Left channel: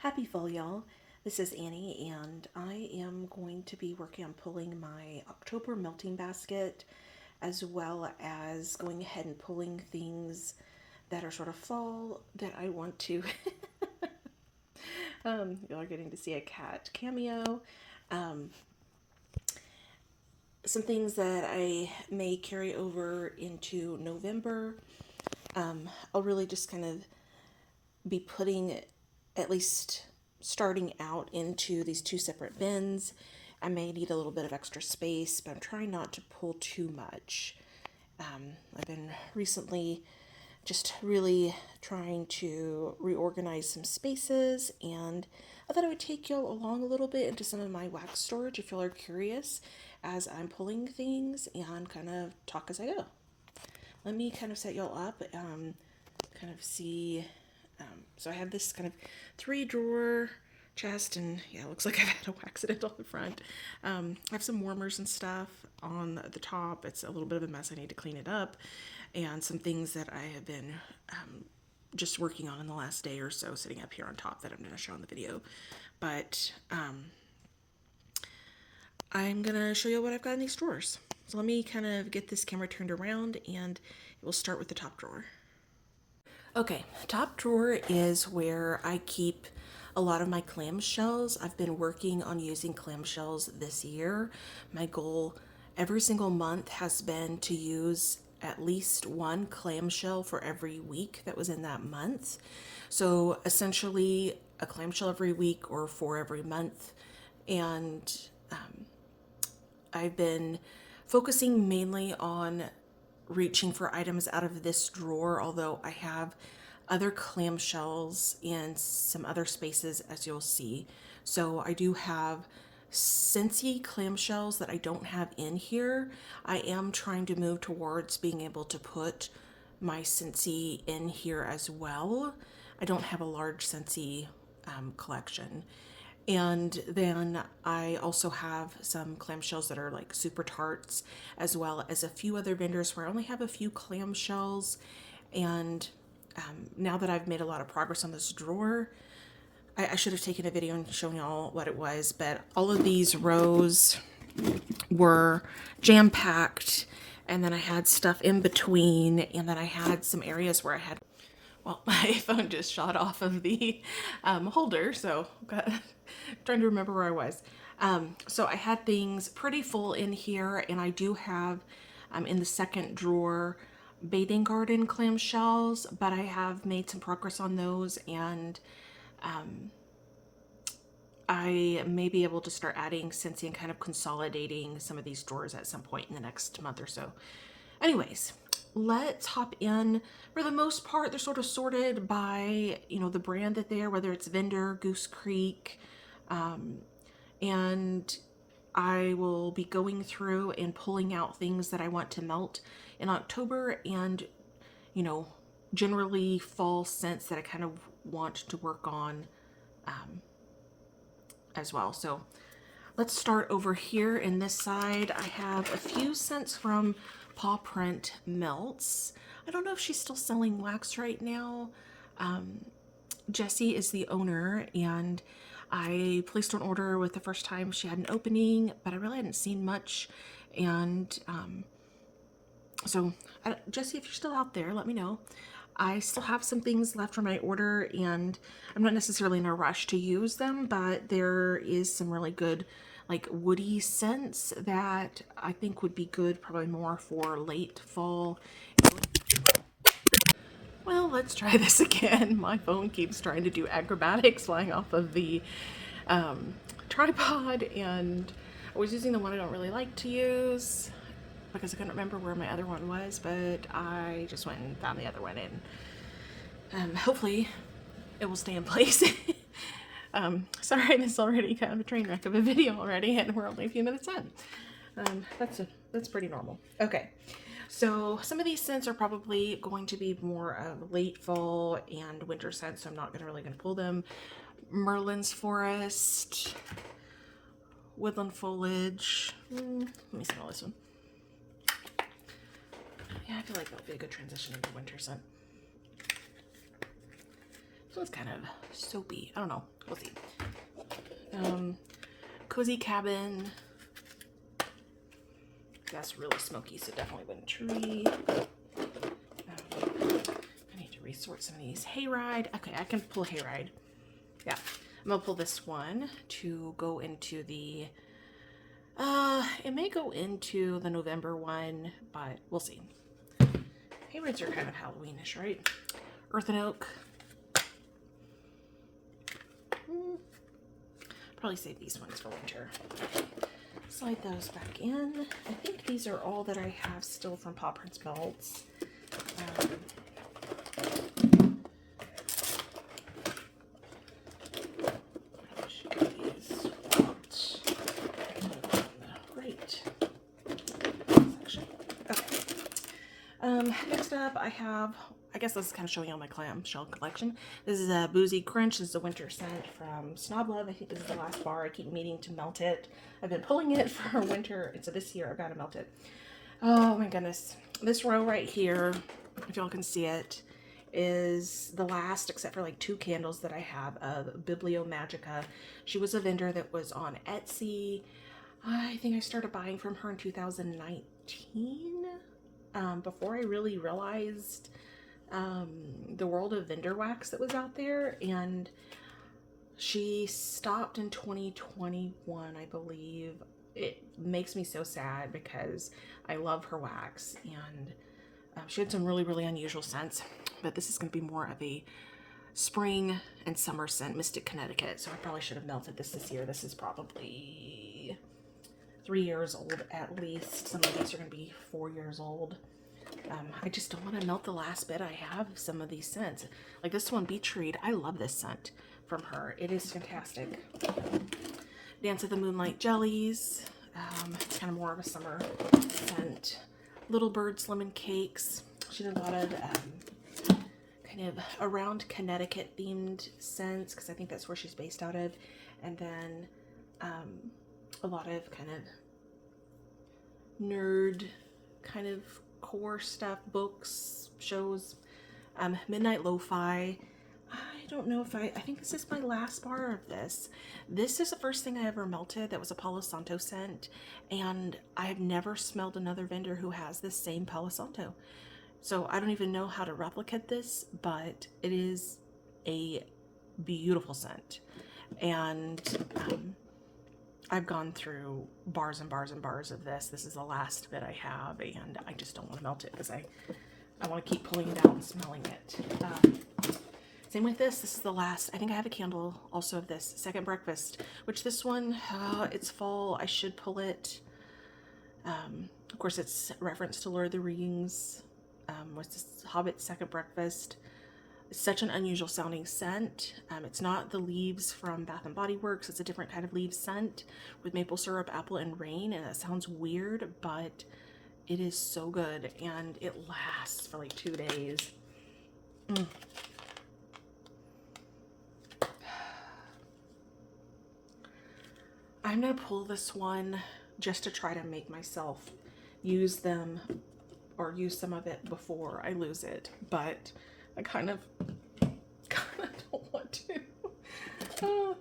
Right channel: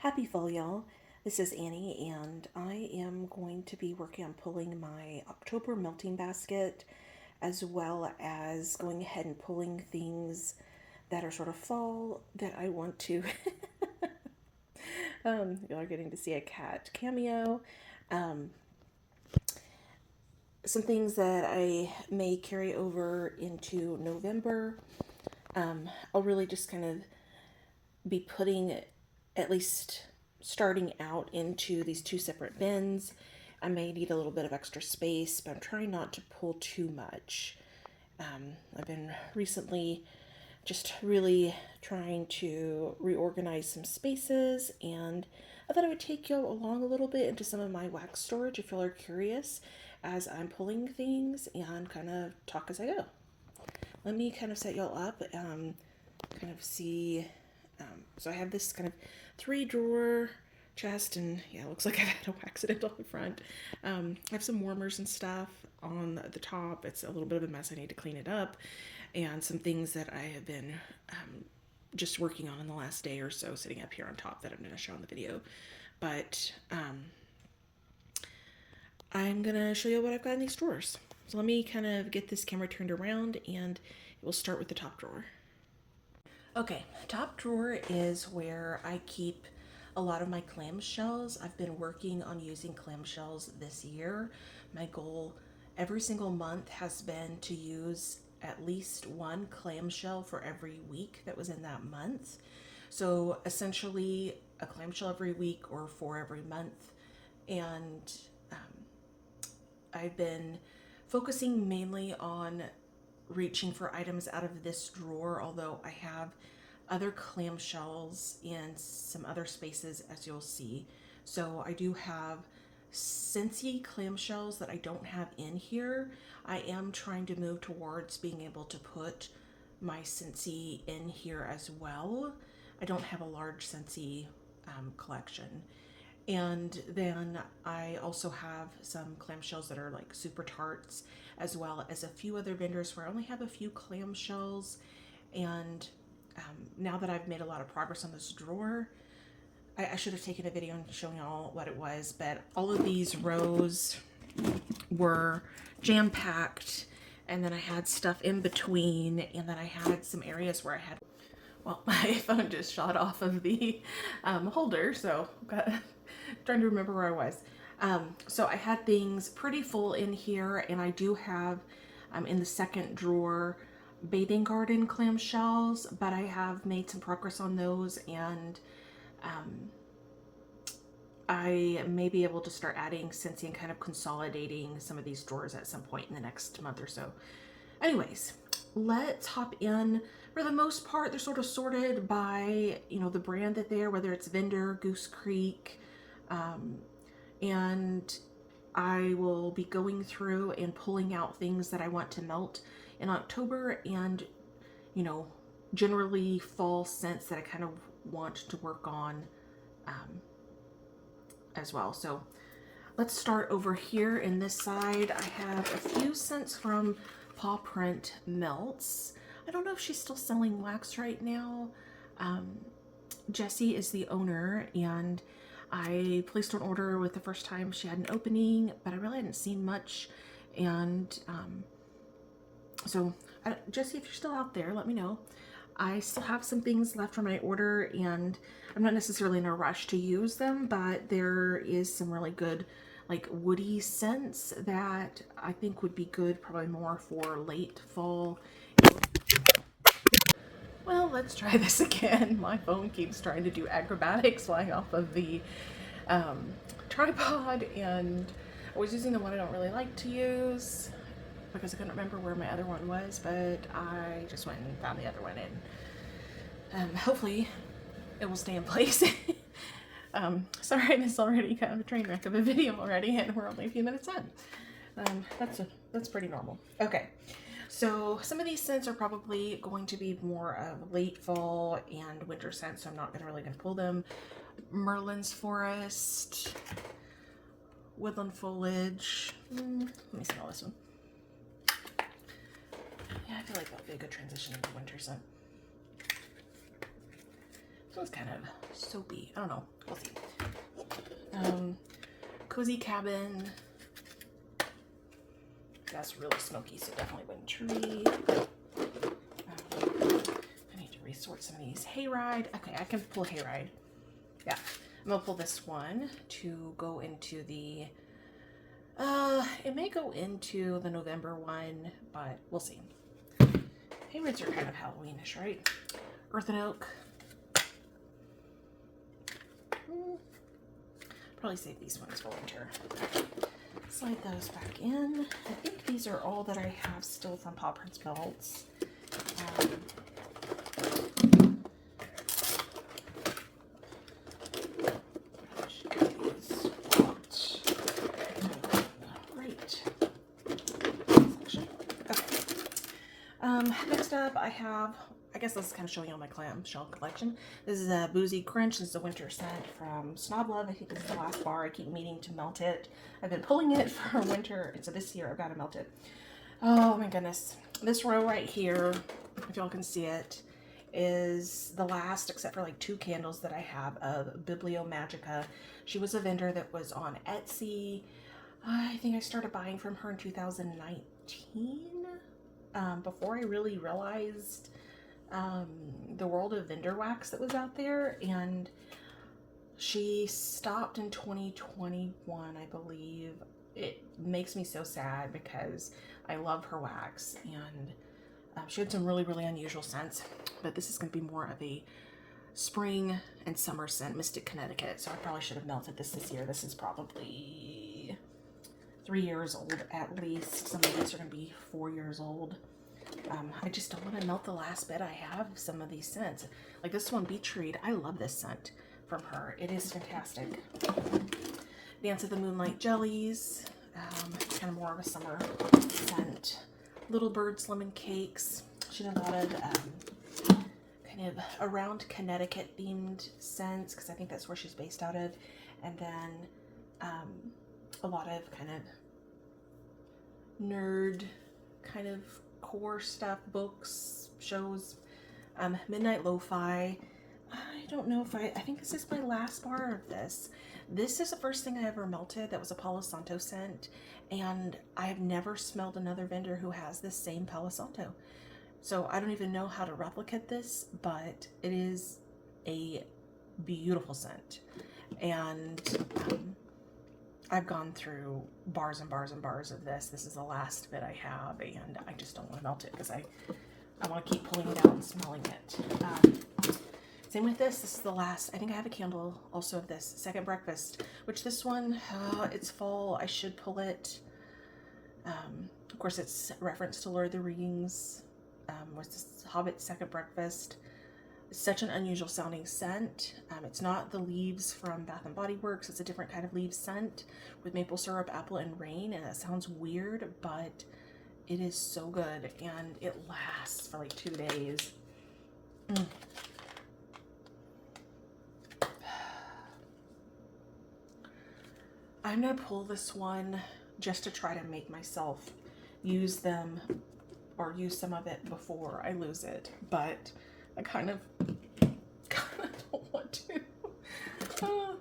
Happy fall, y'all. This is Annie, and I am going to be working on pulling my October melting basket, as well as going ahead and pulling things that are sort of fall that I want to. Y'all are getting to see a cat cameo. Um, some things that I may carry over into November. I'll really just kind of be putting, at least starting out, into these two separate bins. I may need a little bit of extra space, but I'm trying not to pull too much. I've been recently just really trying to reorganize some spaces, and I thought I would take y'all along a little bit into some of my wax storage if y'all are curious as I'm pulling things, and kind of talk as I go. Let me kind of set y'all up, kind of see. So I have this kind of 3 drawer chest, and yeah, it looks like I've had a accident on the front. I have some warmers and stuff on the top. It's a little bit of a mess. I need to clean it up, and some things that I have been just working on in the last day or so, sitting up here on top that I'm going to show in the video. But I'm going to show you what I've got in these drawers. So let me kind of get this camera turned around, and we'll start with the top drawer. Okay, top drawer is where I keep a lot of my clamshells. I've been working on using clamshells this year. My goal every single month has been to use at least one clamshell for every week that was in that month. So essentially, a clamshell every week or 4 every month. And I've been focusing mainly on reaching for items out of this drawer, although I have other clamshells in some other spaces, as you'll see. So I do have Scentsy clamshells that I don't have in here. I am trying to move towards being able to put my Scentsy in here as well. I don't have a large Scentsy collection. And then I also have some clamshells that are like super tarts, as well as a few other vendors where I only have a few clamshells. And now that I've made a lot of progress on this drawer, I should have taken a video and shown y'all what it was, but all of these rows were jam packed, and then I had stuff in between, and then I had some areas where I had, well, my phone just shot off of the holder, so trying to remember where I was. So I had things pretty full in here, and I do have in the second drawer bathing garden clamshells, but I have made some progress on those, and I may be able to start adding Scentsy and kind of consolidating some of these drawers at some point in the next month or so. Anyways, let's hop in. For the most part, they're sort of sorted by, the brand that they are, whether it's vendor, Goose Creek, and I will be going through and pulling out things that I want to melt in October, and, generally fall scents that I kind of want to work on as well. So let's start over here in this side. I have a few scents from Paw Print Melts. I don't know if she's still selling wax right now. Jessie is the owner, and I placed an order with the first time she had an opening, but I really hadn't seen much. And so, Jessie, if you're still out there, let me know. I still have some things left from my order, and I'm not necessarily in a rush to use them, but there is some really good, like, woody scents that I think would be good, probably more for late fall. Well, let's try this again. My phone keeps trying to do acrobatics flying off of the tripod, and I was using the one I don't really like to use because I couldn't remember where my other one was, but I just went and found the other one, and hopefully it will stay in place. Sorry, this is already kind of a train wreck of a video already, and we're only a few minutes in. That's pretty normal. Okay, so some of these scents are probably going to be more of late fall and winter scents, so I'm not really going to pull them. Merlin's Forest, Woodland Foliage. Let me smell this one. Yeah, I feel like that would be a good transition into winter scent. So it's kind of soapy. I don't know. We'll see. Cozy Cabin. That's really smoky, so definitely wouldn't tree. I need to resort some of these. Hayride. Okay, I can pull Hayride. Yeah. I'm gonna pull this one to go into the it may go into the November one, but we'll see. Hayrides are kind of Halloweenish, right? Earth and Oak. Probably save these ones for winter. Slide those back in. I think these are all that I have still from Paw Prints Belts. Next up, I have, I guess this is kind of showing you all my clamshell collection. This is a Boozy Crunch. This is a winter scent from Snob Love. I think this is the last bar. I keep meaning to melt it. I've been pulling it for winter, and so this year I've got to melt it. Oh my goodness. This row right here, if y'all can see it, is the last, except for like 2 candles that I have, of Bibliomagica. She was a vendor that was on Etsy. I think I started buying from her in 2019. Before I really realized the world of vendor wax that was out there, and she stopped in 2021, I believe. It makes me so sad because I love her wax, and she had some really, really unusual scents, but this is going to be more of a spring and summer scent, Mystic Connecticut, so I probably should have melted this year. This is probably 3 years old at least. Some of these are going to be 4 years old. I just don't want to melt the last bit I have of some of these scents. Like this one, Beach Read. I love this scent from her. It is fantastic. Dance of the Moonlight Jellies. It's kind of more of a summer scent. Little Birds Lemon Cakes. She did a lot of kind of around Connecticut themed scents, because I think that's where she's based out of. And then a lot of kind of nerd kind of core stuff, books, shows. Midnight Lo-Fi. I don't know if I think this is my last bar of this. This is the first thing I ever melted that was a Palo Santo scent, and I have never smelled another vendor who has this same Palo Santo. So I don't even know how to replicate this, but it is a beautiful scent. And I've gone through bars and bars and bars of this. This is the last bit I have, and I just don't want to melt it because I want to keep pulling it out and smelling it. Same with this. This is the last. I think I have a candle also of this, Second Breakfast, which this one, it's fall. I should pull it. Of course, it's reference to Lord of the Rings. What's this? Hobbit Second Breakfast. It's such an unusual sounding scent. It's not the leaves from Bath and Body Works. It's a different kind of leaf scent with maple syrup, apple, and rain. And it sounds weird, but it is so good. And it lasts for like 2 days. I'm going to pull this one just to try to make myself use them or use some of it before I lose it. But I kind of don't want to.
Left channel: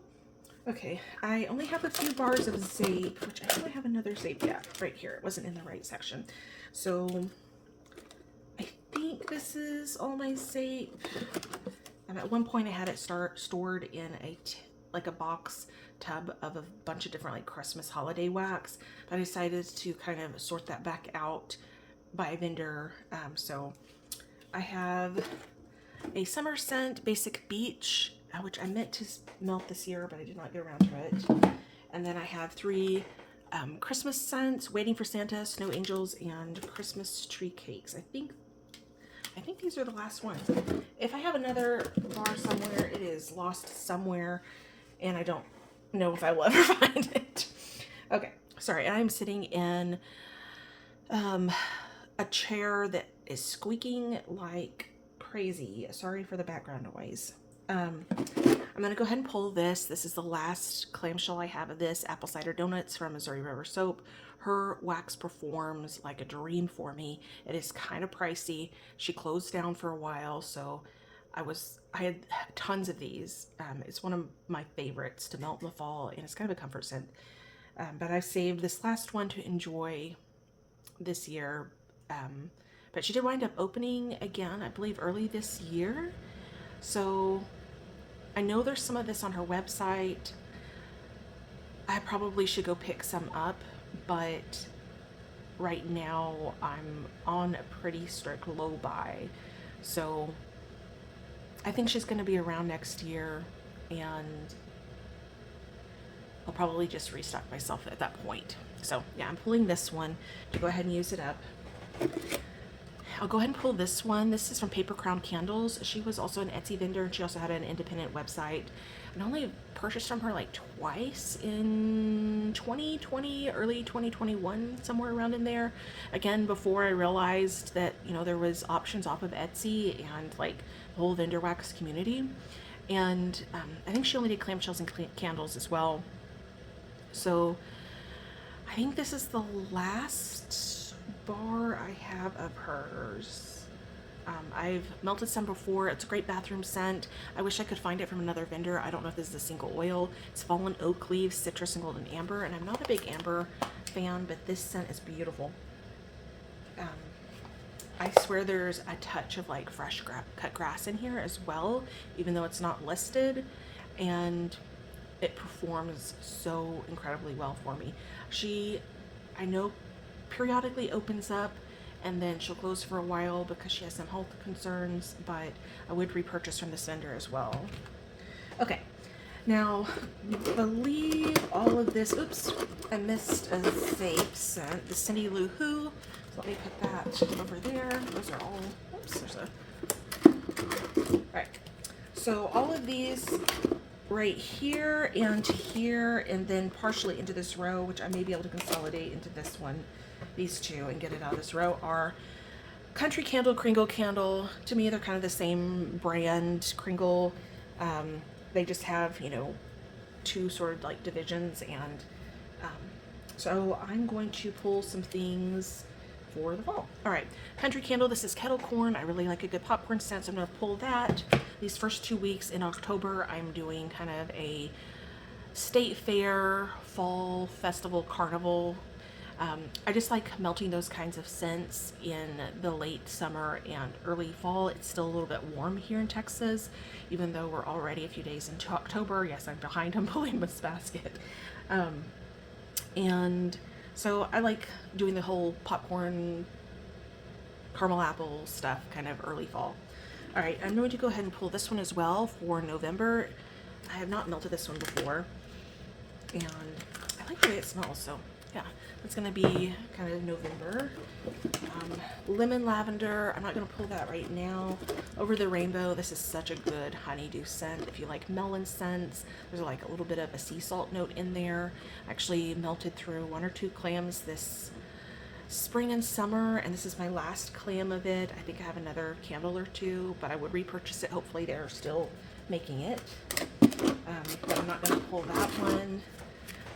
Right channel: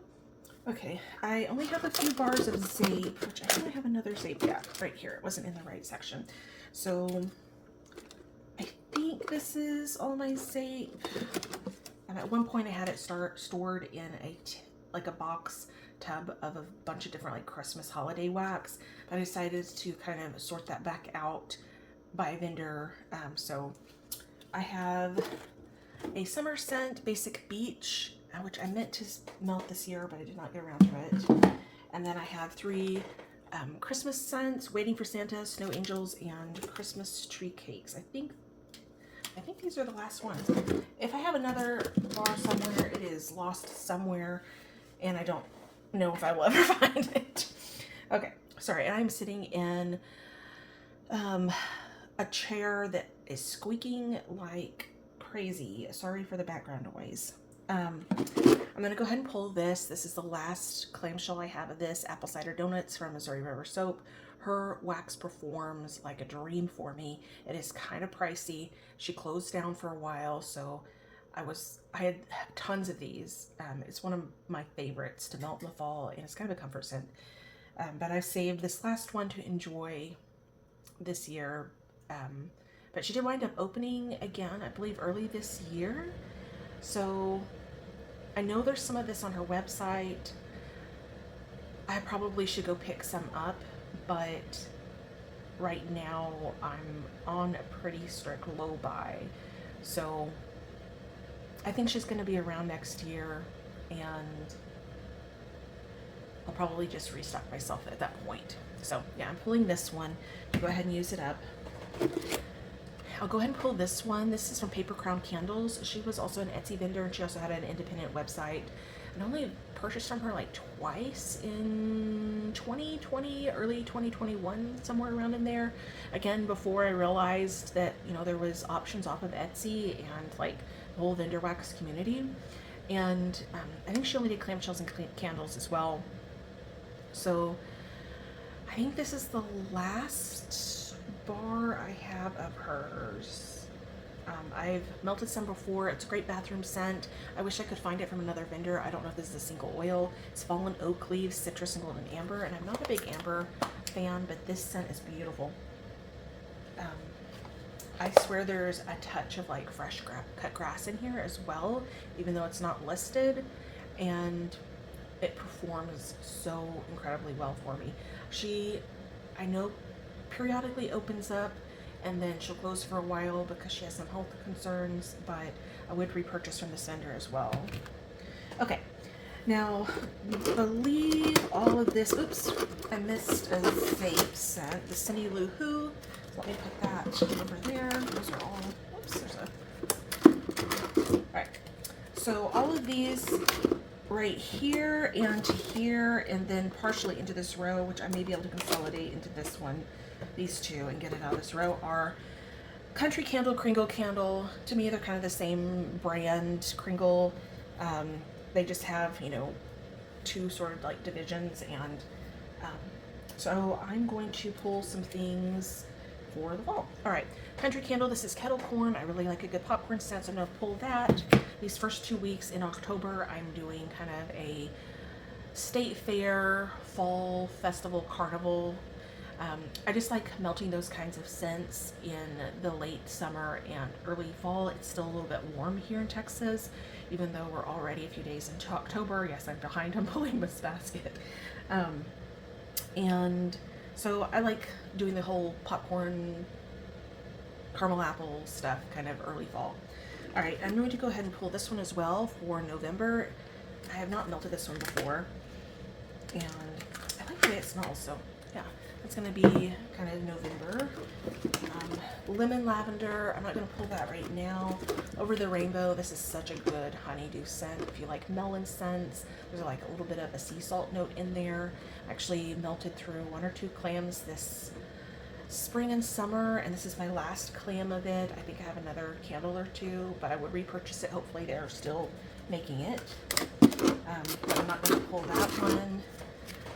Okay, I only have a few bars of Zape, which I think I have another Zape. Yeah, right here. It wasn't in the right section. So I think this is all my Zape. At one point I had it stored in a box tub of a bunch of different like Christmas holiday wax. But I decided to kind of sort that back out by vendor. So I have a summer scent, Basic Beach, which I meant to melt this year, but I did not get around to it. And then I have 3 Christmas scents, Waiting for Santa, Snow Angels, and Christmas Tree Cakes. I think these are the last ones. If I have another bar somewhere, it is lost somewhere, and I don't know if I will ever find it. Okay, sorry, I'm sitting in a chair that is squeaking like crazy. Sorry for the background noise. I'm going to go ahead and pull this. This is the last clamshell I have of this, Apple Cider Donuts from Missouri River Soap. Her wax performs like a dream for me. It is kind of pricey. She closed down for a while, so I had tons of these. It's one of my favorites to melt in the fall, and it's kind of a comfort scent. But I saved this last one to enjoy this year. But she did wind up opening again, I believe, early this year. So I know there's some of this on her website. I probably should go pick some up, but right now I'm on a pretty strict low buy. So I think she's going to be around next year, and I'll probably just restock myself at that point. So yeah, I'm pulling this one to go ahead and use it up. I'll go ahead and pull this one. This is from Paper Crown Candles. She was also an Etsy vendor, and she also had an independent website. And I only purchased from her like twice in 2020, early 2021, somewhere around in there. Again, before I realized that, you know, there was options off of Etsy and like the whole vendor wax community. And I think she only did clamshells and candles as well. So I think this is the last bar I have of hers. I've melted some before. It's a great bathroom scent. I wish I could find it from another vendor. I don't know if this is a single oil. It's fallen oak leaves, citrus, and golden amber. And I'm not a big amber fan, but this scent is beautiful. I swear there's a touch of like fresh cut grass in here as well, even though it's not listed. And it performs so incredibly well for me. I know, periodically opens up and then she'll close for a while because she has some health concerns, but I would repurchase from this vendor as well. Okay, now I believe all of this, oops, I missed a vape scent, the Cindy Lou Who. So let me put that over there. Those are all, oops, there's a, all right. So all of these right here and here, and then partially into this row, which I may be able to consolidate into this one, these two, and get it out of this row, are Country Candle, Kringle Candle. To me, they're kind of the same brand, Kringle. They just have, you know, two sort of like divisions, and so I'm going to pull some things for the fall. All right, Country Candle, this is kettle corn. I really like a good popcorn scent, so I'm going to pull that. These first 2 weeks in October, I'm doing kind of a state fair, fall festival, carnival. I just like melting those kinds of scents in the late summer and early fall. It's still a little bit warm here in Texas, even though we're already a few days into October. Yes, I'm behind on pulling this basket. And so I like doing the whole popcorn, caramel apple stuff kind of early fall. All right, I'm going to go ahead and pull this one as well for November. I have not melted this one before, and I like the way it smells, so yeah, it's going to be kind of November. Lemon lavender, I'm not going to pull that right now. Over the Rainbow, this is such a good honeydew scent. If you like melon scents, there's like a little bit of a sea salt note in there. I actually melted through 1 or 2 clams this spring and summer, and this is my last clam of it. I think I have another candle or 2, but I would repurchase it. Hopefully they're still making it. I'm not going to pull that one.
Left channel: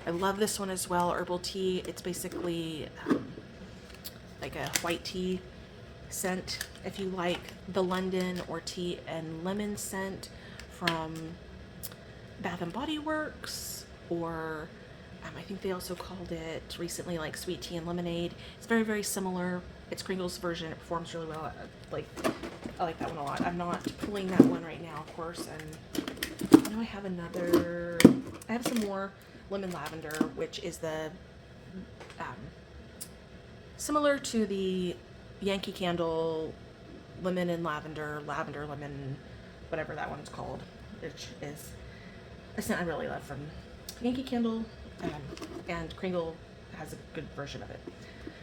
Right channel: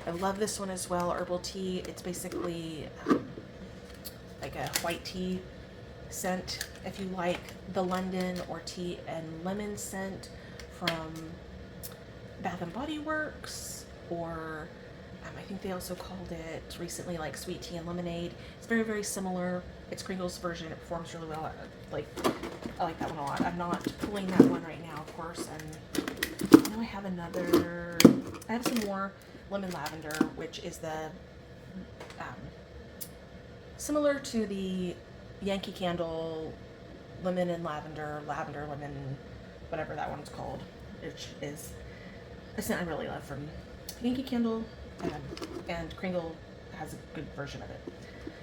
I love this one as well, herbal tea. It's basically like a white tea scent. If you like the London or tea and lemon scent from Bath and Body Works, or I think they also called it recently like sweet tea and lemonade. It's very, very similar. It's Kringle's version. It performs really well. I like that one a lot. I'm not pulling that one right now, of course. And I know I have some more lemon lavender, which is the similar to the Yankee Candle lemon and lavender lemon, whatever that one's called, which is a scent I really love from Yankee Candle, and Kringle has a good version of it.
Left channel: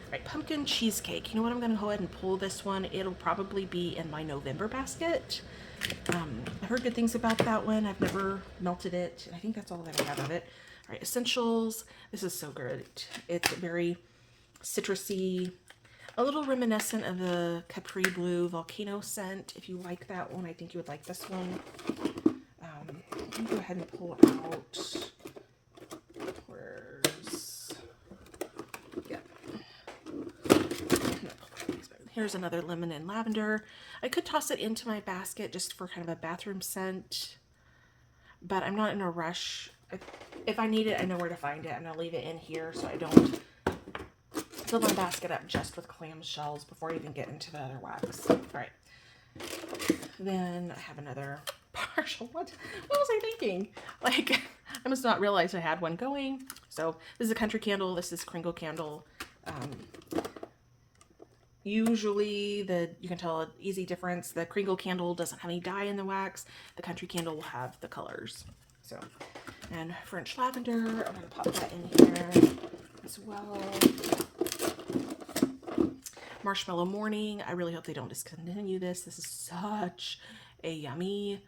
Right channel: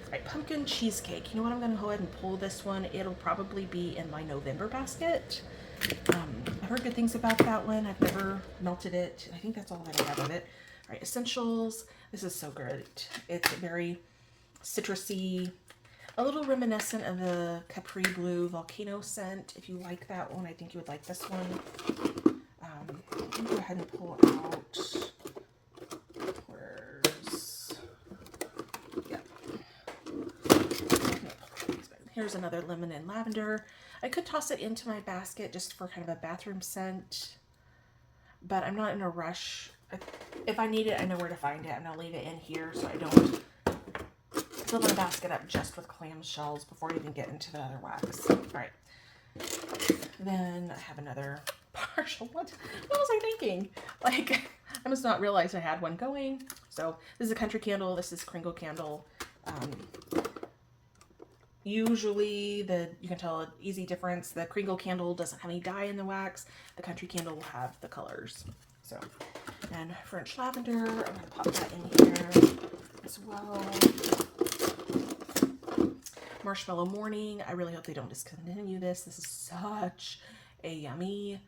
All right, pumpkin cheesecake. You know what? I'm going to go ahead and pull this one. It'll probably be in my November basket. I've heard good things about that one. I've never melted it, and I think that's all that I have of it. All right, essentials. This is so good. It's very citrusy, a little reminiscent of the Capri Blue Volcano scent. If you like that one, I think you would like this one. Let me go ahead and pull out. Here's another lemon and lavender. I could toss it into my basket just for kind of a bathroom scent, but I'm not in a rush. If I need it, I know where to find it. I'm going to leave it in here so I don't fill my basket up just with clamshells before I even get into the other wax. All right. Then I have another partial. What was I thinking? Like, I must not realize I had one going. So this is a country candle. This is Kringle candle. Usually you can tell an easy difference. The Kringle candle doesn't have any dye in the wax. The country candle will have the colors. So, and French lavender, I'm going to pop that in here as well. Marshmallow Morning. I really hope they don't discontinue this. This is such a yummy,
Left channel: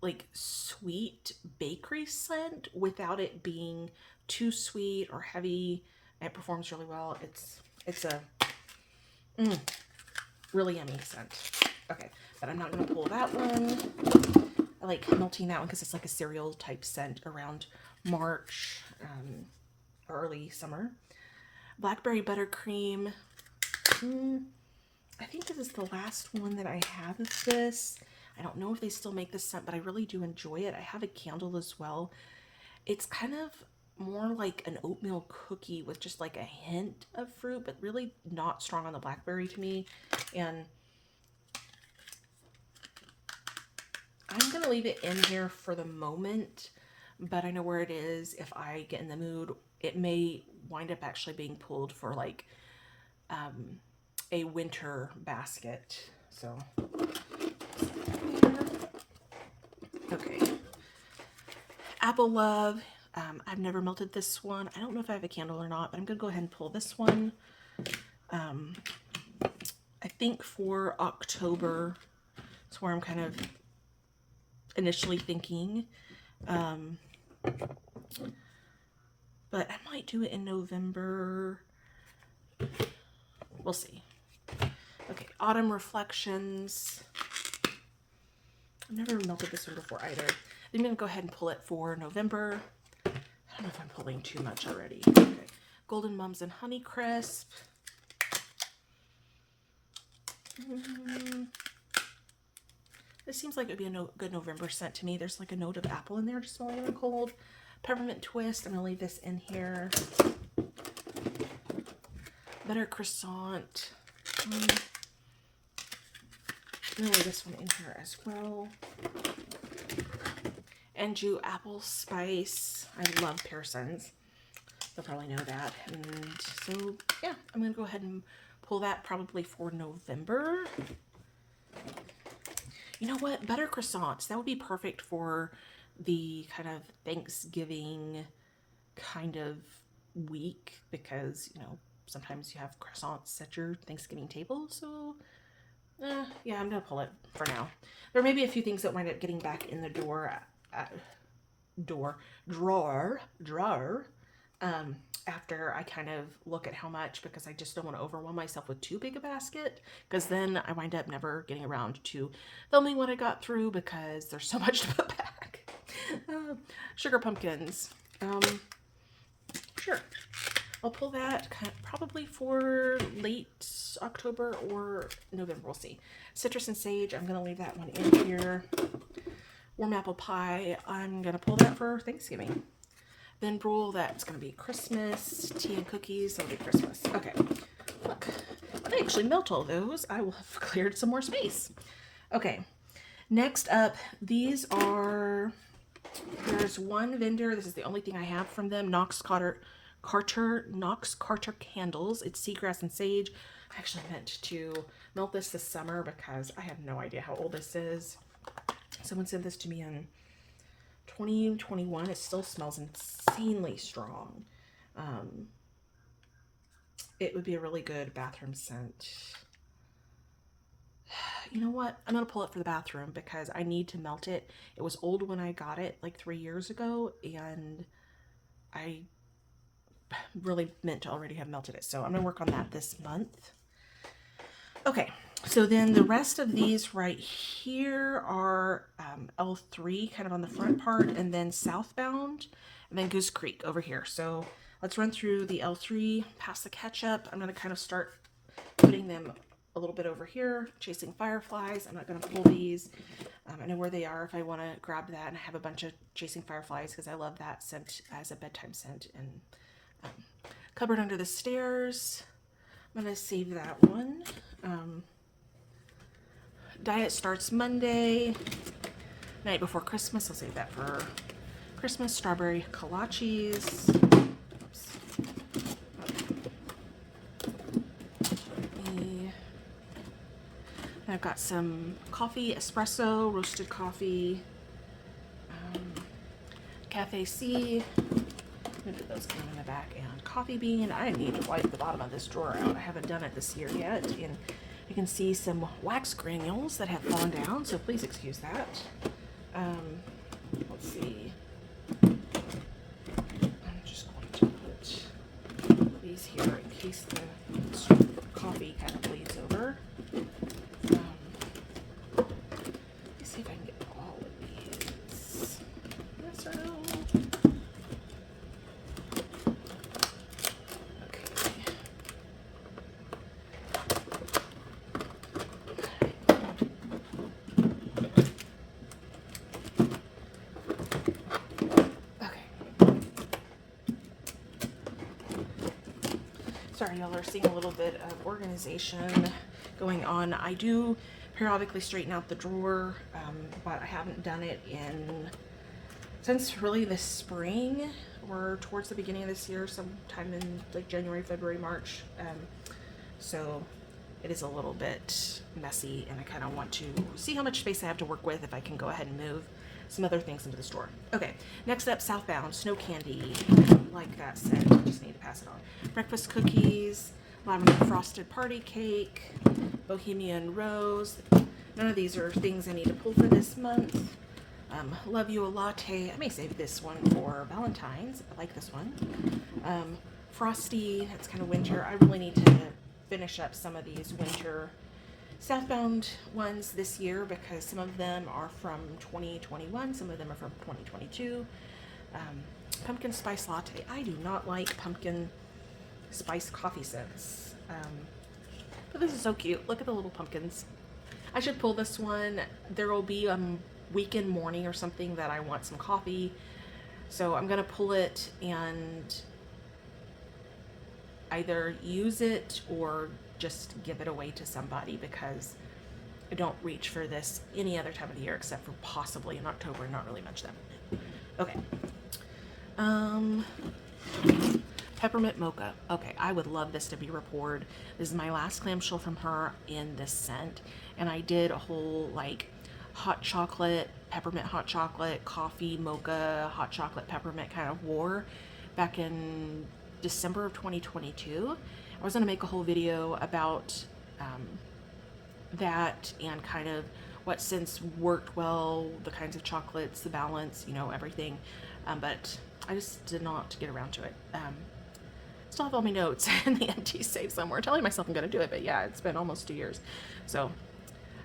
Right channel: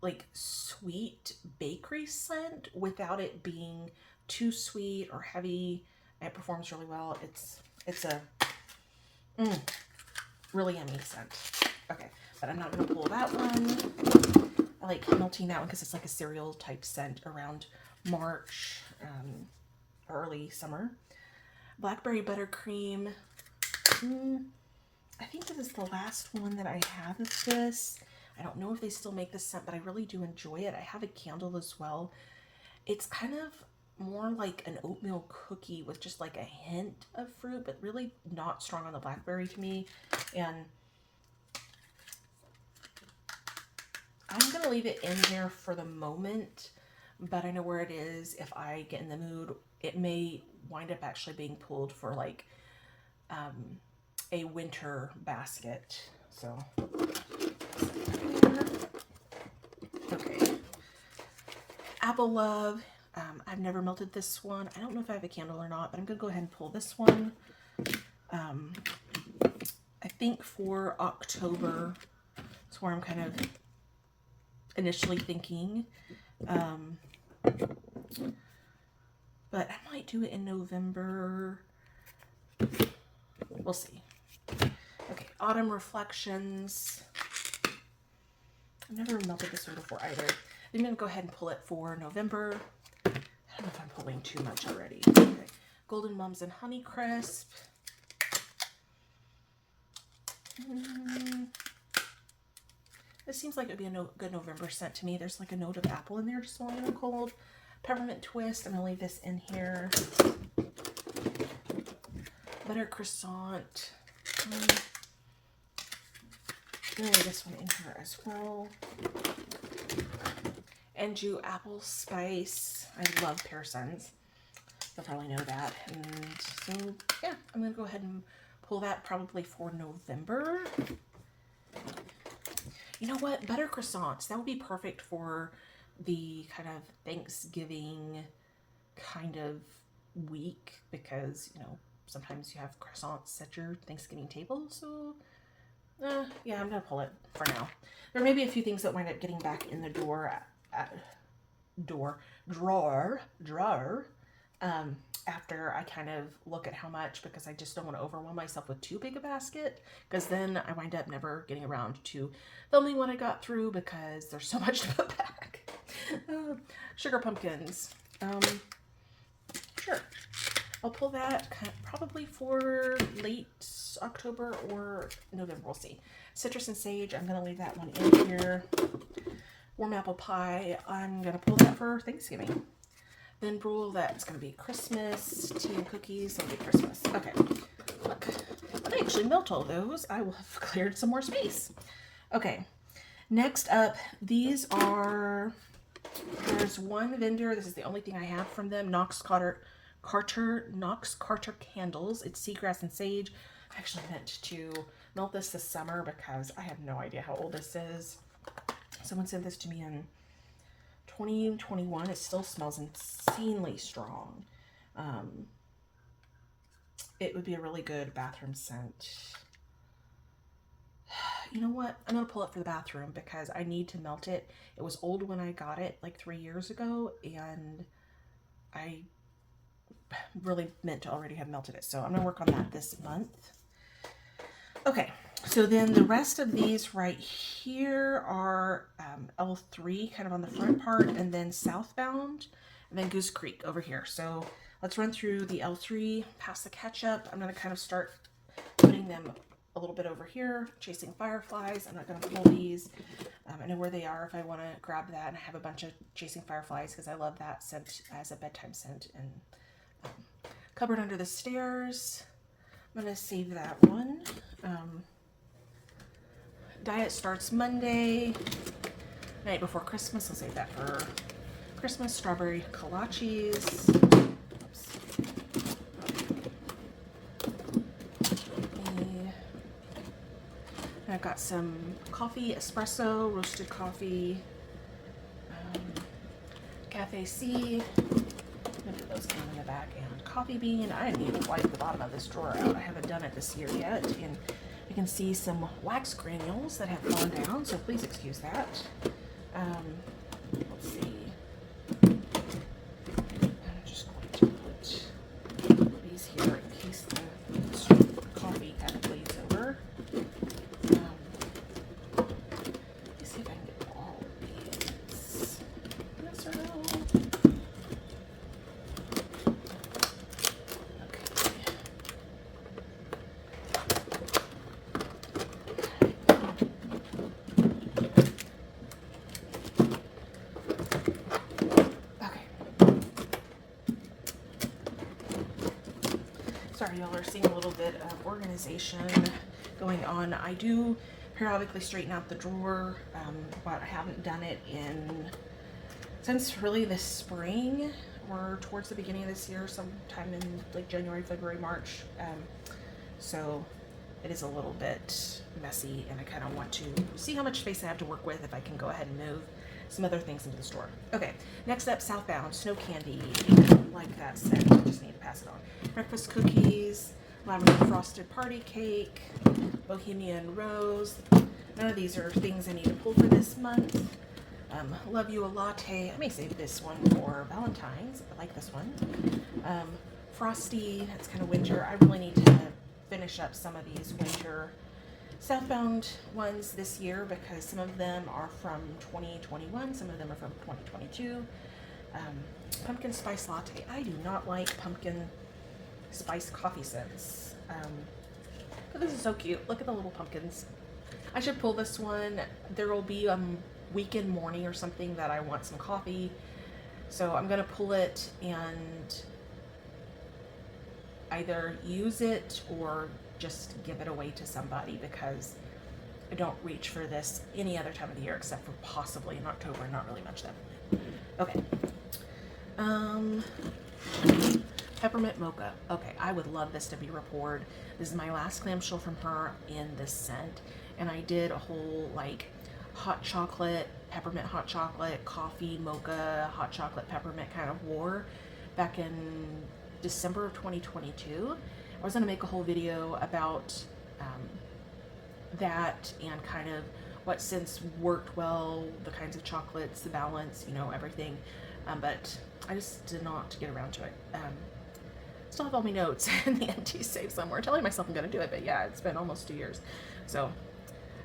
like, sweet bakery scent without it being too sweet or heavy. It performs really well. It's a really yummy scent. Okay, but I'm not going to pull that one. I like melting that one because it's like a cereal type scent around March, early summer. Blackberry Buttercream. I think this is the last one that I have of this. I don't know if they still make this scent, but I really do enjoy it. I have a candle as well. It's kind of more like an oatmeal cookie with just like a hint of fruit, but really not strong on the blackberry to me. And I'm going to leave it in here for the moment, but I know where it is. If I get in the mood, it may wind up actually being pulled for like a winter basket. So, okay. Apple Love. I've never melted this one. I don't know if I have a candle or not, but I'm going to go ahead and pull this one. I think for October, that's where I'm kind of initially thinking. But I might do it in November. We'll see. Okay, Autumn Reflections. I've never melted this one before either. I'm going to go ahead and pull it for November. I don't know if I'm pulling too much already. Okay. Golden Mums and Honeycrisp. This seems like it would be a good November scent to me. There's like a note of apple in there, just smelling in the cold. Peppermint Twist. I'm going to leave this in here. Butter Croissant. I'm going to leave this one in here as well. Anjou Apple Spice. I love Pearson's. You'll probably know that. And so, yeah, I'm going to go ahead and pull that probably for November. You know what? Butter croissants. That would be perfect for the kind of Thanksgiving kind of week because, you know, sometimes you have croissants at your Thanksgiving table. So, yeah, I'm going to pull it for now. There may be a few things that wind up getting back in the drawer after I kind of look at how much, because I just don't want to overwhelm myself with too big a basket, because then I wind up never getting around to filming what I got through because there's so much to put back. Sugar pumpkins. Sure. I'll pull that probably for late October or November. We'll see. Citrus and Sage. I'm going to leave that one in here. Warm apple pie. I'm going to pull that for Thanksgiving. Then Brule, that's going to be Christmas. Tea and cookies, that'll be Christmas. Okay. Look, I actually melt all those. I will have cleared some more space. Okay. Next up, these are, there's one vendor. This is the only thing I have from them. Knox Carter candles. It's seagrass and sage. I actually meant to melt this summer because I have no idea how old this is. Someone sent this to me in 2021. It still smells insanely strong. It would be a really good bathroom scent. You know what? I'm going to pull it for the bathroom because I need to melt it. It was old when I got it like 3 years ago, and I really meant to already have melted it. So I'm going to work on that this month. Okay, so then the rest of these right here are L3 kind of on the front part, and then Southbound, and then Goose Creek over here. So let's run through the L3, pass the ketchup. I'm going to kind of start putting them a little bit over here, Chasing Fireflies. I'm not going to pull these. I know where they are if I want to grab that, and I have a bunch of Chasing Fireflies because I love that scent as a bedtime scent. And Cupboard Under the Stairs, I'm going to save that one. Diet Starts Monday, night before Christmas. I'll save that for Christmas. Strawberry kolaches. And I've got some coffee, espresso, roasted coffee, Cafe C. I'm gonna put those down in the back. And coffee bean. I need to wipe the bottom of this drawer out. I haven't done it this year yet. And you can see some wax granules that have fallen down, so please excuse that. Let's see. I'm just going to put these here in case the coffee kind of bleeds over. Let's see if I can get all of these. Yes or no? Sorry, y'all are seeing a little bit of organization going on. I do periodically straighten out the drawer, but I haven't done it since really the spring or towards the beginning of this year, sometime in like January, February, March. So it is a little bit messy, and I kind of want to see how much space I have to work with if I can go ahead and move some other things into the store. Okay, next up, Southbound Snow Candy. Like that scent, I just need to pass it on. Breakfast cookies, lavender frosted party cake, Bohemian Rose. None of these are things I need to pull for this month. Love You a Latte. I may save this one for Valentine's. I like this one. Frosty, that's kind of winter. I really need to finish up some of these winter Southbound ones this year because some of them are from 2021, some of them are from 2022. Pumpkin spice latte. I do not like pumpkin spice coffee scents, but this is so cute. Look at the little pumpkins. I should pull this one. There will be a weekend morning or something that I want some coffee, so I'm gonna pull it and either use it or just give it away to somebody because I don't reach for this any other time of the year except for possibly in October. Not really much then. Okay. Peppermint Mocha. Okay, I would love this to be Rapport. This is my last clamshell from her in this scent, and I did a whole like hot chocolate, peppermint hot chocolate, coffee, mocha, hot chocolate, peppermint kind of war back in December of 2022. I was going to make a whole video about that and kind of what scents worked well, the kinds of chocolates, the balance, you know, everything. But I just did not get around to it. Still have all my notes in the empty safe somewhere. Telling myself I'm going to do it, but yeah, it's been almost 2 years. So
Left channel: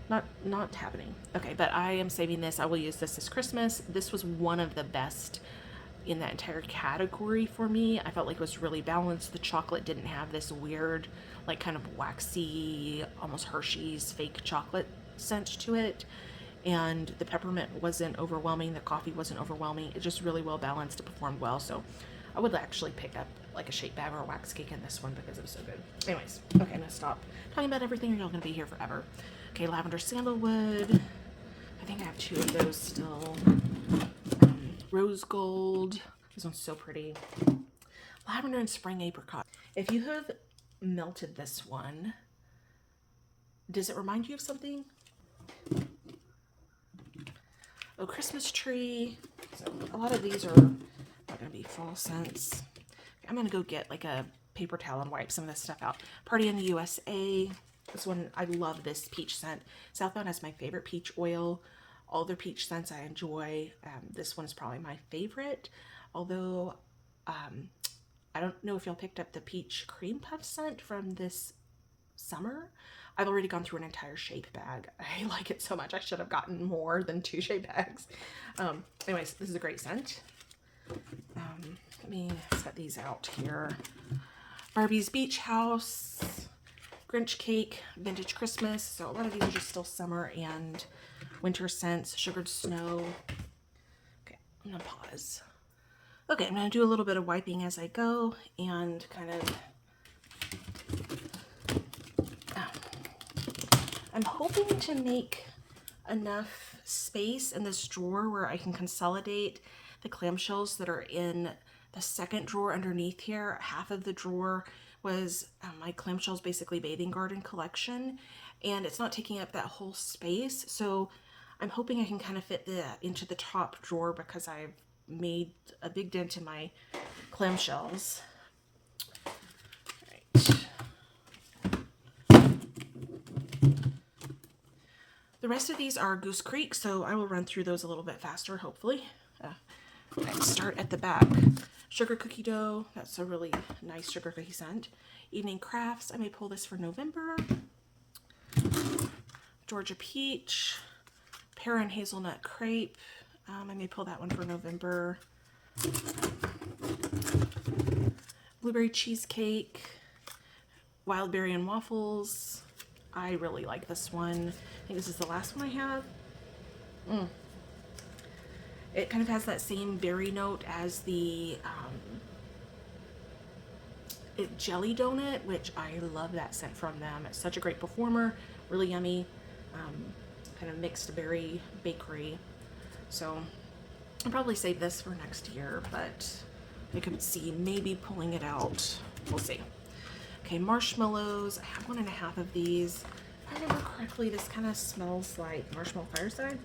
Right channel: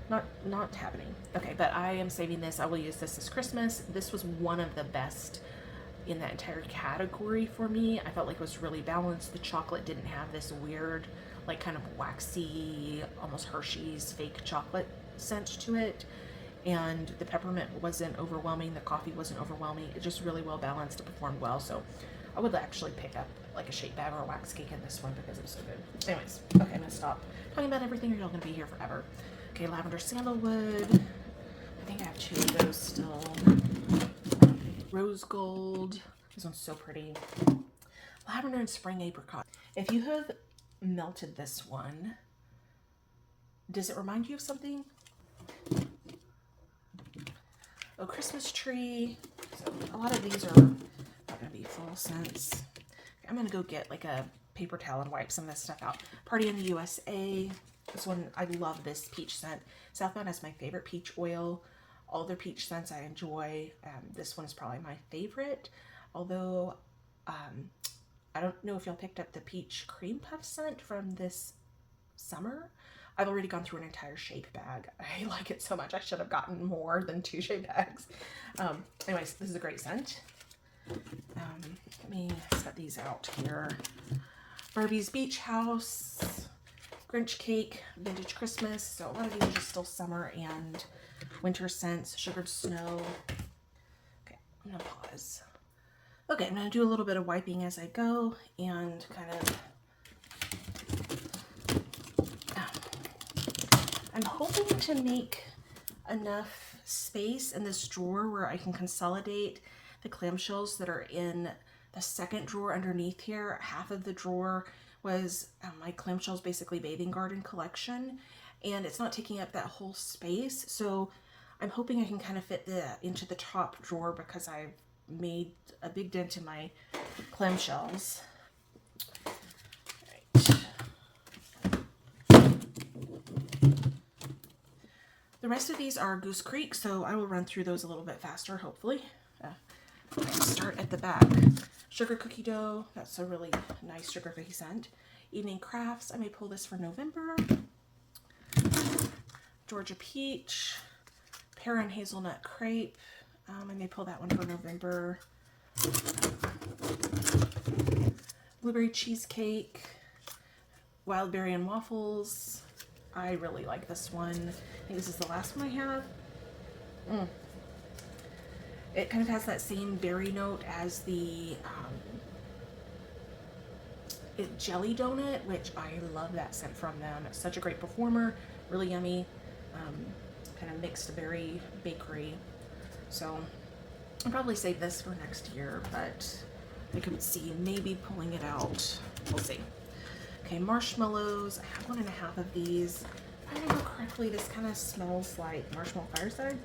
not happening. Okay, but I am saving this. I will use this as Christmas. This was one of the best in that entire category for me. I felt like it was really balanced. The chocolate didn't have this weird, like kind of waxy, almost Hershey's fake chocolate scent to it. And the peppermint wasn't overwhelming. The coffee wasn't overwhelming. It just really well balanced. It performed well. So I would actually pick up like a shake bag or a wax cake in this one because it was so good. Anyways, okay, I'm gonna stop talking about everything. You're not gonna be here forever. Okay, lavender sandalwood. I think I have 2 of those still. Rose gold. This one's so pretty. Lavender and spring apricot. If you have melted this one, does it remind you of something? Oh, Christmas tree. So a lot of these are going to be fall scents. I'm going to go get like a paper towel and wipe some of this stuff out. Party in the USA. This one, I love this peach scent. Southbound has my favorite peach oil. All their peach scents I enjoy. This one is probably my favorite. Although, I don't know if y'all picked up the peach cream puff scent from this summer. I've already gone through an entire shake bag. I like it so much. I should have gotten more than 2 shake bags. Anyways, this is a great scent. Let me set these out here. Barbie's Beach House. Grinch Cake, Vintage Christmas. So a lot of these are just still summer and winter scents. Sugared Snow. Okay, I'm gonna pause. Okay, I'm gonna do a little bit of wiping as I go and kind of I'm hoping to make enough space in this drawer where I can consolidate the clamshells that are in the second drawer underneath here. Half of the drawer was my clamshells basically bathing garden collection, and it's not taking up that whole space. So I'm hoping I can kind of fit that into the top drawer because I've made a big dent in my clamshells. The rest of these are Goose Creek, so I will run through those a little bit faster, hopefully. Start at the back. Sugar cookie dough, that's a really nice sugar cookie scent. Evening crafts, I may pull this for November. Georgia peach, pear and hazelnut crepe, I may pull that one for November. Blueberry cheesecake, wild berry and waffles. I really like this one. I think this is the last one I have. It kind of has that same berry note as the jelly donut, which I love that scent from them. It's such a great performer, really yummy, kind of mixed berry bakery. So I'll probably save this for next year, but I could see maybe pulling it out. We'll see. Okay, marshmallows. I have 1.5 of these. If I remember correctly, this kind of smells like Marshmallow Fireside.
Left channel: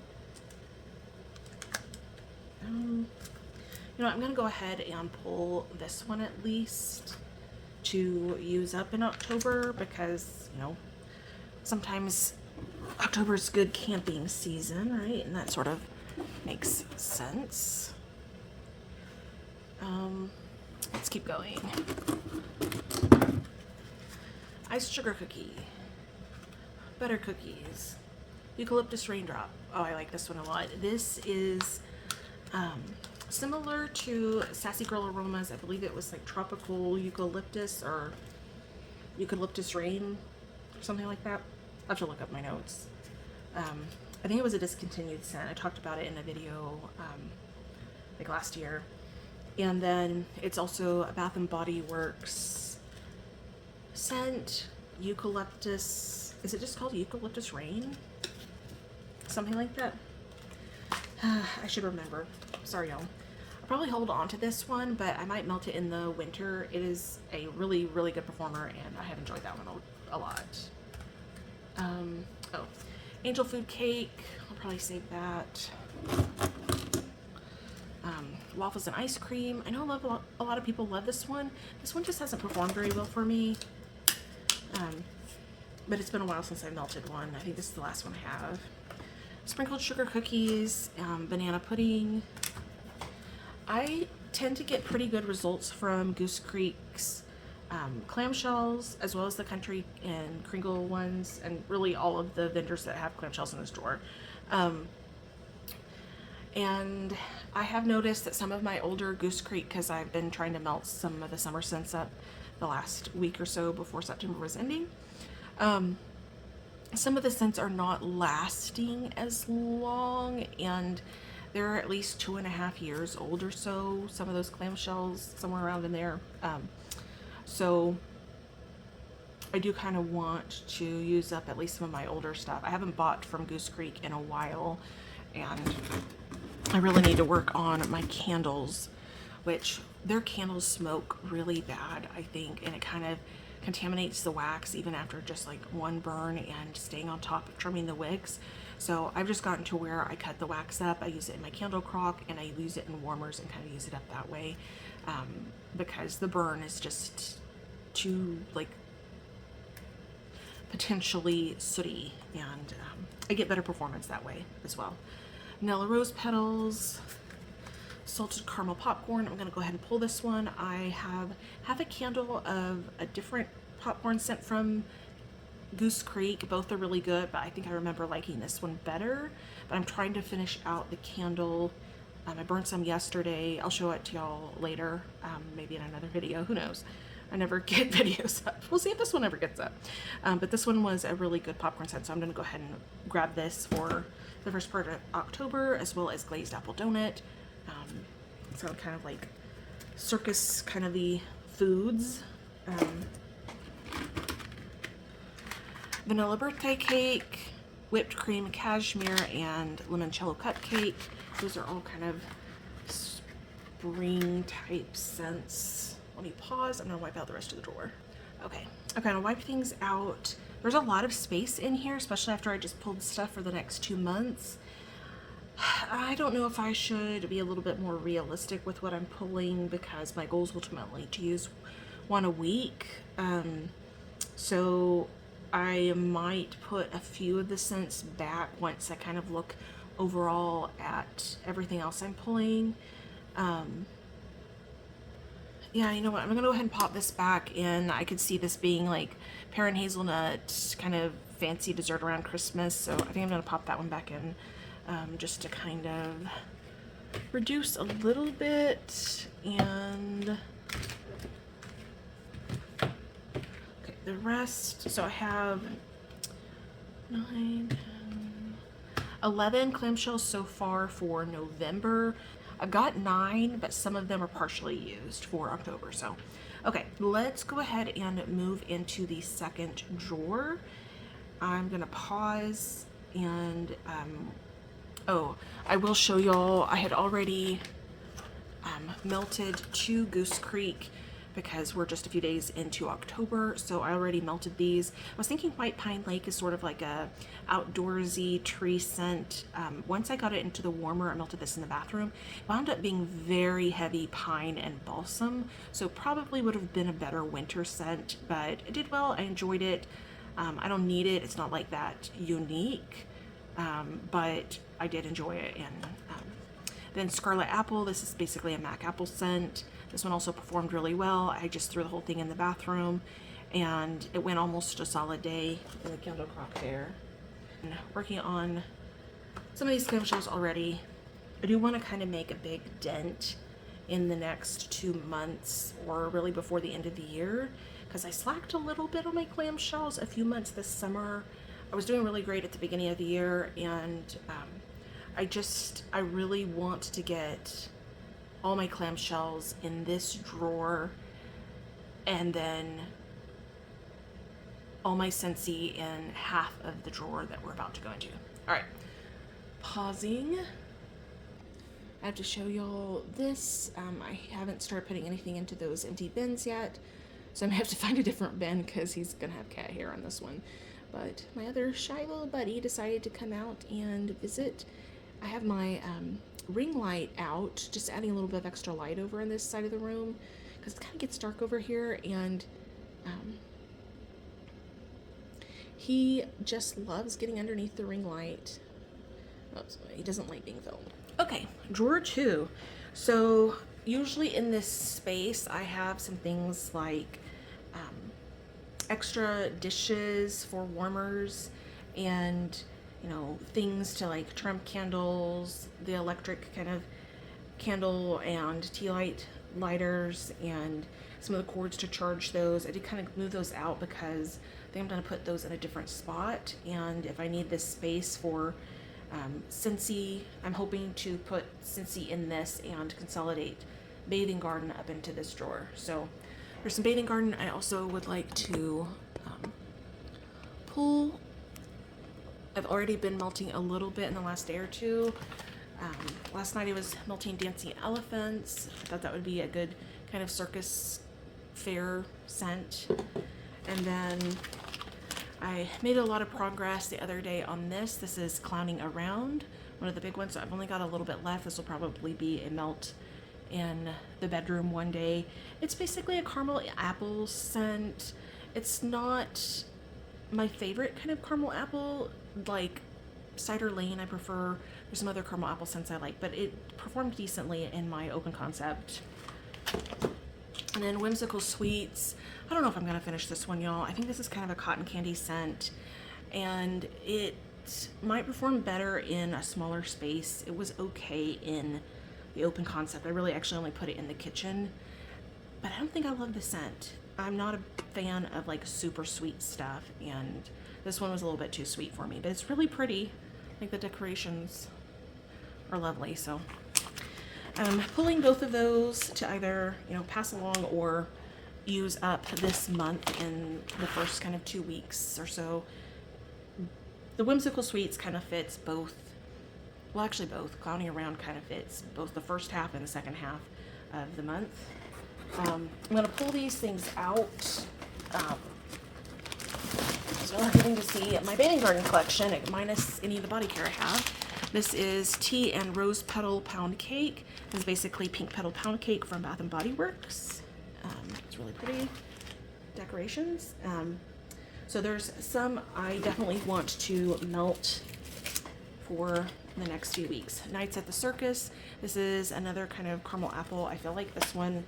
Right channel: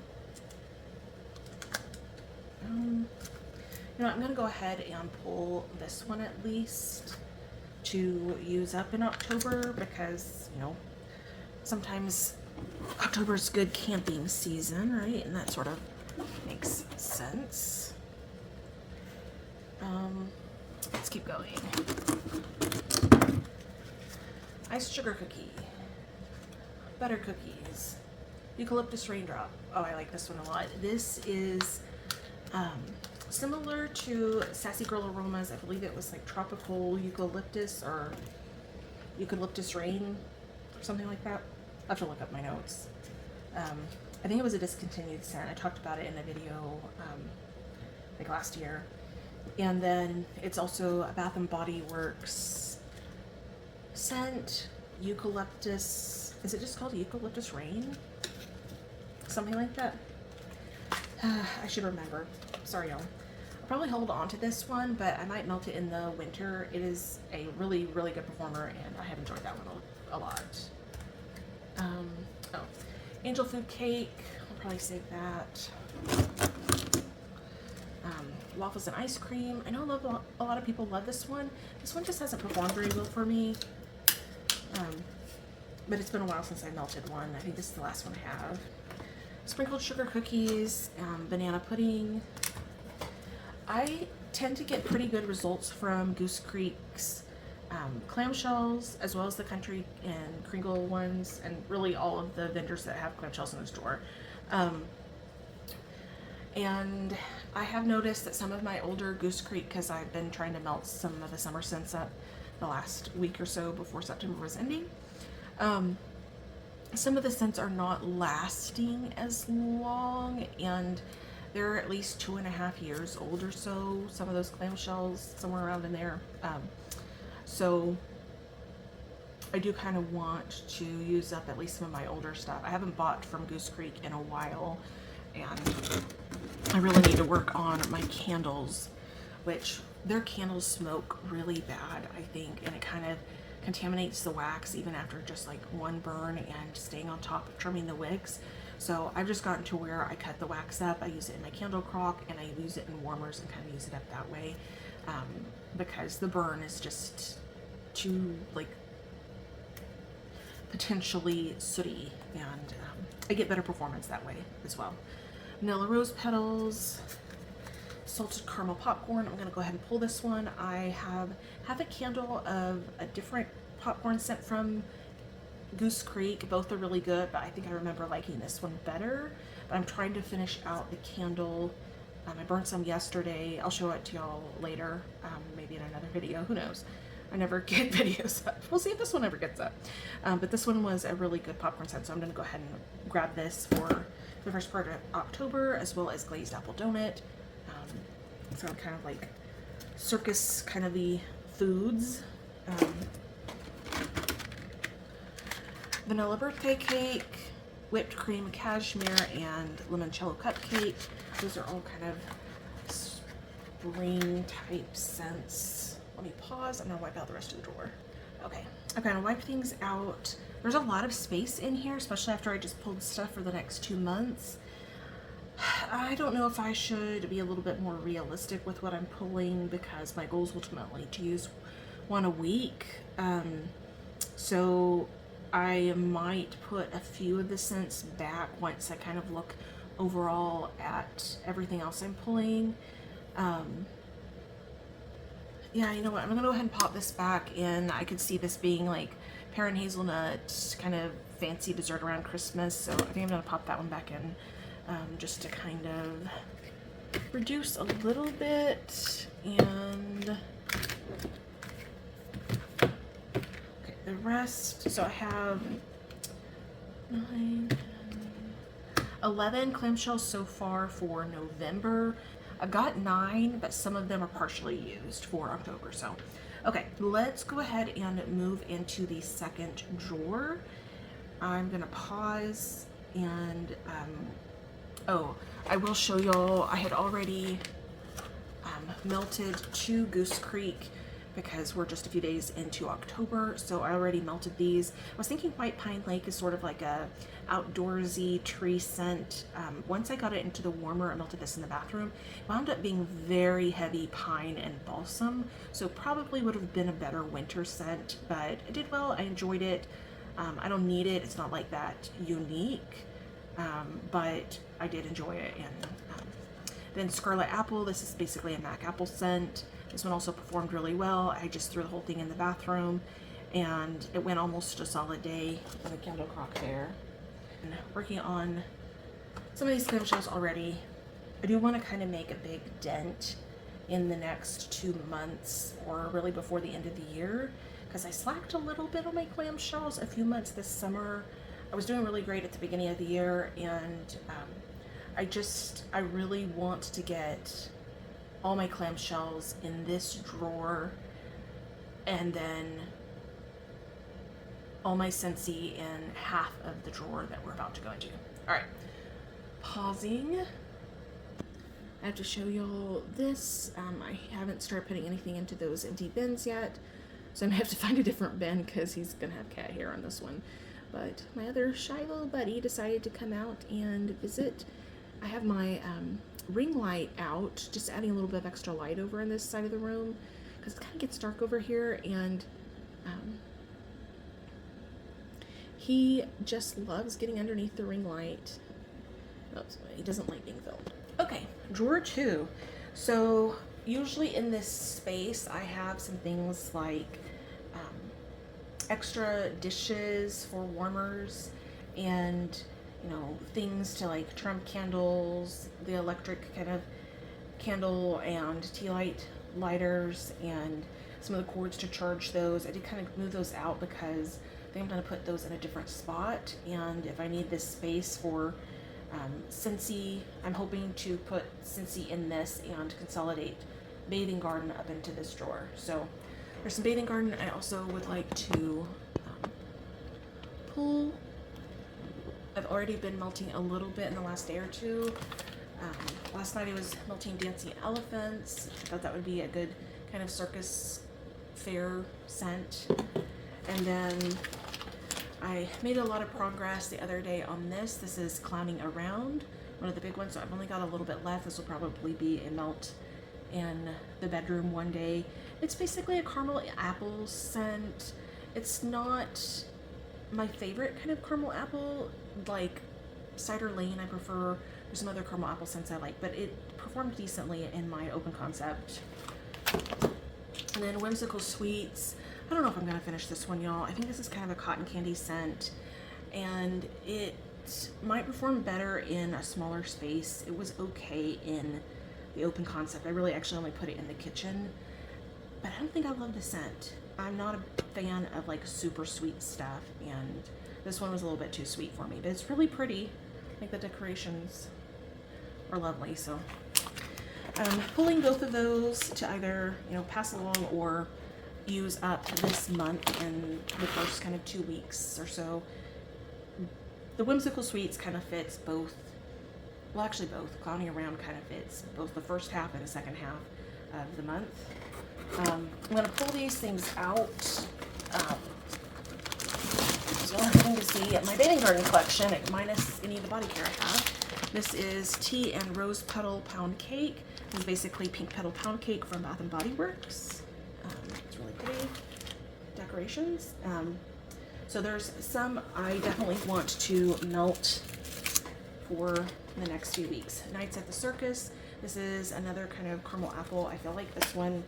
You know, I'm gonna go ahead and pull this one at least to use up in October because, you know, sometimes October's good camping season, right? And that sort of makes sense. Let's keep going. Iced sugar cookie, butter cookies, eucalyptus raindrop. Oh, I like this one a lot. This is similar to Sassy Girl Aromas. I believe it was like tropical eucalyptus or eucalyptus rain or something like that. I'll have to look up my notes. I think it was a discontinued scent. I talked about it in a video like last year. And then it's also a Bath and Body Works scent, eucalyptus. Is it just called eucalyptus rain? Something like that. I should remember. Sorry, y'all. I'll probably hold on to this one, but I might melt it in the winter. It is a really, really good performer, and I have enjoyed that one a lot. Oh, Angel Food Cake. I'll probably save that. Waffles and ice cream. I know a lot of people love this one. This one just hasn't performed very well for me. But it's been a while since I melted one. I think this is the last one I have. Sprinkled sugar cookies, banana pudding. I tend to get pretty good results from Goose Creek's clamshells, as well as the Country and Kringle ones, and really all of the vendors that have clamshells in the store. And I have noticed that some of my older Goose Creek, because I've been trying to melt some of the summer scents up the last week or so before September was ending, some of the scents are not lasting as long, and they're at least 2.5 years old or so. Some of those clamshells, somewhere around in there. So I do kind of want to use up at least some of my older stuff. I haven't bought from Goose Creek in a while, and I really need to work on my candles, which their candles smoke really bad, I think, and it kind of contaminates the wax even after just like one burn and staying on top of trimming the wicks. So I've just gotten to where I cut the wax up, I use it in my candle crock, and I use it in warmers and kind of use it up that way, because the burn is just too like potentially sooty, and I get better performance that way as well. Vanilla rose petals, salted caramel popcorn. I'm going to go ahead and pull this one. I have a candle of a different popcorn scent from Goose Creek. Both are really good, but I think I remember liking this one better. But I'm trying to finish out the candle. I burned some yesterday. I'll show it to y'all later, maybe in another video. Who knows? I never get videos up. We'll see if this one ever gets up. But this one was a really good popcorn scent, so I'm gonna go ahead and grab this for the first part of October, as well as glazed apple donut. So kind of like circus kind of the foods. Vanilla birthday cake, whipped cream cashmere, and limoncello cupcake. Those are all kind of spring type scents. Let me pause. I'm gonna wipe out the rest of the drawer. Okay, I'm gonna wipe things out. There's a lot of space in here, especially after I just pulled stuff for the next 2 months. I don't know if I should be a little bit more realistic with what I'm pulling, because my goal is ultimately to use one a week. So I might put a few of the scents back once I kind of look overall at everything else I'm pulling. Yeah, you know what? I'm gonna go ahead and pop this back in. I could see this being like pear and hazelnut, kind of fancy dessert around Christmas. So I think I'm gonna pop that one back in, just to kind of reduce a little bit. And okay, the rest. So I have 9, 10, 11 clamshells so far for November. I've got 9, but some of them are partially used for October. So, okay, let's go ahead and move into the second drawer. I'm gonna pause and, oh, I will show y'all, I had already melted 2 Goose Creek, because we're just a few days into October, so I already melted these. I was thinking White Pine Lake is sort of like a outdoorsy tree scent. Once I got it into the warmer, I melted this in the bathroom. It wound up being very heavy pine and balsam, so probably would have been a better winter scent, but it did well. I enjoyed it. I don't need it. It's not like that unique, but I did enjoy it. And then Scarlet Apple, this is basically a MAC apple scent. This one also performed really well. I just threw the whole thing in the bathroom, and it went almost a solid day in the Candle Crock Fair. And working on some of these clamshells already. I do want to kind of make a big dent in the next 2 months, or really before the end of the year, because I slacked a little bit on my clamshells a few months this summer. I was doing really great at the beginning of the year, and I really want to get all my clamshells in this drawer, and then all my Scentsy in half of the drawer that we're about to go into. All right, pausing. I have to show y'all this. I haven't started putting anything into those empty bins yet, so I'm gonna have to find a different bin because he's gonna have cat hair on this one. But my other shy little buddy decided to come out and visit. I have my ring light out, just adding a little bit of extra light over on this side of the room because it kind of gets dark over here, and he just loves getting underneath the ring light. Oops, he doesn't like being filmed. Okay, drawer 2. So usually in this space I have some things like extra dishes for warmers, and things to like trim candles, the electric kind of candle and tea light lighters, and some of the cords to charge those. I did kind of move those out because I think I'm going to put those in a different spot, and if I need this space for Scentsy, I'm hoping to put Scentsy in this and consolidate Bathing Garden up into this drawer. So there's some Bathing Garden. I also would like to pull. I've already been melting a little bit in the last day or two. Last night I was melting Dancing Elephants. I thought that would be a good kind of circus fair scent. And then I made a lot of progress the other day on this. This is Clowning Around, one of the big ones. So I've only got a little bit left. This will probably be a melt in the bedroom one day. It's basically a caramel apple scent. It's not my favorite kind of caramel apple, like Cider Lane I prefer. There's some other caramel apple scents I like, but it performed decently in my open concept. And then Whimsical Sweets. I don't know if I'm gonna finish this one, y'all. I think this is kind of a cotton candy scent, and it might perform better in a smaller space. It was okay in the open concept. I really actually only put it in the kitchen, but I don't think I love the scent. I'm not a fan of like super sweet stuff, and this one was a little bit too sweet for me, but it's really pretty. I think the decorations are lovely, so I'm pulling both of those to either, you know, pass along or use up this month in the first kind of 2 weeks or so. The Whimsical Sweets kind of fits both, well, actually both. Clowning Around kind of fits both the first half and the second half of the month. I'm going to pull these things out. So I'm going to see my bathing garden collection, minus any of the body care I have. This is Tea and Rose Petal Pound Cake. This is basically pink petal pound cake from Bath and Body Works. It's really pretty decorations. So there's some I definitely want to melt for the next few weeks. Nights at the Circus. This is another kind of caramel apple. I feel like this one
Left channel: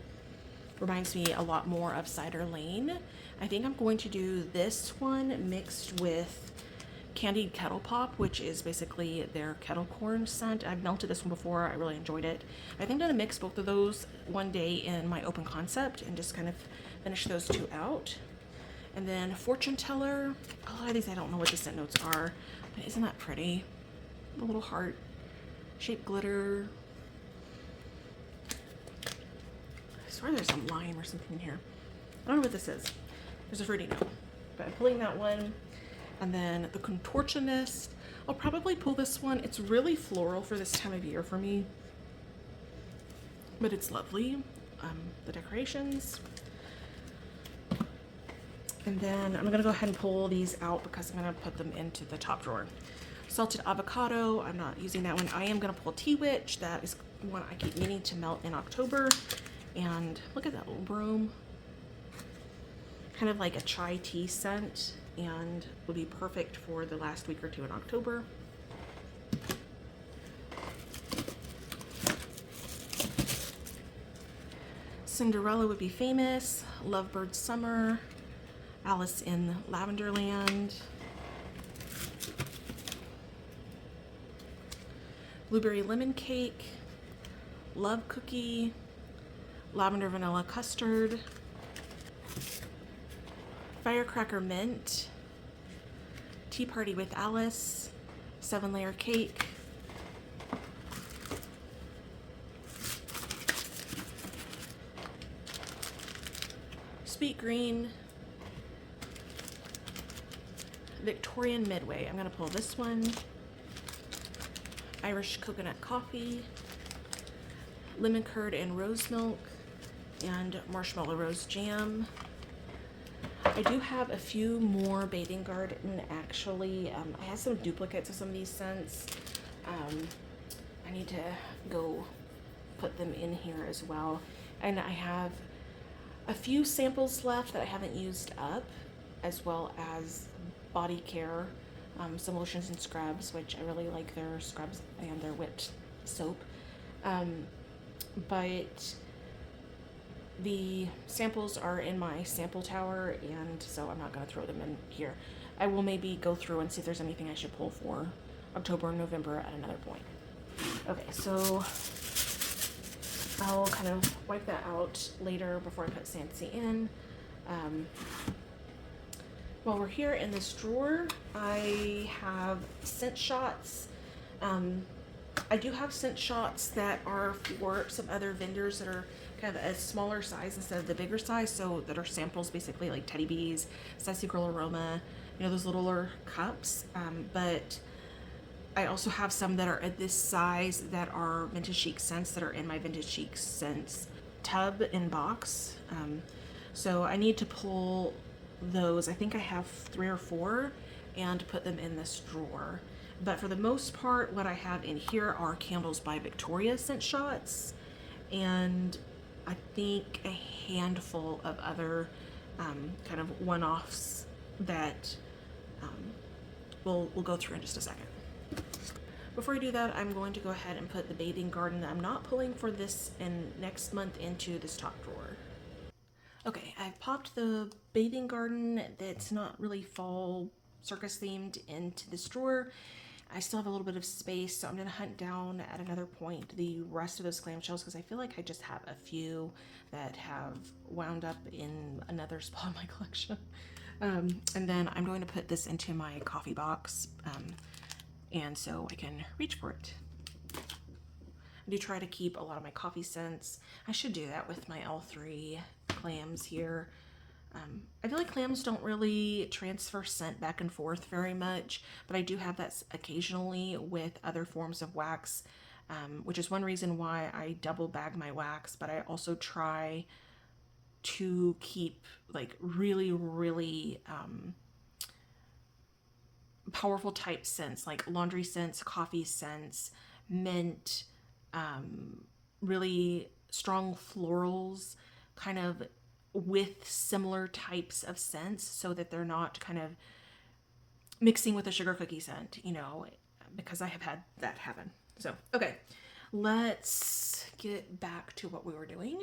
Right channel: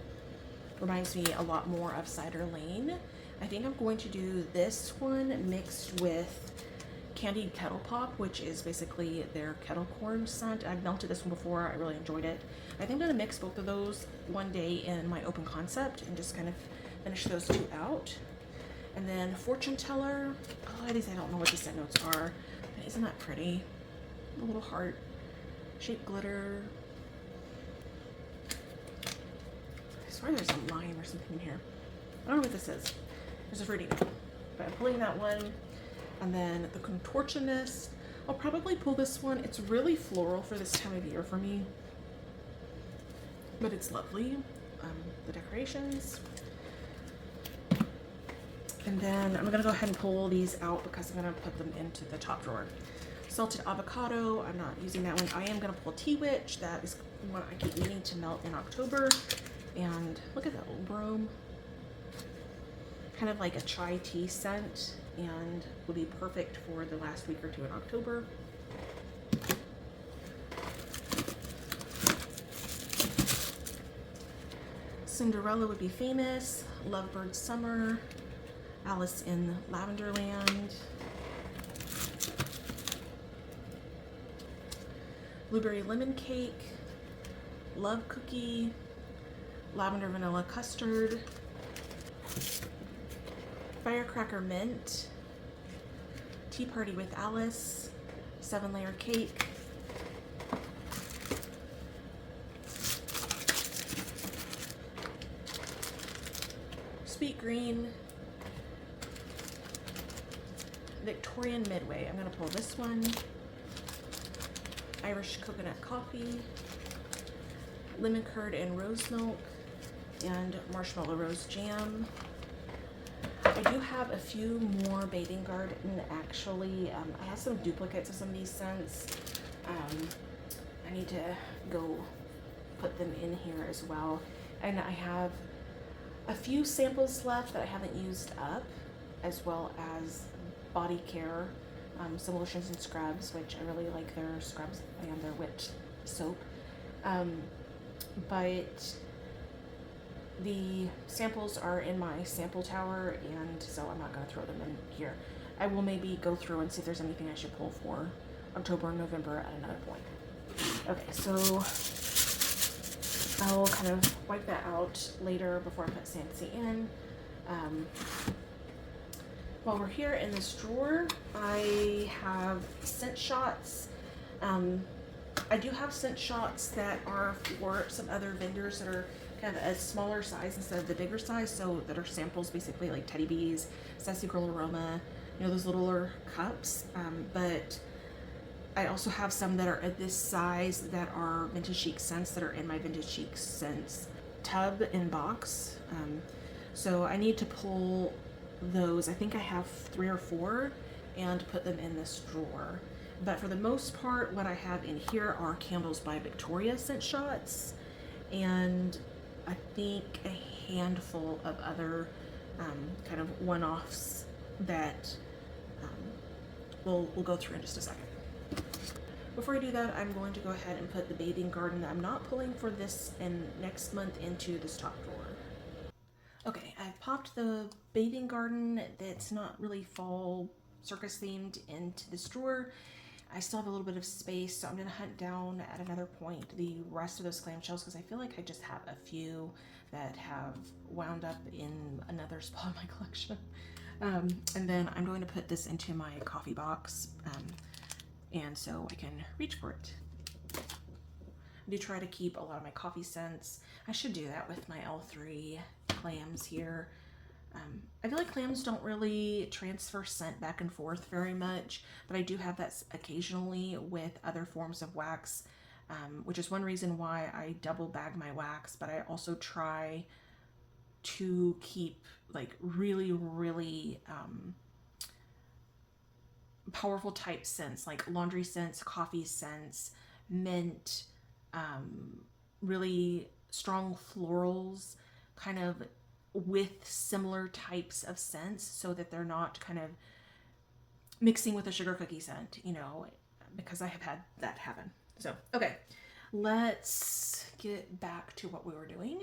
reminds me a lot more of Cider Lane. I think I'm going to do this one mixed with Candied Kettle Pop, which is basically their kettle corn scent. I've melted this one before. I really enjoyed it. I think I'm going to mix both of those one day in my open concept and just kind of finish those two out. And then Fortune Teller. A lot of these I don't know what the scent notes are, but isn't that pretty? A little heart shaped glitter. I swear there's a lime or something in here. I don't know what this is. There's a fruity note, but I'm pulling that one. And then the Contortionist. I'll probably pull this one. It's really floral for this time of year for me, but it's lovely. The decorations. And then I'm gonna go ahead and pull these out because I'm gonna put them into the top drawer. Salted Avocado, I'm not using that one. I am gonna pull Tea Witch. That is one I keep needing to melt in October. And look at that little broom. Kind of like a chai tea scent, and will be perfect for the last week or two in October. Cinderella Would Be Famous, Lovebird Summer, Alice in Lavenderland, Blueberry Lemon Cake, Love Cookie, Lavender Vanilla Custard, Firecracker Mint, Tea Party with Alice, 7-layer cake, Sweet Green, Victorian Midway. I'm going to pull this one. Irish Coconut Coffee, Lemon Curd and Rose Milk, and Marshmallow Rose Jam. I do have a few more Bathing Garden, actually. I have some duplicates of some of these scents. I need to go put them in here as well. And I have a few samples left that I haven't used up, as well as body care, some lotions and scrubs, which I really like their scrubs and their whipped soap. But the samples are in my sample tower, and so I'm not going to throw them in here. I will maybe go through and see if there's anything I should pull for October and November at another point. Okay, so I'll kind of wipe that out later before I put Sancy in. While we're here in this drawer, I have scent shots. I do have scent shots that are for some other vendors that are kind of a smaller size instead of the bigger size, so that are samples basically like Teddy Bees, Sassy Girl Aroma, you know, those littler cups. But I also have some that are at this size that are Vintage Chic scents that are in my Vintage Chic scents tub and box. So I need to pull those. I think I have 3 or 4 and put them in this drawer. But for the most part, what I have in here are Candles by Victoria scent shots, and I think a handful of other kind of one-offs that we'll go through in just a second. Before I do that, I'm going to go ahead and put the Bathing Garden that I'm not pulling for this and next month into this top drawer. Okay, I've popped the Bathing Garden that's not really fall circus themed into this drawer. I still have a little bit of space, so I'm going to hunt down at another point the rest of those clamshells because I feel like I just have a few that have wound up in another spot in my collection. And then I'm going to put this into my coffee box, and so I can reach for it. I do try to keep a lot of my coffee scents. I should do that with my L3 clams here. I feel like clams don't really transfer scent back and forth very much, but I do have that occasionally with other forms of wax, which is one reason why I double bag my wax, but I also try to keep like really powerful type scents like laundry scents, coffee scents, mint, really strong florals, kind of with similar types of scents so that they're not kind of mixing with a sugar cookie scent, you know, because I have had that happen. So, okay, let's get back to what we were doing.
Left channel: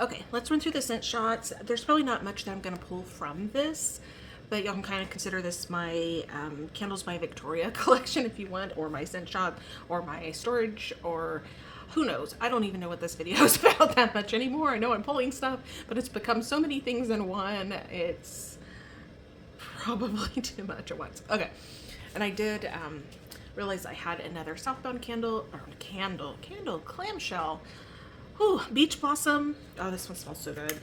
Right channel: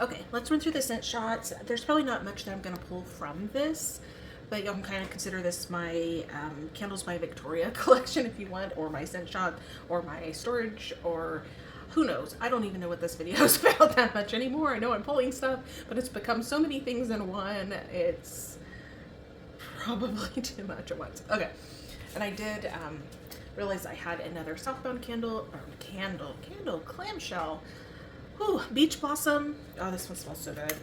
Okay, let's run through the scent shots. There's probably not much that I'm going to pull from this, but you can kind of consider this my Candles by Victoria collection if you want, or my scent shot, or my storage, or who knows. I don't even know what this video is about that much anymore. I know I'm pulling stuff, but it's become so many things in one. It's probably too much at once. Okay, and I did realize I had another Southbound candle, clamshell. Ooh, Beach Blossom. Oh, this one smells so good.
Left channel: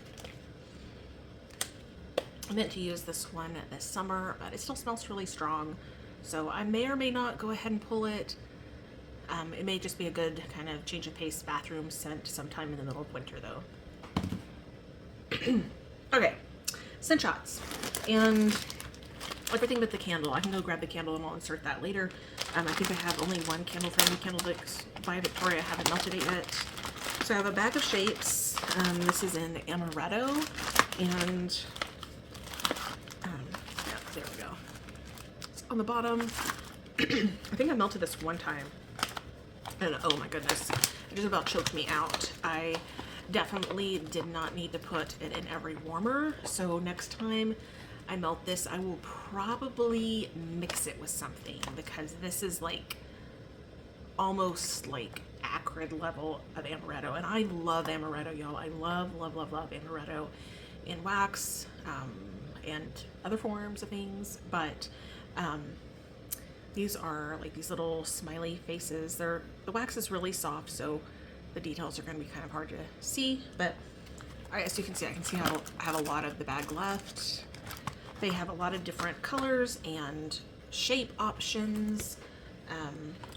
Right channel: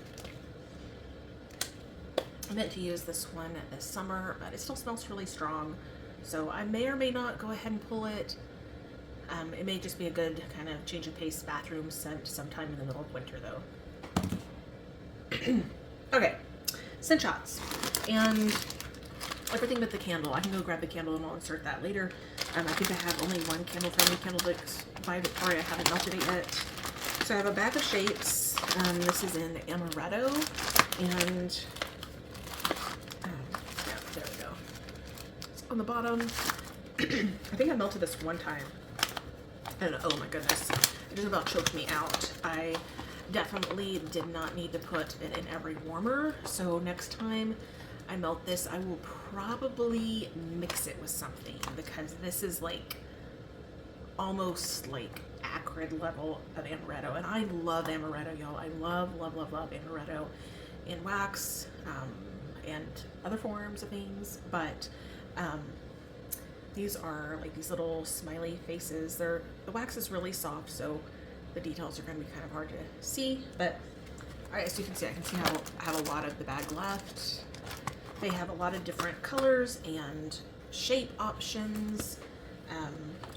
I meant to use this one this summer, but it still smells really strong. So I may or may not go ahead and pull it. It may just be a good kind of change of pace bathroom scent sometime in the middle of winter though. Okay, scent shots. And everything but the candle. I can go grab the candle and I'll insert that later. I think I have only one candle from the Candles by Victoria. I haven't melted it yet. So I have a bag of shapes. This is in Amaretto, and there we go. It's on the bottom. I think I melted this one time, and oh my goodness, it just about choked me out. I definitely did not need to put it in every warmer, so next time I melt this, I will probably mix it with something, because this is like almost like acrid level of amaretto, and I love amaretto, y'all. I love amaretto in wax and other forms of things, but these are like these little smiley faces. The wax is really soft, so the details are going to be kind of hard to see, but as you can see, I can see how I had a lot of the bag left. They have a lot of different colors and shape options,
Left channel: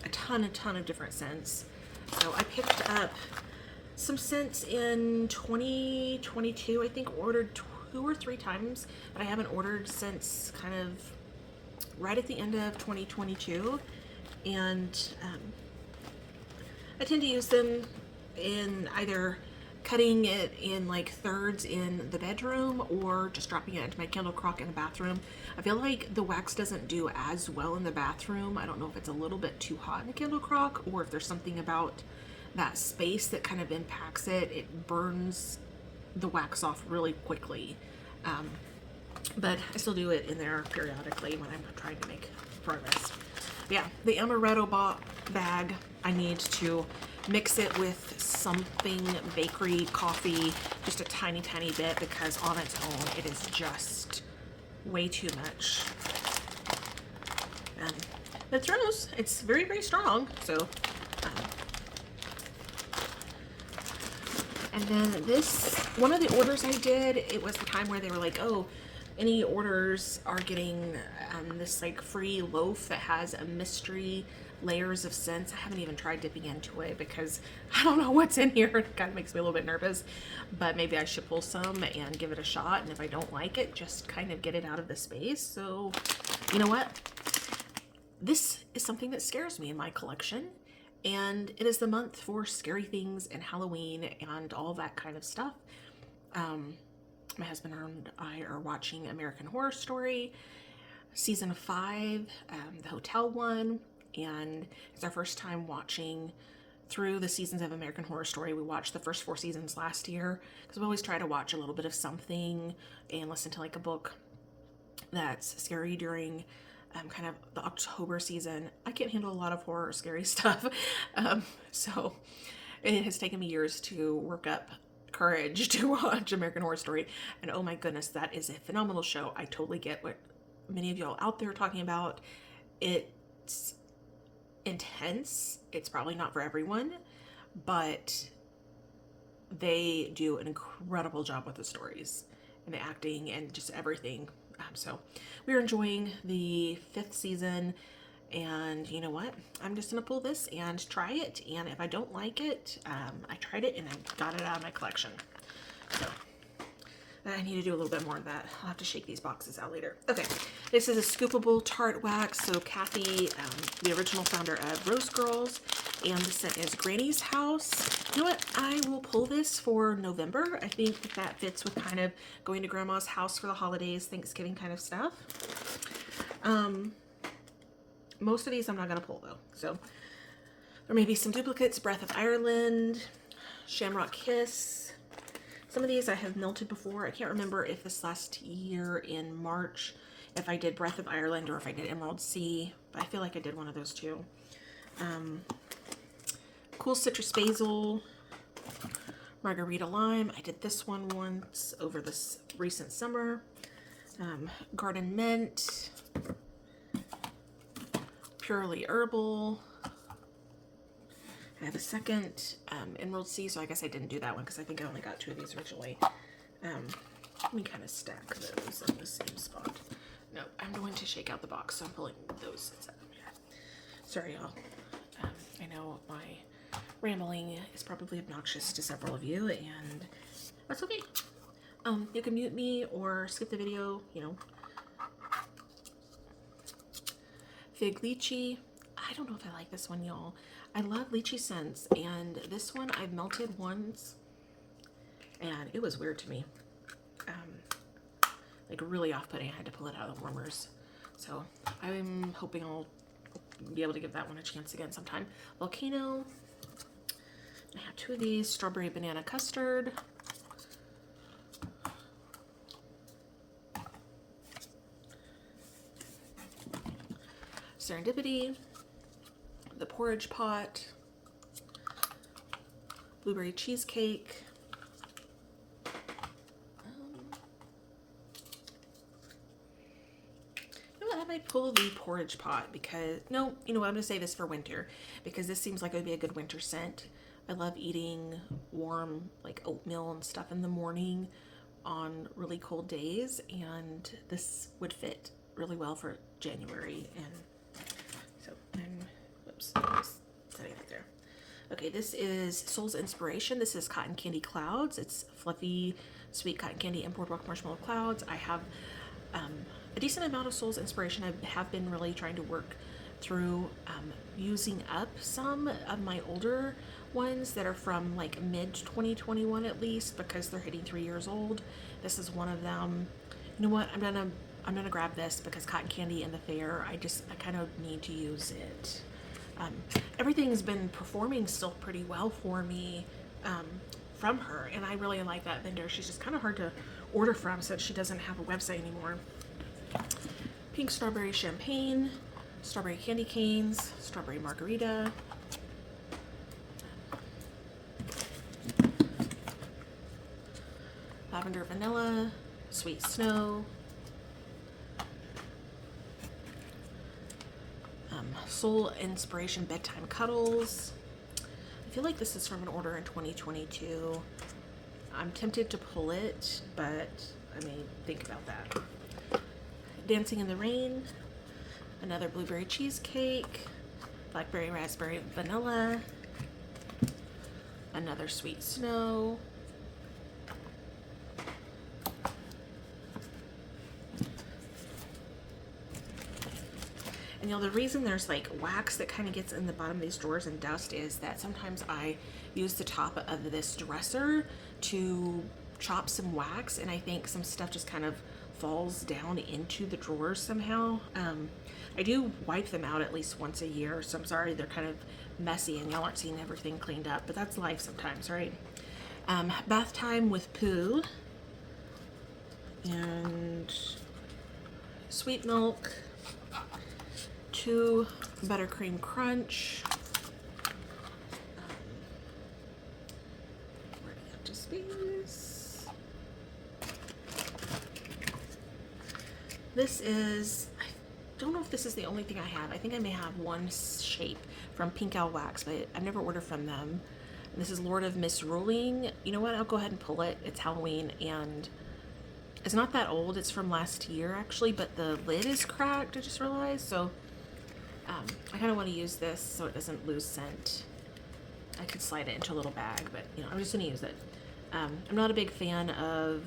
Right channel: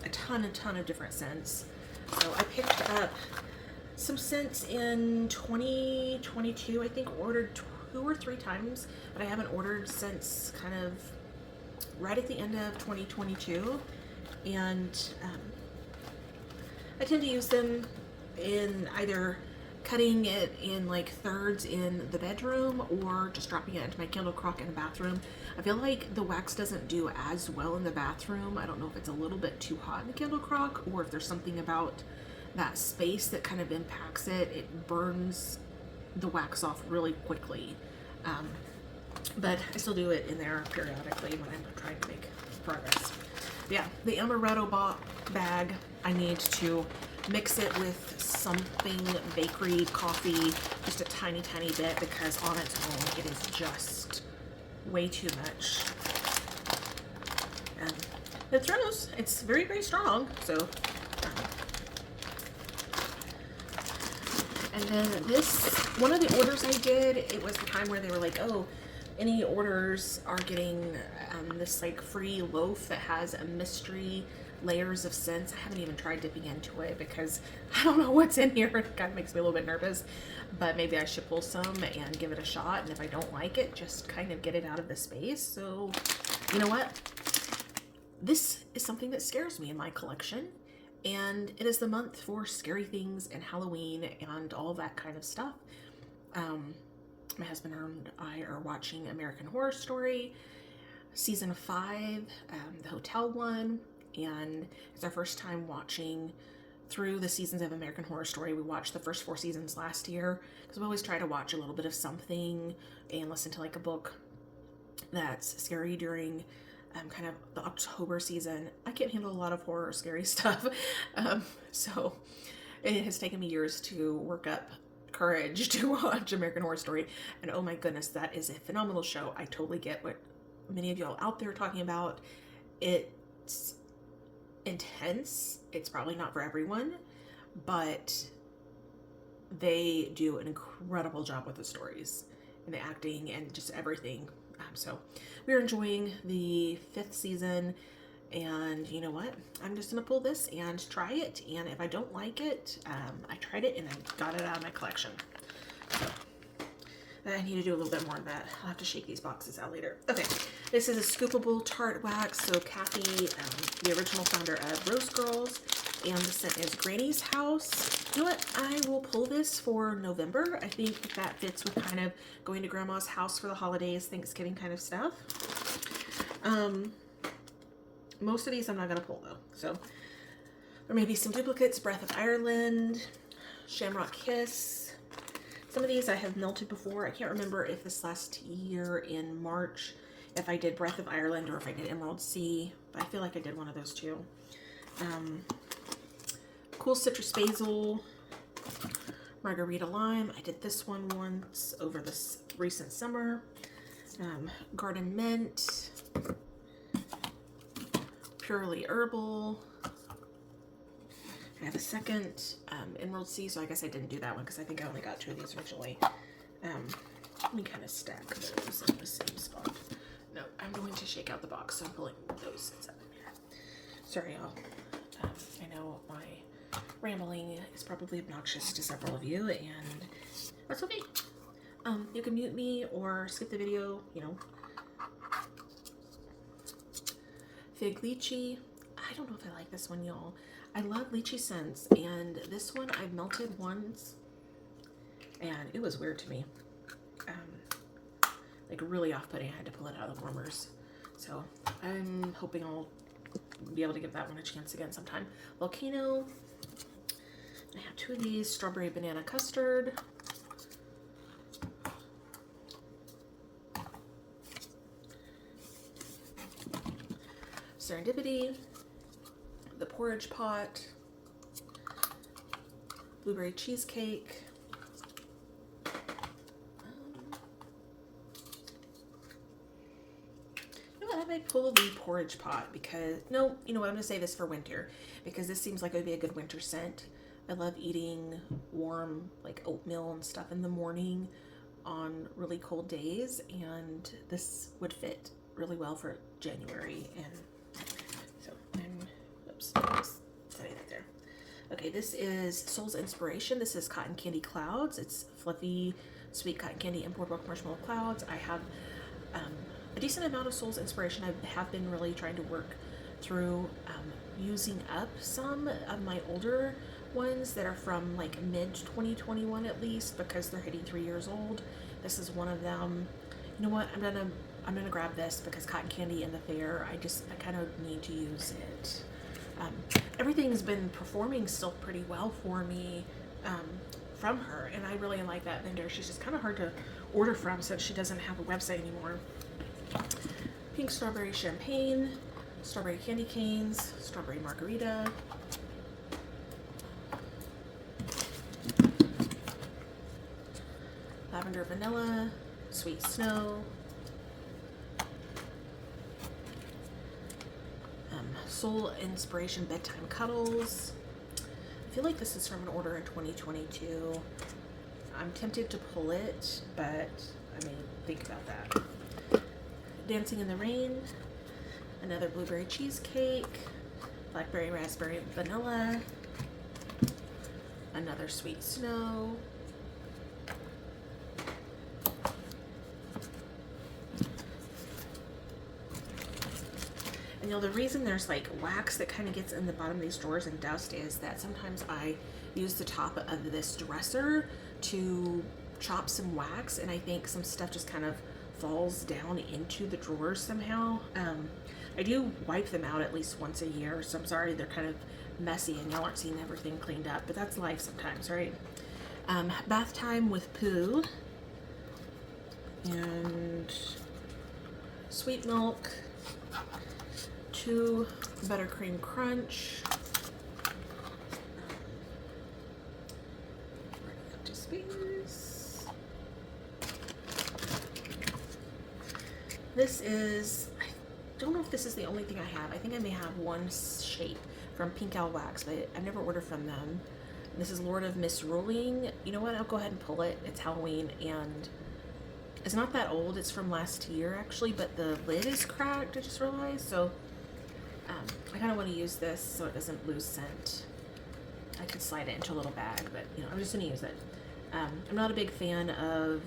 a ton of different scents. So I picked up some scents in 2022. I think ordered 2 or 3 times, but I haven't ordered since kind of right at the end of 2022. And I tend to use them in either cutting it in like thirds in the bedroom or just dropping it into my candle crock in the bathroom. I feel like the wax doesn't do as well in the bathroom. I don't know if it's a little bit too hot in the candle crock or if there's something about that space that kind of impacts it. It burns the wax off really quickly. But I still do it in there periodically when I'm trying to make progress. Yeah, the amaretto bag, I need to mix it with something bakery, coffee, just a tiny bit, because on its own it is just way too much. The Throws, it's very strong, so and then this, one of the orders I did, it was the time where they were like, oh, any orders are getting this like free loaf that has a mystery layers of scents. I haven't even tried dipping into it because I don't know what's in here. It kind of makes me a little bit nervous, but maybe I should pull some and give it a shot, and if I don't like it, just kind of get it out of the space. So you know what, this is something that scares me in my collection, and it is the month for scary things and Halloween and all that kind of stuff. My husband and I are watching American Horror Story season 5, the hotel one, and it's our first time watching through the seasons of American Horror Story. We watched the first 4 seasons last year because we always try to watch a little bit of something and listen to like a book that's scary during kind of the October season. I can't handle a lot of horror or scary stuff. So it has taken me years to work up courage to watch American Horror Story. And oh my goodness, that is a phenomenal show. I totally get what many of y'all out there are talking about. It's intense. It's probably not for everyone, but they do an incredible job with the stories and the acting and just everything. So we're enjoying the 5th season, and you know what? I'm just gonna pull this and try it. And if I don't like it, I tried it and I got it out of my collection. So I need to do a little bit more of that. I'll have to shake these boxes out later. Okay, this is a scoopable tart wax. So Kathy, the original founder of Rose Girls, and the scent is Granny's House. You know what? I will pull this for November. I think that fits with kind of going to Grandma's house for the holidays, Thanksgiving kind of stuff. Most of these I'm not going to pull though. So there may be some duplicates. Breath of Ireland, Shamrock Kiss. Some of these I have melted before. I can't remember if this last year in March, if I did Breath of Ireland or if I did Emerald Sea, but I feel like I did one of those two. Cool Citrus Basil, Margarita Lime. I did this one once over this recent summer. Garden Mint, Purely Herbal. I have a second Emerald Sea, so I guess I didn't do that one because I think I only got 2 of these originally. Let me kind of stack those in the same spot. No, I'm going to shake out the box, so I'm pulling those inside of here. Sorry, y'all. I know my rambling is probably obnoxious to several of you, and that's okay. You can mute me or skip the video, you know. Fig Lychee. I don't know if I like this one, y'all. I love lychee scents, and this one I've melted once, and it was weird to me. Like really off-putting. I had to pull it out of the warmers. So I'm hoping I'll be able to give that one a chance again sometime. Volcano. I have 2 of these. Strawberry Banana Custard. Serendipity. The Porridge Pot. Blueberry Cheesecake. I might pull the Porridge Pot because, no, you know what, I'm going to say this for winter because this seems like it would be a good winter scent. I love eating warm, like oatmeal and stuff in the morning on really cold days, and this would fit really well for January. And so oops, setting it there. Okay, this is Soul's Inspiration. This is Cotton Candy Clouds. It's fluffy, sweet cotton candy and boardwalk marshmallow clouds. I have a decent amount of Soul's Inspiration. I have been really trying to work through using up some of my older ones that are from like mid 2021 at least, because they're hitting 3 years old. This is one of them. You know what? I'm gonna grab this because cotton candy and the fair. I kind of need to use it. Everything's been performing still pretty well for me from her, and I really like that vendor. She's just kind of hard to order from since she doesn't have a website anymore. Pink Strawberry Champagne, Strawberry Candy Canes, Strawberry Margarita, Lavender Vanilla, Sweet Snow, Soul Inspiration Bedtime Cuddles. I feel like this is from an order in 2022. I'm tempted to pull it, but I mean, think about that. Dancing in the Rain, another Blueberry Cheesecake, Blackberry Raspberry Vanilla, another Sweet Snow, and you know, the reason there's like wax that kind of gets in the bottom of these drawers and dust is that sometimes I use the top of this dresser to chop some wax, and I think some stuff just kind of falls down into the drawers somehow. I do wipe them out at least once a year, so I'm sorry they're kind of messy and y'all aren't seeing everything cleaned up, but that's life sometimes, right? Bath Time with Pooh, and Sweet Milk, 2 Buttercream Crunch. This is, I don't know if this is the only thing I have. I think I may have one shape from Pink Owl Wax, but I've never ordered from them. This is Lord of Misruling. You know what? I'll go ahead and pull it. It's Halloween, and it's not that old. It's from last year, actually, but the lid is cracked, I just realized. So I kind of want to use this so it doesn't lose scent. I could slide it into a little bag, but you know, I'm just going to use it. I'm not a big fan of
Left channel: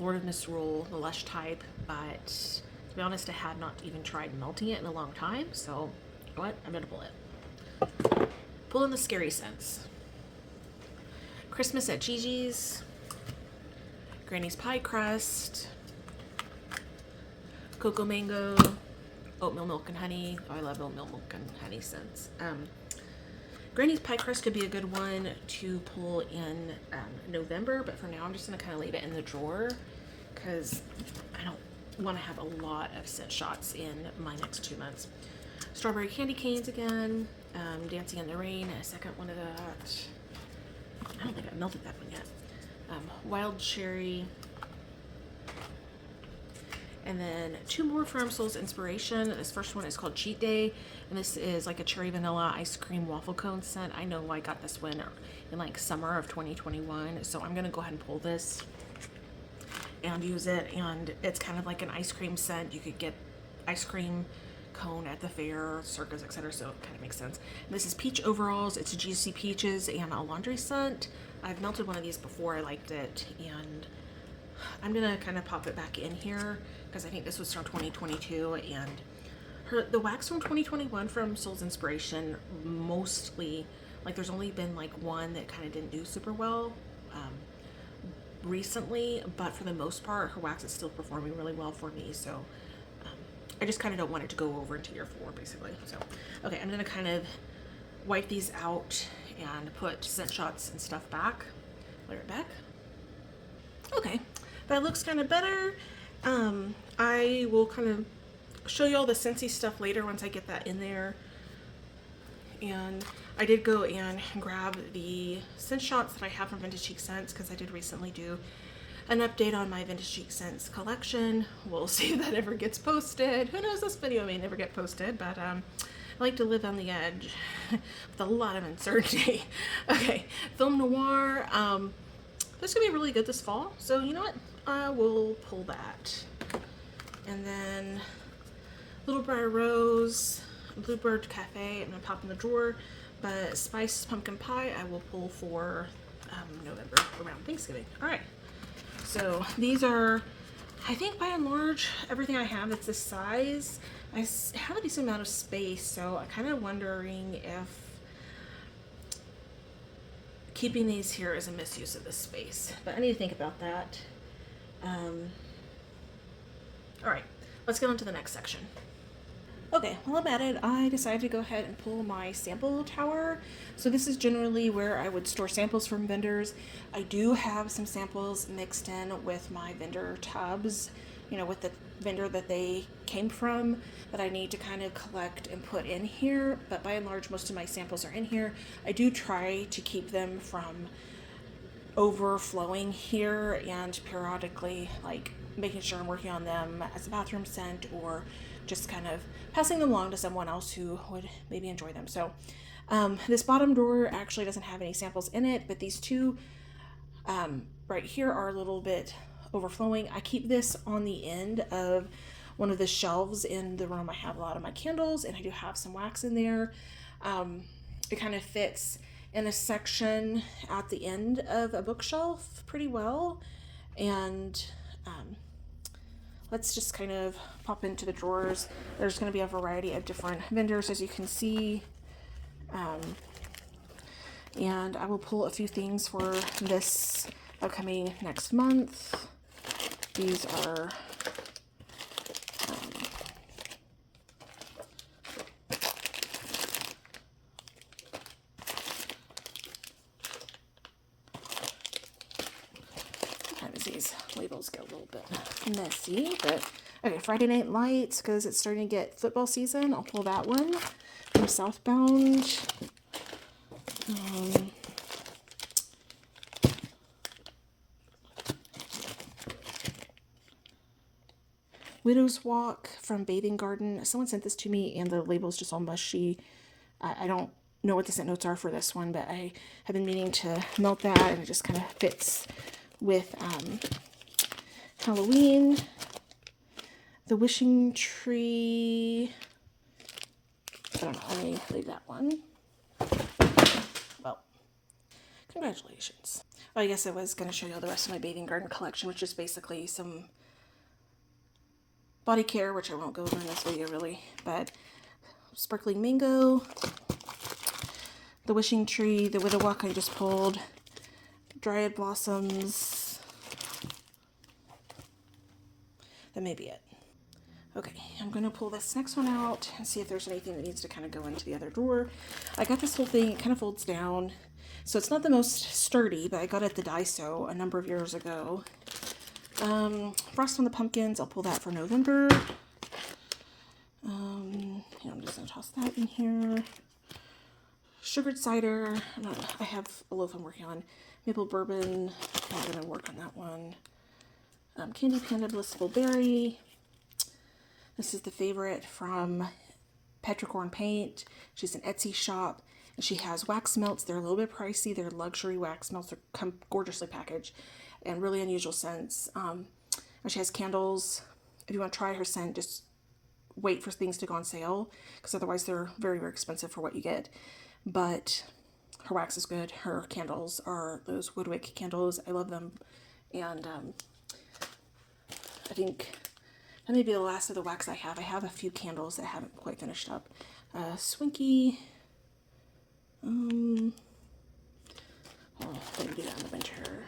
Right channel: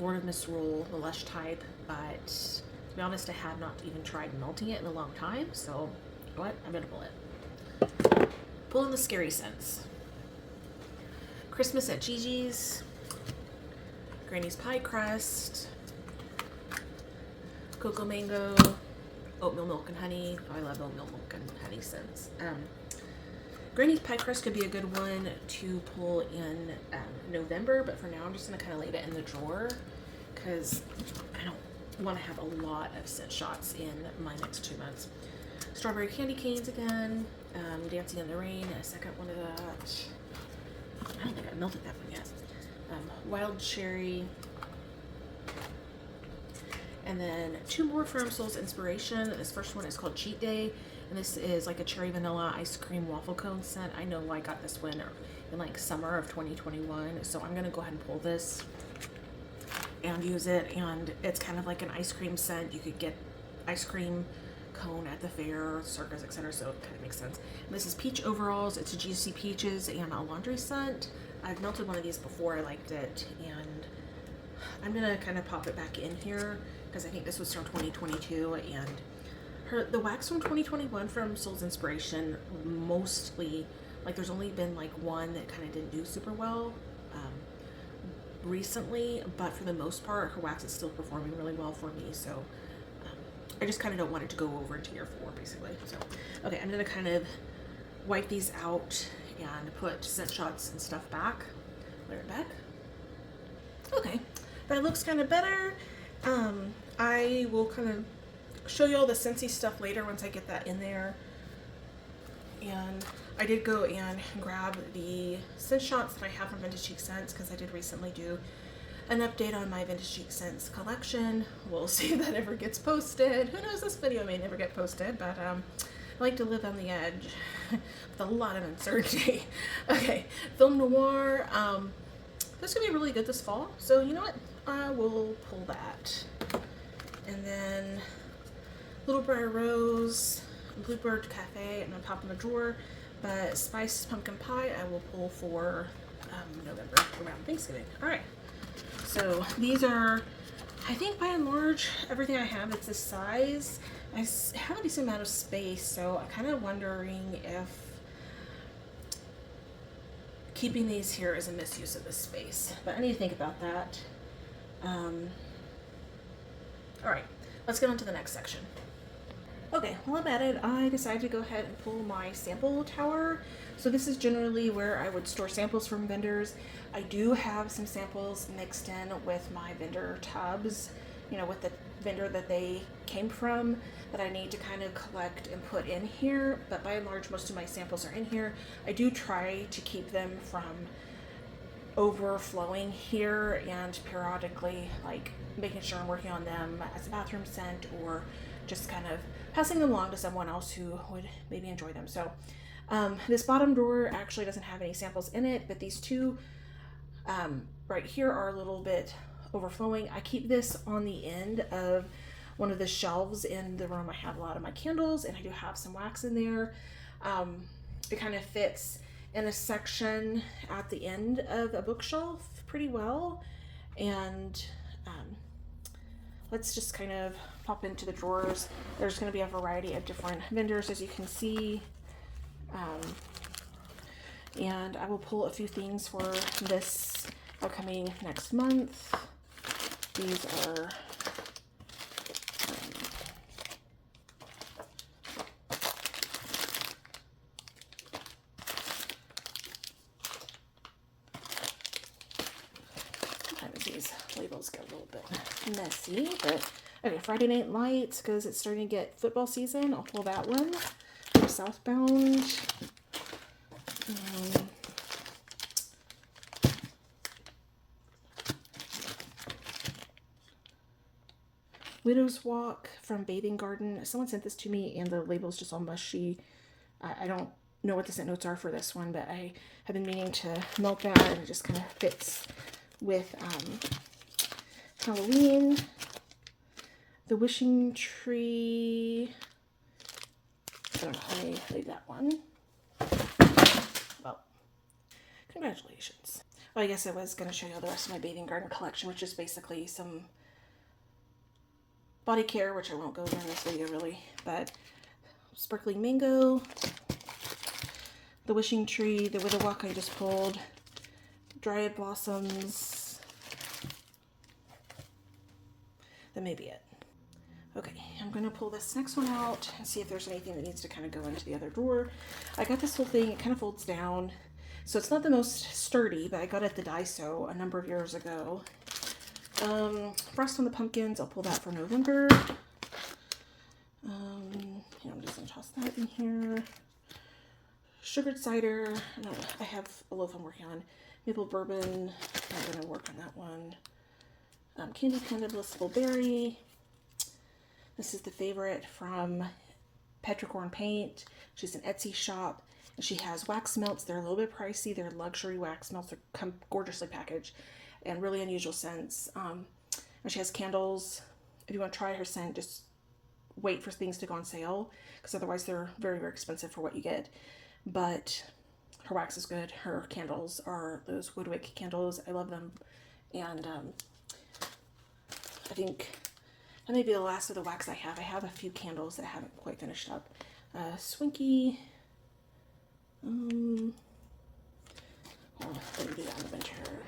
Lord of Misrule, the Lush type, but to be honest, I had not even tried melting it in a long time, so you know what? I'm going to pull it. Pull in the scary scents. Christmas at Gigi's, Granny's Pie Crust, Cocoa Mango, Oatmeal Milk and Honey. Oh, I love Oatmeal Milk and Honey scents. Granny's Pie Crust could be a good one to pull in November, but for now I'm just going to kind of leave it in the drawer because I don't want to have a lot of scent shots in my next 2 months. Strawberry Candy Canes again, Dancing in the Rain, a second one of that. I don't think I melted that one yet. Wild Cherry. And then 2 more from Soul's Inspiration. This first one is called Cheat Day. And this is like a cherry vanilla ice cream waffle cone scent. I know I got this one in like summer of 2021. So I'm going to go ahead and pull this and use it. And it's kind of like an ice cream scent. You could get ice cream cone at the fair, circus, etc. So it kind of makes sense. And this is Peach Overalls. It's a Juicy Peaches and a laundry scent. I've melted one of these before. I liked it. And I'm going to kind of pop it back in here because I think this was from 2022. And the wax from 2021 from Soul's Inspiration, mostly, like there's only been like one that kind of didn't do super well recently, but for the most part, her wax is still performing really well for me. So I just kind of don't want it to go over into year 4, basically. So, okay, I'm going to kind of wipe these out and put scent shots and stuff back. Layer it back. Okay, that looks kind of better. I will kind of show you all the Scentsy stuff later once I get that in there. And I did go and grab the scent shots that I have from Vintage Chic Scents because I did recently do an update on my Vintage Chic Scents collection. We'll see if that ever gets posted. Who knows, this video may never get posted, but I like to live on the edge with a lot of uncertainty. Okay, Film Noir. This could be really good this fall, so you know what? We'll pull that. And then Little Briar Rose, Bluebird Cafe, I'm going to pop in the drawer, but Spiced Pumpkin Pie I will pull for November, around Thanksgiving. Alright, so these are, I think by and large, everything I have is this size. I have a decent amount of space, so I'm kind of wondering if keeping these here is a misuse of this space, but I need to think about that. Alright, let's get on to the next section. Okay, while I'm at it, I decided to go ahead and pull my sample tower. So this is generally where I would store samples from vendors. I do have some samples mixed in with my vendor tubs, you know, with the vendor that they came from, that I need to kind of collect and put in here. But by and large, most of my samples are in here. I do try to keep them from overflowing here and periodically, like, making sure I'm working on them as a bathroom scent or just kind of passing them along to someone else who would maybe enjoy them. So this bottom drawer actually doesn't have any samples in it, but these two right here are a little bit overflowing. I keep this on the end of one of the shelves in the room. I have a lot of my candles and I do have some wax in there. It kind of fits in a section at the end of a bookshelf pretty well. And let's just kind of pop into the drawers. There's going to be a variety of different vendors, as you can see. And I will pull a few things for this upcoming next month. These are sometimes these labels get a little bit messy, but Okay, Friday Night Lights, because it's starting to get football season. I'll pull that one. From Southbound. Widow's Walk from Bathing Garden. Someone sent this to me and the label is just all mushy. I don't know what the scent notes are for this one, but I have been meaning to melt that, and it just kind of fits with Halloween. The Wishing Tree. I don't know, I may leave that one. Well, congratulations. Well, I guess I was going to show you all the rest of my Bathing Garden collection, which is basically some body care, which I won't go over in this video really, but Sparkling Mango, the Wishing Tree, the Widow Walk I just pulled, Dryad Blossoms. That may be it. Okay, I'm going to pull this next one out and see if there's anything that needs to kind of go into the other drawer. I got this whole thing, it kind of folds down, so it's not the most sturdy, but I got it at the Daiso a number of years ago. Frost on the Pumpkins, I'll pull that for November. I'm just going to toss that in here. Sugared cider, I have a loaf I'm working on. Maple bourbon, I'm going to work on that one. Candy Panda Blissful Berry. This is the favorite from Petricorn Paint. She's an Etsy shop, and she has wax melts. They're a little bit pricey. They're luxury wax melts. They come gorgeously packaged and really unusual scents. And she has candles. If you want to try her scent, just wait for things to go on sale, because otherwise they're very, very expensive for what you get. But her wax is good. Her candles are those woodwick candles. I love them. And I think that may be the last of the wax I have. I have a few candles that I haven't quite finished up. Swinky. Let me do that in the winter.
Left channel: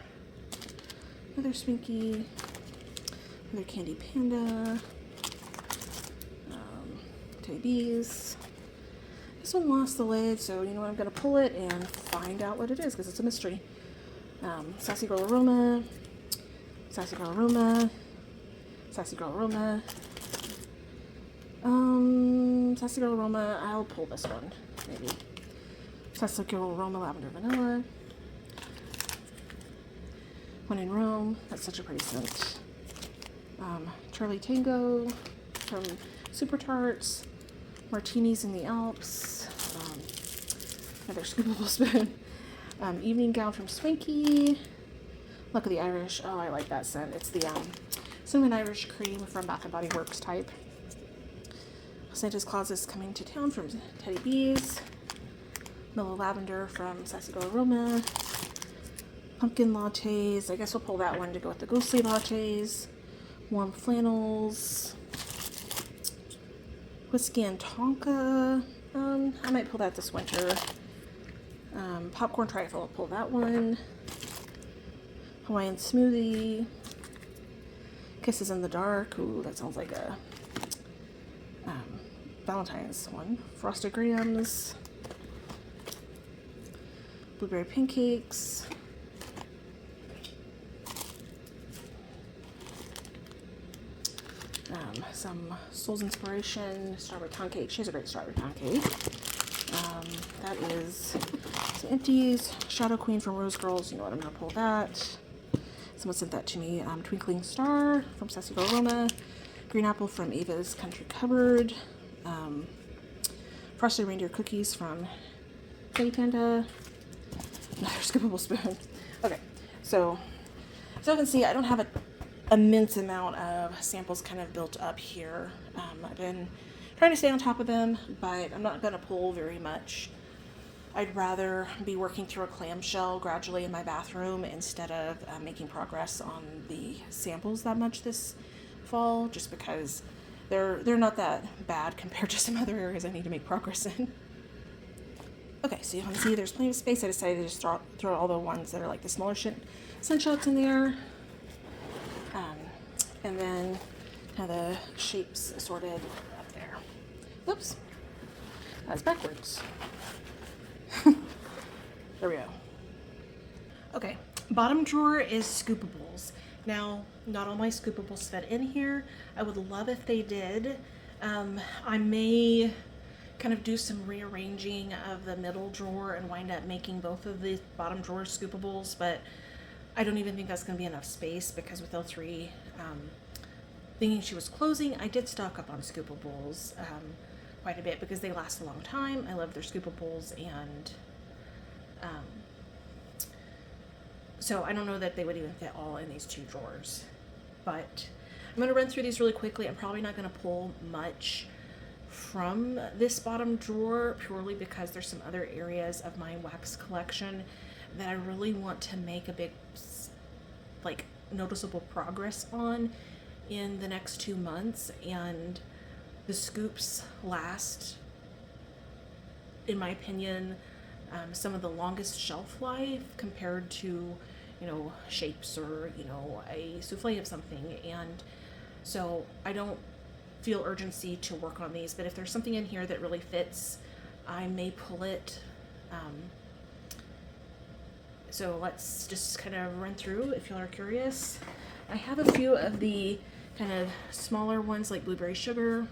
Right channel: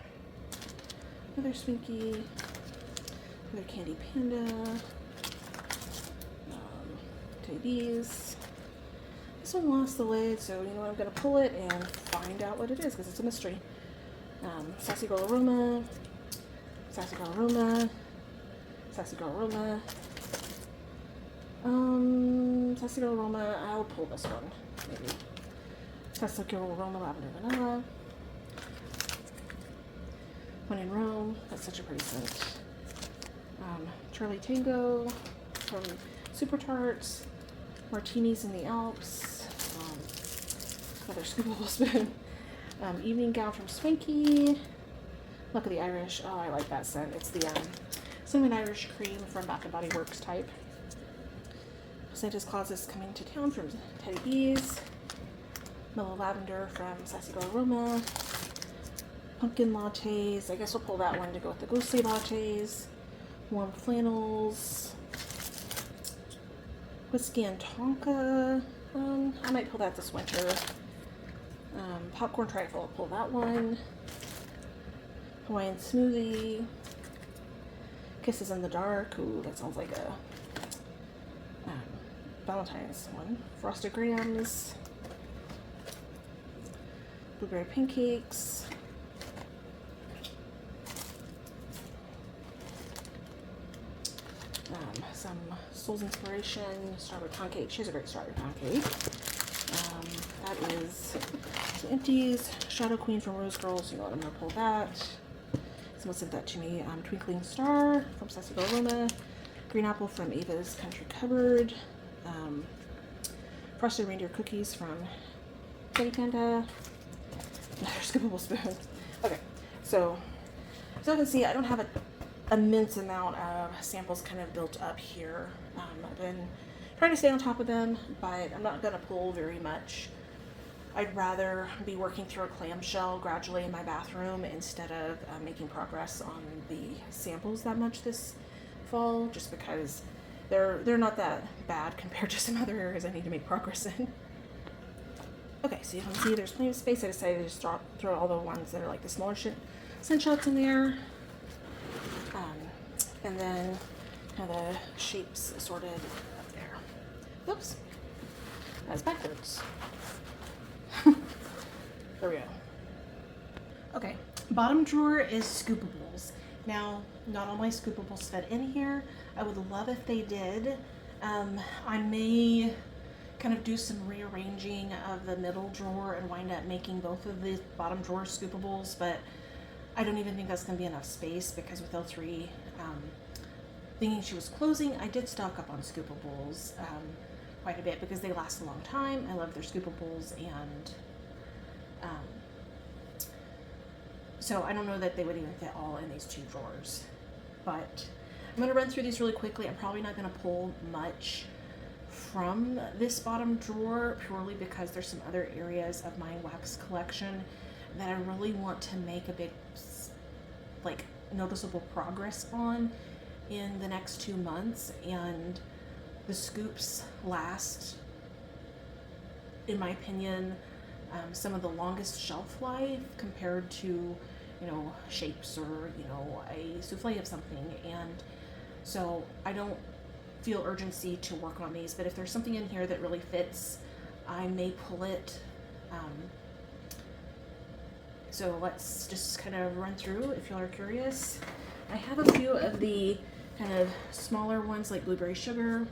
Another Swinky. Another Candy Panda. These. This one lost the lid, so you know what, I'm going to pull it and find out what it is, because it's a mystery. Sassy Girl Aroma. Sassy Girl Aroma. Sassy Girl Aroma. Sassy Girl Aroma. I'll pull this one, maybe. Sassy Girl Aroma Lavender Vanilla. When in Rome. That's such a pretty scent. Charlie Tango. Charlie Super Tarts. Martinis in the Alps. Another scoopable spoon. Evening Gown from Swinky. Luck of the Irish. Oh, I like that scent. It's the Cinnamon Irish Cream from Bath & Body Works type. Santa's Claus is Coming to Town from Teddy Bees. Mellow Lavender from Sassy Girl Aroma. Pumpkin Lattes. I guess we'll pull that one to go with the Ghostly Lattes. Warm Flannels. Whiskey and Tonka. I might pull that this winter. Popcorn Trifle, I'll pull that one. Hawaiian Smoothie. Kisses in the Dark. Ooh, that sounds like a Valentine's one. Frosted Grahams. Blueberry Pancakes. Some Soul's Inspiration, strawberry pound cake. She has a great strawberry pound cake. That is some empties. Shadow Queen from Rose Girls. You know what, I'm going to pull that. Someone sent that to me. Twinkling Star from Sassy Girl Aroma. Green Apple from Ava's Country Cupboard. Frosted Reindeer Cookies from Candy Panda. Another scoopable spoon. Okay, so you can see, I don't have an immense amount of samples kind of built up here. I've been trying to stay on top of them, but I'm not going to pull very much. I'd rather be working through a clamshell gradually in my bathroom instead of making progress on the samples that much this fall, just because they're not that bad compared to some other areas I need to make progress in. Okay, so you can see there's plenty of space. I decided to just throw all the ones that are like the smaller scent shots in there. And then kind of the shapes sorted up there. Whoops. That's backwards. There we go. Okay, bottom drawer is scoopables. Now, not all my scoopables fit in here. I would love if they did. I may kind of do some rearranging of the middle drawer and wind up making both of the bottom drawer scoopables, but I don't even think that's going to be enough space because with L3 thinking she was closing, I did stock up on scoopables quite a bit because they last a long time. I love their scoopables, and so I don't know that they would even fit all in these two drawers. But I'm going to run through these really quickly. I'm probably not going to pull much from this bottom drawer purely because there's some other areas of my wax collection that I really want to make a big, like, noticeable progress on in the next 2 months, and the scoops last, in my opinion, some of the longest shelf life compared to, shapes or, a souffle of something. And so I don't feel urgency to work on these, but if there's something in here that really fits, I may pull it. So let's just kind of run through if y'all are curious. I have a few of the kind of smaller ones like blueberry sugar.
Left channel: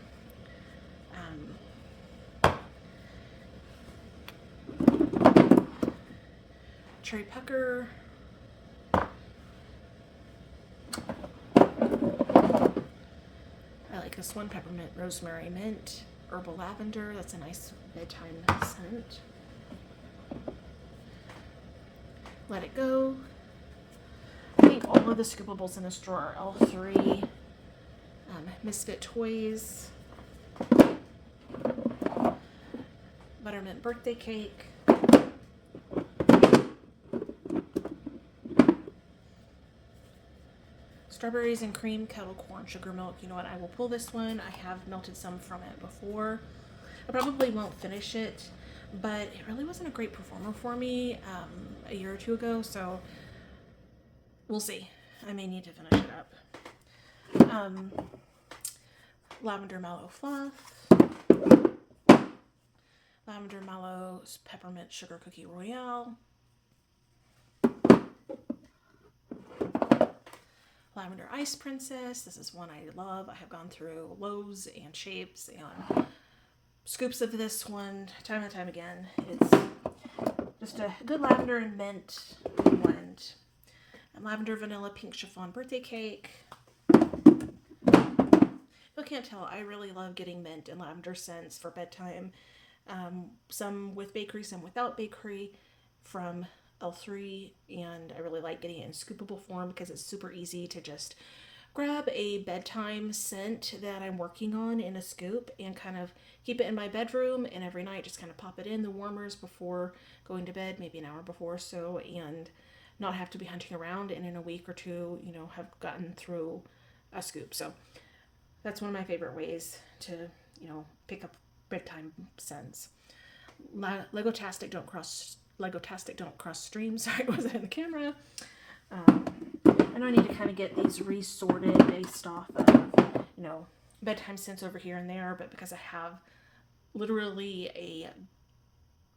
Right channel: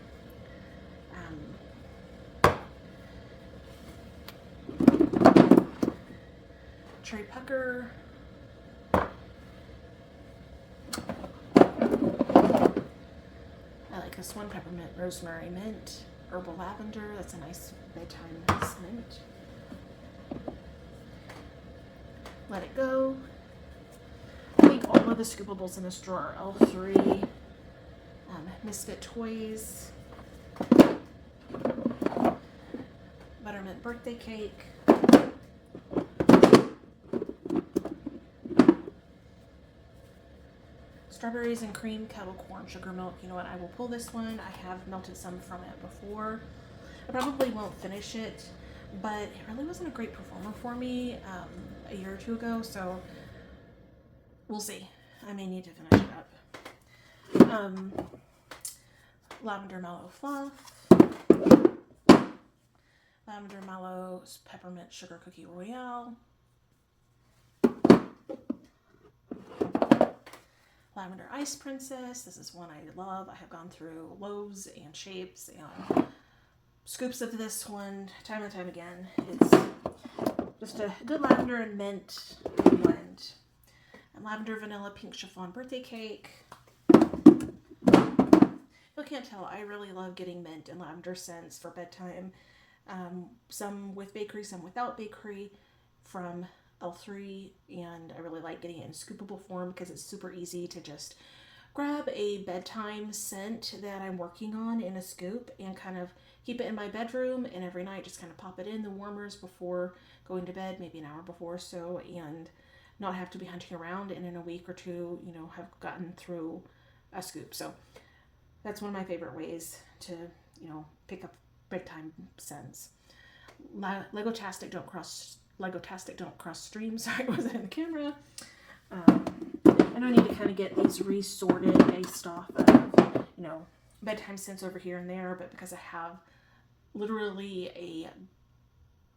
Cherry pucker. I like this one, peppermint, rosemary, mint, herbal lavender. That's a nice bedtime scent. Let It Go. I think all of the scoopables in this drawer are L3, Misfit Toys, Buttermint Birthday Cake, Strawberries and Cream Kettle Corn Sugar Milk. You know what? I will pull this one. I have melted some from it before. I probably won't finish it, but it really wasn't a great performer for me a year or two ago, so we'll see. I may need to finish it up. Lavender Mallow Fluff. Lavender Mallow Peppermint Sugar Cookie Royale. Lavender Ice Princess. This is one I love. I have gone through loaves and shapes and scoops of this one time and time again. It's just a good lavender and mint blend. And lavender vanilla pink chiffon birthday cake. You can't tell, I really love getting mint and lavender scents for bedtime. Some with bakery, some without bakery from L3, and I really like getting it in scoopable form because it's super easy to just grab a bedtime scent that I'm working on in a scoop and kind of keep it in my bedroom, and every night just kind of pop it in the warmers before going to bed, maybe an hour before or so, and not have to be hunting around, and in a week or two, have gotten through a scoop. So that's one of my favorite ways to, pick up bedtime scents. Legotastic Don't Cross Streams. Sorry, it wasn't in the camera. I know I need to kind of get these resorted based off of, bedtime scents over here and there, but because I have literally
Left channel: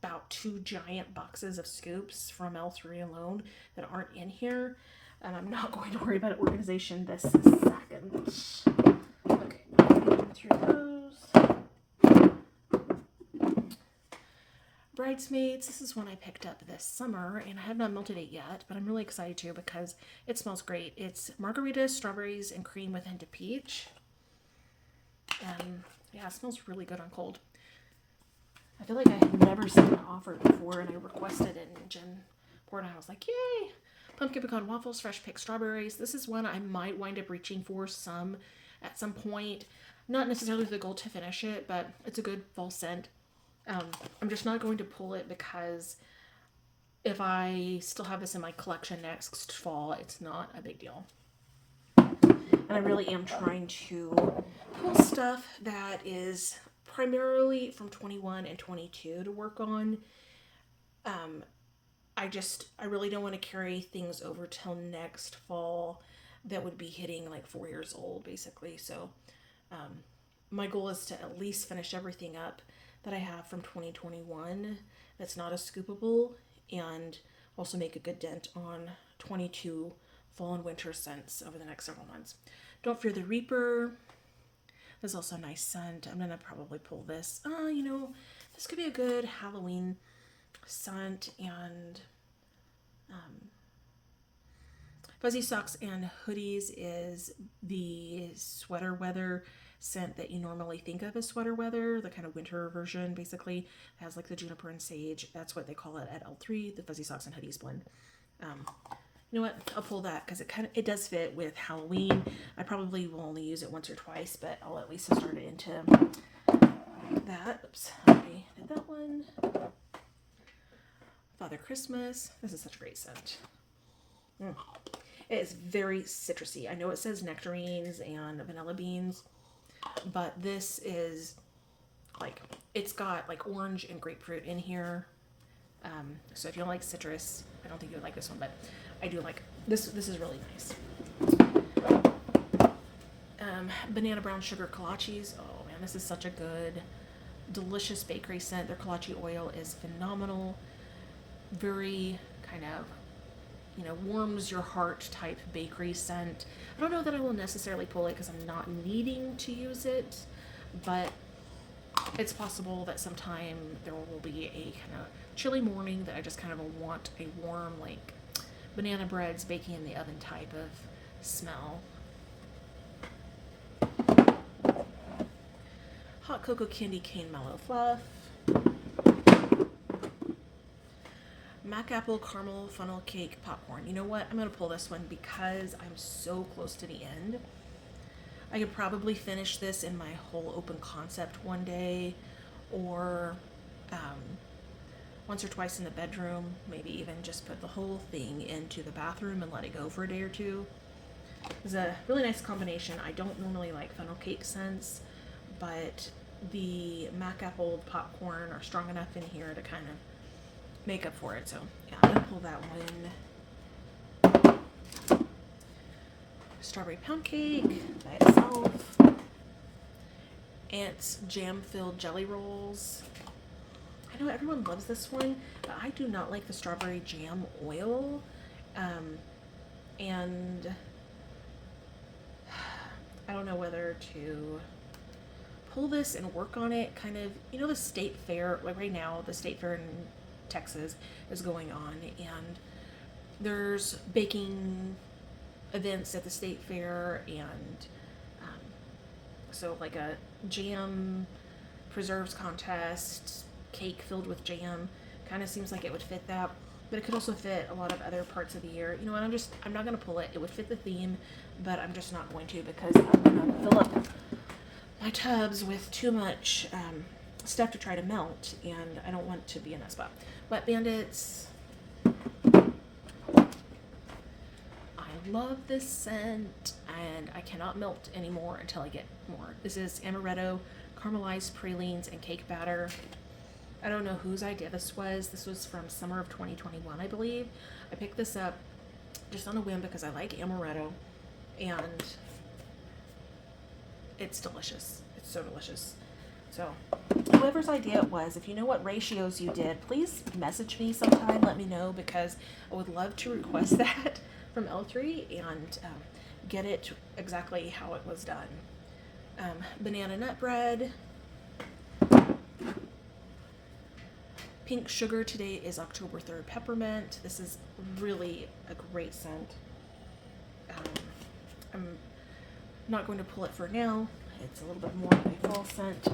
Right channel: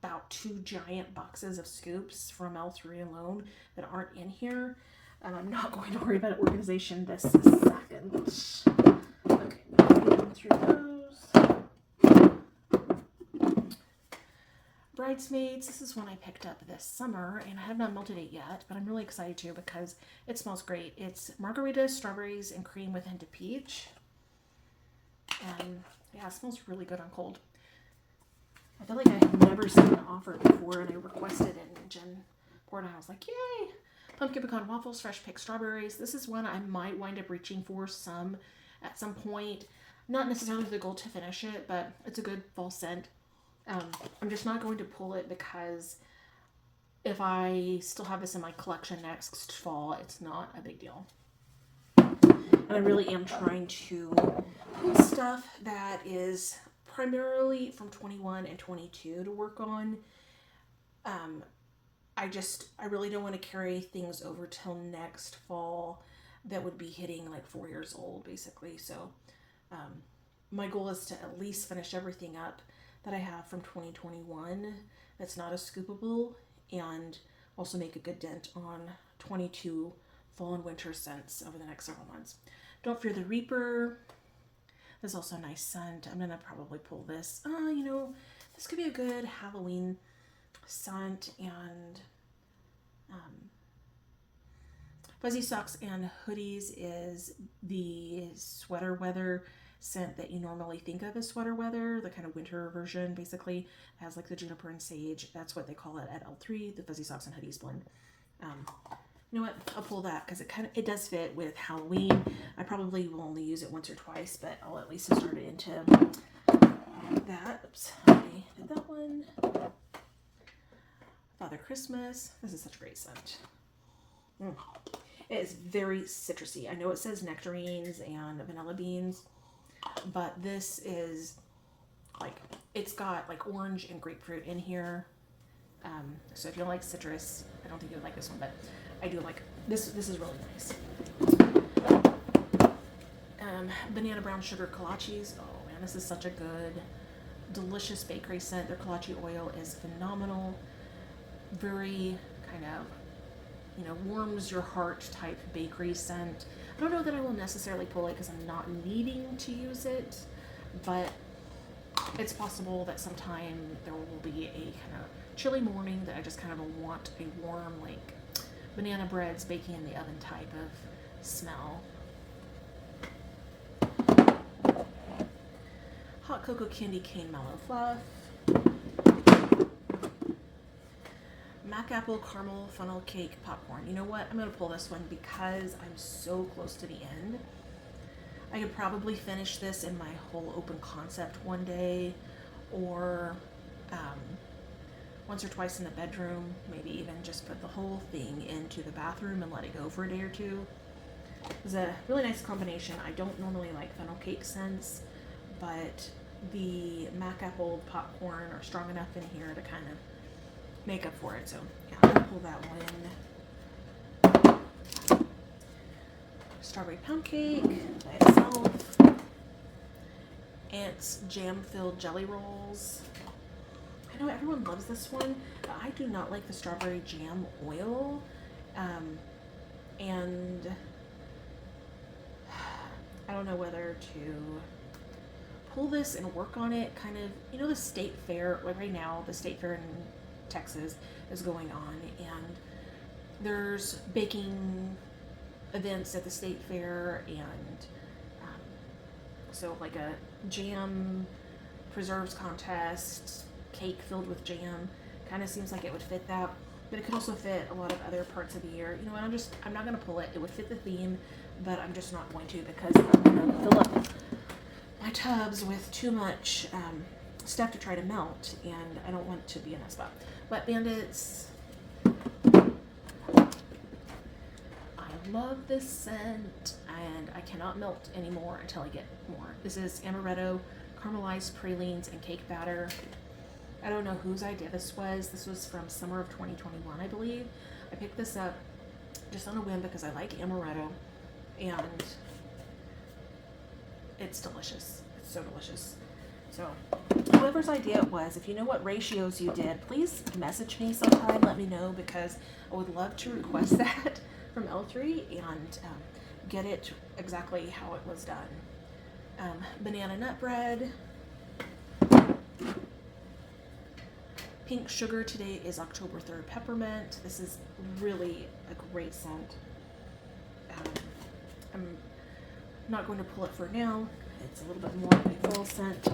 about 2 giant boxes of scoops from L3 alone that aren't in here, I'm not going to worry about organization this second. Okay, going through those. Bridesmaids, this is one I picked up this summer, and I have not melted it yet, but I'm really excited to because it smells great. It's margaritas, strawberries, and cream with hint of peach. And yeah, it smells really good on cold. I feel like I have never seen it offered before, and I requested it, and Jen poured it, and I was like, yay! Pumpkin pecan waffles, fresh picked strawberries. This is one I might wind up reaching for at some point. Not necessarily with the goal to finish it, but it's a good fall scent. I'm just not going to pull it because if I still have this in my collection next fall, it's not a big deal. And I really am trying to pull stuff that is primarily from 21 and 22 to work on. I really don't want to carry things over till next fall that would be hitting like 4 years old, basically. So my goal is to at least finish everything up that I have from 2021 that's not a scoopable, and also make a good dent on 22 fall and winter scents over the next several months. Don't Fear the Reaper. There's also a nice scent. I'm going to probably pull this. This could be a good Halloween scent. And Fuzzy Socks and Hoodies is the sweater weather scent that you normally think of as sweater weather, the kind of winter version. Basically it has like the juniper and sage. That's what they call it at L3, the Fuzzy Socks and Hoodies blend. You know what, I'll pull that because it does fit with Halloween. I probably will only use it once or twice, but I'll at least start it into that. Oops, I already did that one. Father Christmas. This is such a great scent. It is very citrusy. I know it says nectarines and vanilla beans, but this is like, it's got like orange and grapefruit in here. So if you don't like citrus, I don't think you would like this one, but I do like this. This is really nice. Banana brown sugar kolaches. Oh man, this is such a good, delicious bakery scent. Their kolache oil is phenomenal. Very kind of, warms your heart type bakery scent. I don't know that I will necessarily pull it because I'm not needing to use it, but it's possible that sometime there will be a kind of chilly morning that I just kind of want a warm, like banana breads baking in the oven type of smell. Hot cocoa candy cane mellow fluff. Mac apple caramel funnel cake popcorn. You know what? I'm going to pull this one because I'm so close to the end. I could probably finish this in my whole open concept one day, or once or twice in the bedroom, maybe even just put the whole thing into the bathroom and let it go for a day or two. It's a really nice combination. I don't normally like funnel cake scents, but the Mac apple popcorn are strong enough in here to kind of make up for it. So yeah, I'm gonna pull that one. Strawberry pound cake by itself. Ant's jam filled jelly rolls. I know everyone loves this one, but I do not like the strawberry jam oil. And I don't know whether to pull this and work on it. Kind of, the state fair, like right now, the state fair in Texas is going on, and there's baking events at the state fair, and so like a jam preserves contest, cake filled with jam, kind of seems like it would fit that, but it could also fit a lot of other parts of the year. I'm not going to pull it. It would fit the theme, but I'm just not going to because I'm going to fill up my tubs with too much stuff to try to melt, and I don't want to be in that spot. Wet Bandits. I love this scent, and I cannot melt anymore until I get more. This is amaretto, caramelized pralines, and cake batter. I don't know whose idea this was. This was from summer of 2021, I believe. I picked this up just on a whim because I like amaretto, and it's delicious. It's so delicious. So whoever's idea it was, if you know what ratios you did, please message me sometime. Let me know, because I would love to request that from L3 and get it exactly how it was done. Banana nut bread. Pink sugar. Today is October 3rd. Peppermint. This is really a great scent. I'm not going to pull it for now. It's a little bit more of a fall scent,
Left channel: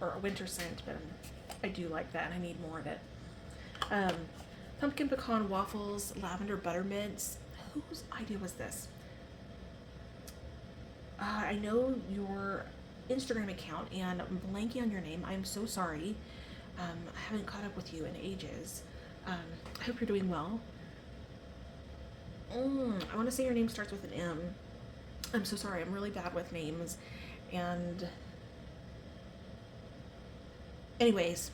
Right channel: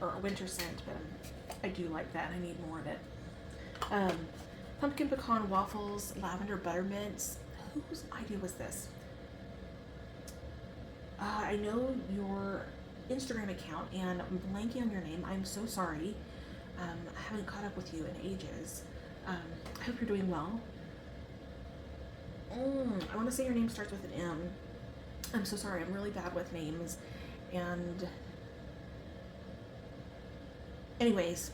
or a winter scent, but I do like that. I need more of it. Pumpkin pecan waffles, lavender buttermints. Whose idea was this? I know your Instagram account, and I'm blanking on your name. I'm so sorry. I haven't caught up with you in ages. I hope you're doing well. I want to say your name starts with an M. I'm so sorry. I'm really bad with names. And anyways,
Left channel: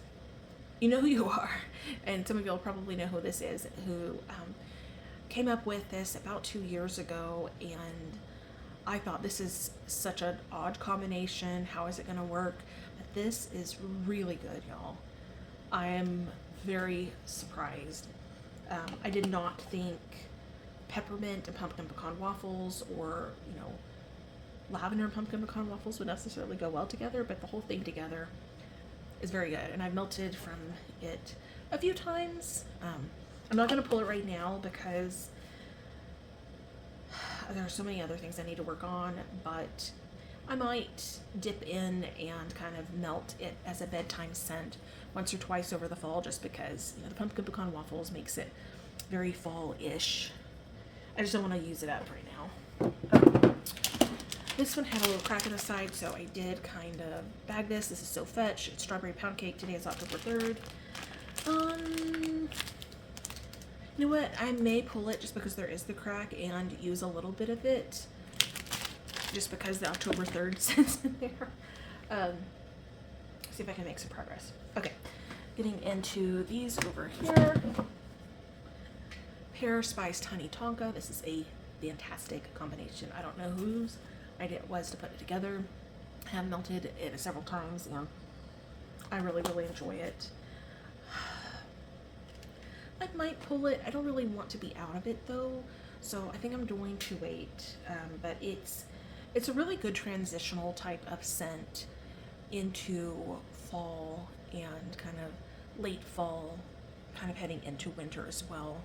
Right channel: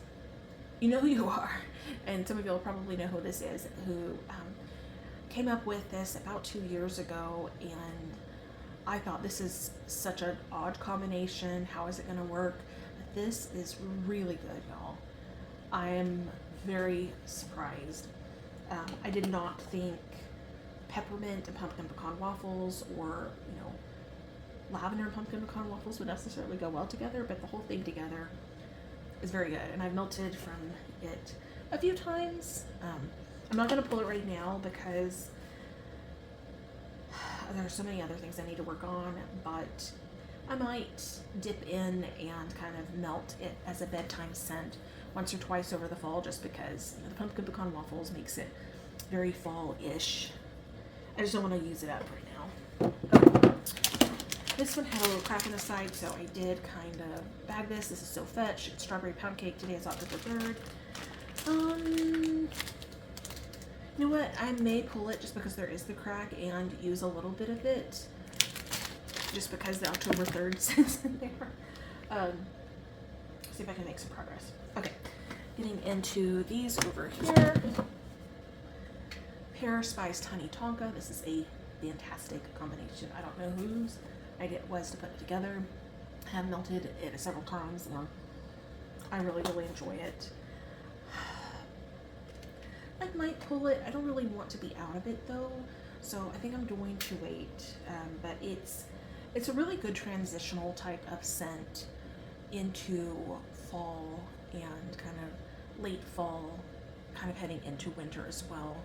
you know who you are. And some of you will probably know who this is, who came up with this about 2 years ago. And I thought, this is such an odd combination. How is it going to work? But this is really good, y'all. I am very surprised. I did not think peppermint and pumpkin pecan waffles, or, lavender and pumpkin pecan waffles would necessarily go well together, but the whole thing together is very good. And I've melted from it a few times. I'm not going to pull it right now because there are so many other things I need to work on, but I might dip in and kind of melt it as a bedtime scent once or twice over the fall, just because the pumpkin pecan waffles makes it very fall-ish. I just don't want to use it up right now. This one had a little crack in the side, so I did kind of bag this. This is So Fetch. It's strawberry pound cake. Today is October 3rd. You know what? I may pull it just because there is the crack and use a little bit of it, just because the October 3rd sits in there. See if I can make some progress. Okay, getting into these over here. Pear Spiced Honey Tonka. This is a fantastic combination. I don't know whose idea it was to put it together. I have melted it several times and I really, really enjoy it. I might pull it. I don't really want to be out of it though, so I think I'm going to wait. But it's a really good transitional type of scent into fall and kind of late fall, kind of heading into winter as well.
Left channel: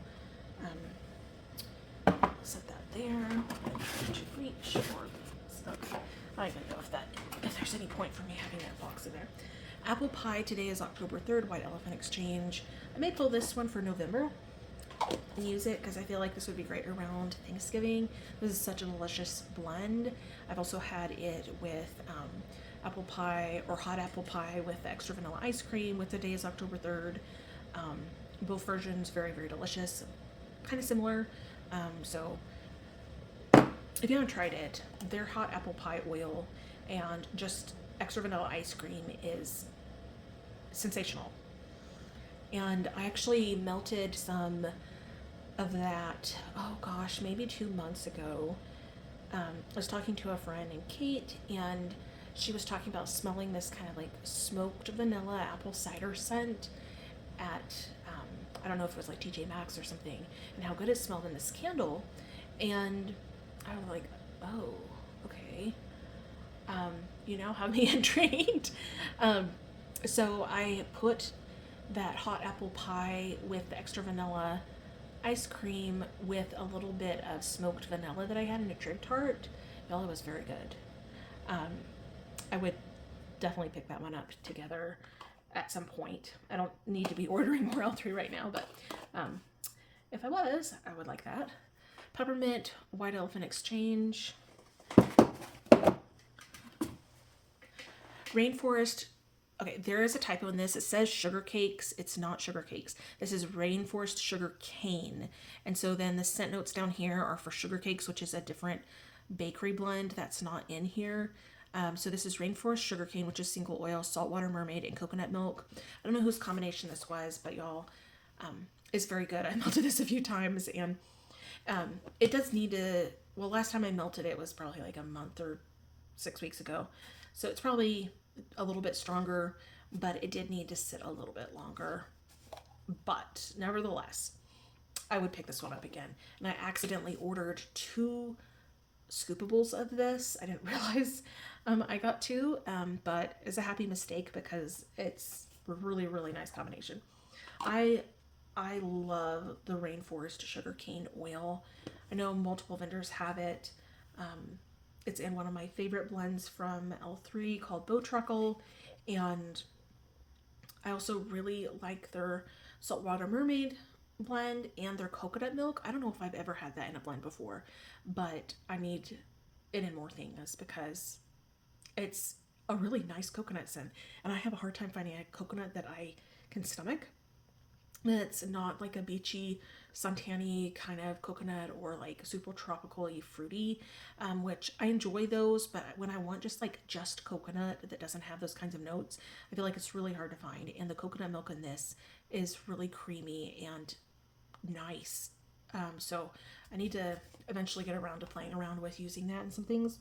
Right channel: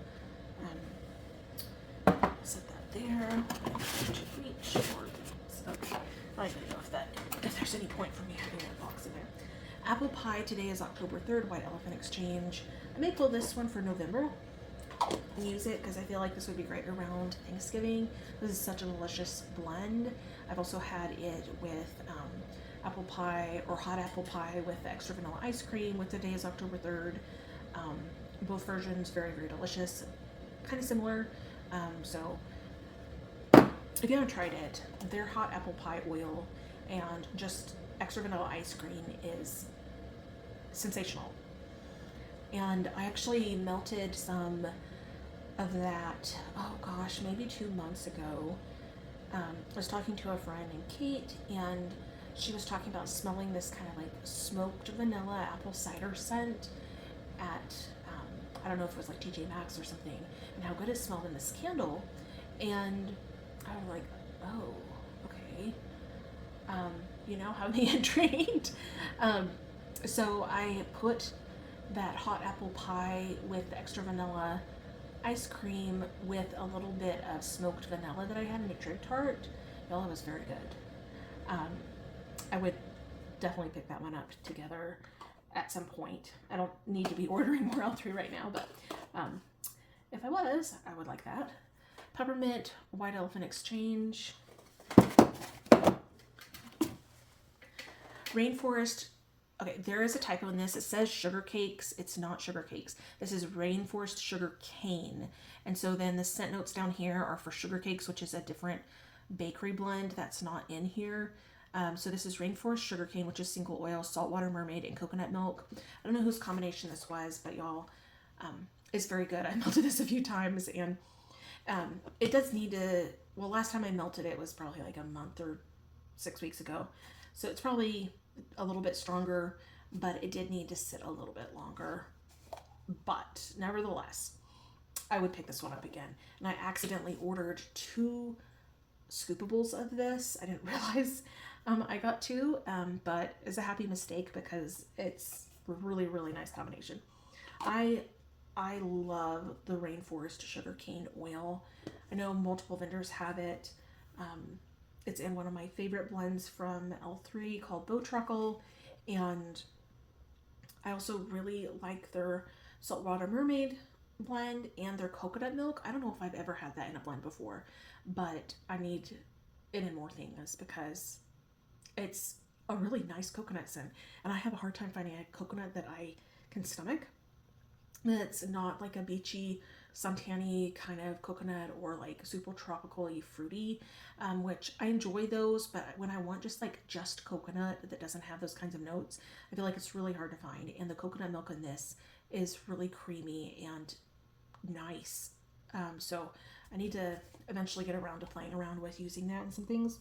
Set that there. Reach. Okay. I don't even know if there's any point for me having that box in there. Apple pie. Today is October 3rd. White Elephant Exchange. I may pull this one for November and use it because I feel like this would be great around Thanksgiving. This is such a delicious blend. I've also had it with apple pie or hot apple pie with the extra vanilla ice cream with Today is October 3rd. Both versions very, very delicious. Kind of similar. So if you haven't tried it, their hot apple pie oil and just extra vanilla ice cream is sensational. And I actually melted some of that, oh gosh, maybe 2 months ago. I was talking to a friend named Kate, and she was talking about smelling this kind of like smoked vanilla apple cider scent at, I don't know if it was like TJ Maxx or something, and how good it smelled in this candle. And I was like, oh, okay. Have me intrigued. So I put that hot apple pie with the extra vanilla ice cream with a little bit of smoked vanilla that I had in a drip tart. Y'all, it was very good. I would definitely pick that one up together at some point. I don't need to be ordering more L3 right now, but if I was, I would like that. Peppermint, White Elephant Exchange. Rainforest. Okay, there is a typo in this. It says sugar cakes. It's not sugar cakes. This is Rainforest Sugar Cane. And so then the scent notes down here are for sugar cakes, which is a different bakery blend that's not in here. So this is Rainforest Sugar Cane, which is single oil, saltwater mermaid, and coconut milk. I don't know whose combination this was, but y'all, it's very good. I melted this a few times, and it does need to, well, last time I melted it was probably like a month or 6 weeks ago. So it's probably a little bit stronger, but it did need to sit a little bit longer. But nevertheless, I would pick this one up again. And I accidentally ordered 2 scoopables of this. I didn't realize I got 2, but it's a happy mistake because it's a really, really nice combination. I love the Rainforest Sugar Cane Oil. I know multiple vendors have it. It's in one of my favorite blends from L3 called Botruckle, and I also really like their Saltwater Mermaid blend and their coconut milk. I don't know if I've ever had that in a blend before, but I need it in more things because it's a really nice coconut scent, and I have a hard time finding a coconut that I can stomach. It's not like a beachy, suntan-y kind of coconut or like super tropical-y fruity, which I enjoy those, but when I want just coconut that doesn't have those kinds of notes, I feel like it's really hard to find. And the coconut milk in this is really creamy and nice. So I need to eventually get around to playing around with using that in some things.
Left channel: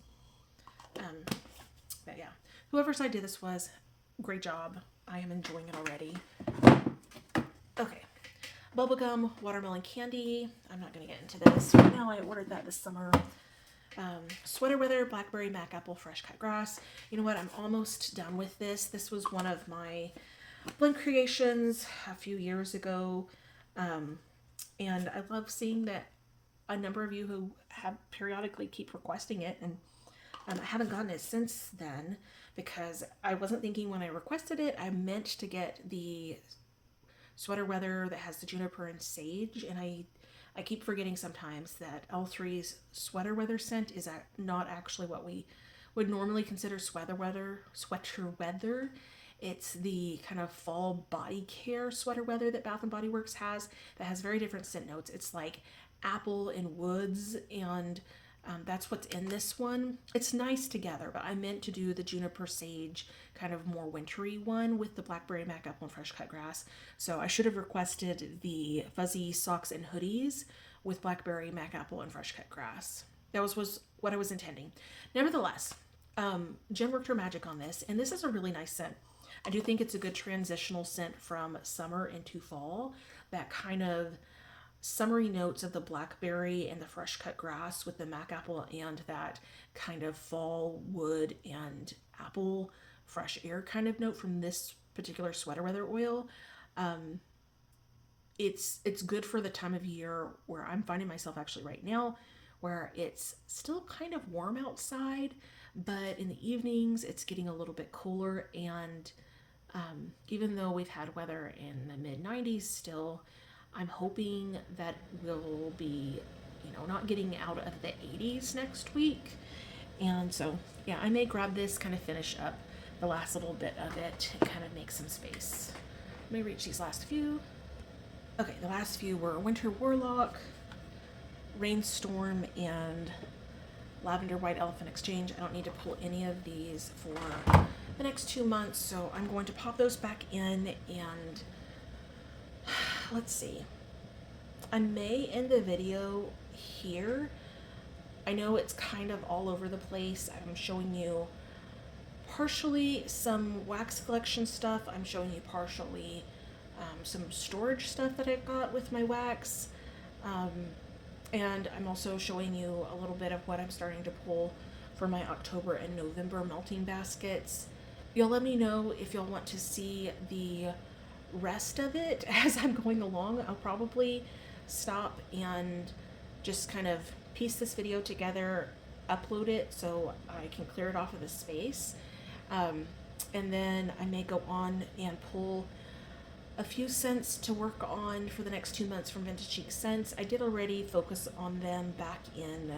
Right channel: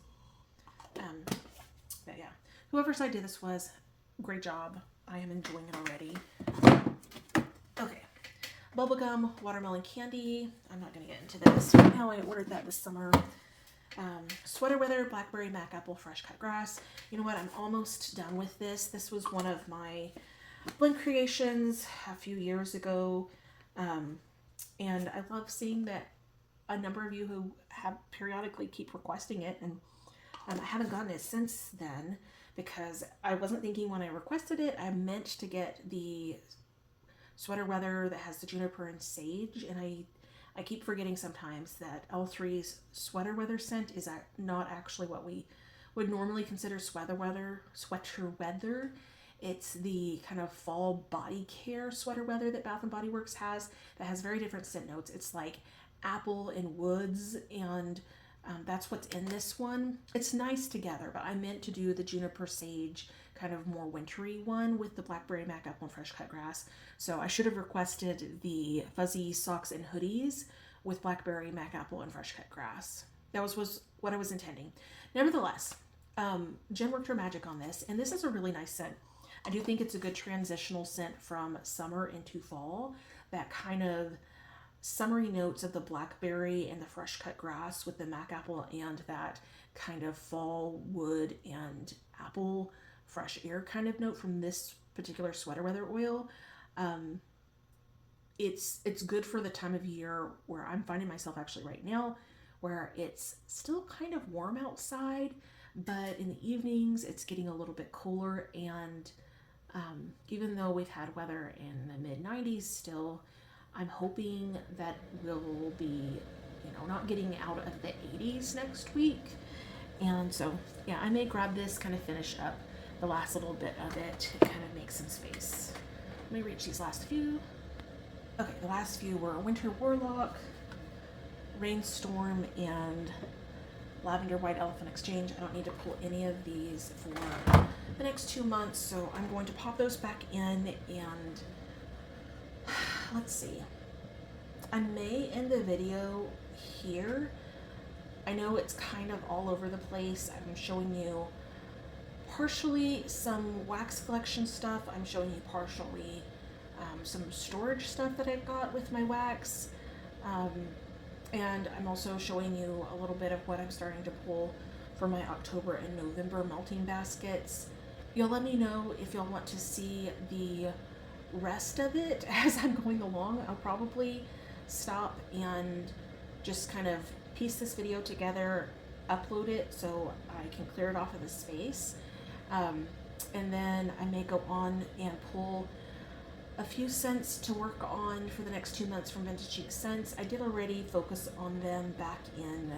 But yeah, whoever's idea this was, great job. I am enjoying it already. Okay, bubblegum watermelon candy. I'm not going to get into this right now. I ordered that this summer. Sweater weather, blackberry, mac apple, fresh cut grass. You know what? I'm almost done with this. This was one of my blend creations a few years ago. And I love seeing that a number of you who have periodically keep requesting it, and I haven't gotten it since then because I wasn't thinking when I requested it. I meant to get the sweater weather that has the juniper and sage, and I keep forgetting sometimes that L3's sweater weather scent is not actually what we would normally consider sweater weather. It's the kind of fall body care sweater weather that Bath and Body Works has that has very different scent notes. It's like apple and woods, and that's what's in this one. It's nice together, but I meant to do the juniper sage kind of more wintry one with the blackberry, mac apple, and fresh cut grass. So I should have requested the fuzzy socks and hoodies with blackberry, mac apple, and fresh cut grass. That was what I was intending. Nevertheless, Jen worked her magic on this, and this is a really nice scent. I do think it's a good transitional scent from summer into fall. That kind of summery notes of the blackberry and the fresh cut grass with the mac apple and that kind of fall wood and apple fresh air kind of note from this particular sweater weather oil. It's good for the time of year where I'm finding myself actually right now, where it's still kind of warm outside, but in the evenings it's getting a little bit cooler, and even though we've had weather in the mid 90s still, I'm hoping that we'll be, not getting out of the 80s next week. And so, yeah, I may grab this, kind of finish up the last little bit of it, and kind of make some space. Let me reach these last few. Okay, the last few were Winter Warlock, Rainstorm, and Lavender White Elephant Exchange. I don't need to pull any of these for the next 2 months, so I'm going to pop those back in, and let's see. I may end the video here. I know it's kind of all over the place. I'm showing you partially some wax collection stuff. I'm showing you partially some storage stuff that I've got with my wax. And I'm also showing you a little bit of what I'm starting to pull for my October and November melting baskets. Y'all let me know if y'all want to see the rest of it as I'm going along. I'll probably stop and just kind of piece this video together, upload it so I can clear it off of the space. And then I may go on and pull a few scents to work on for the next 2 months from Vintage Chic Scents. I did already focus on them back in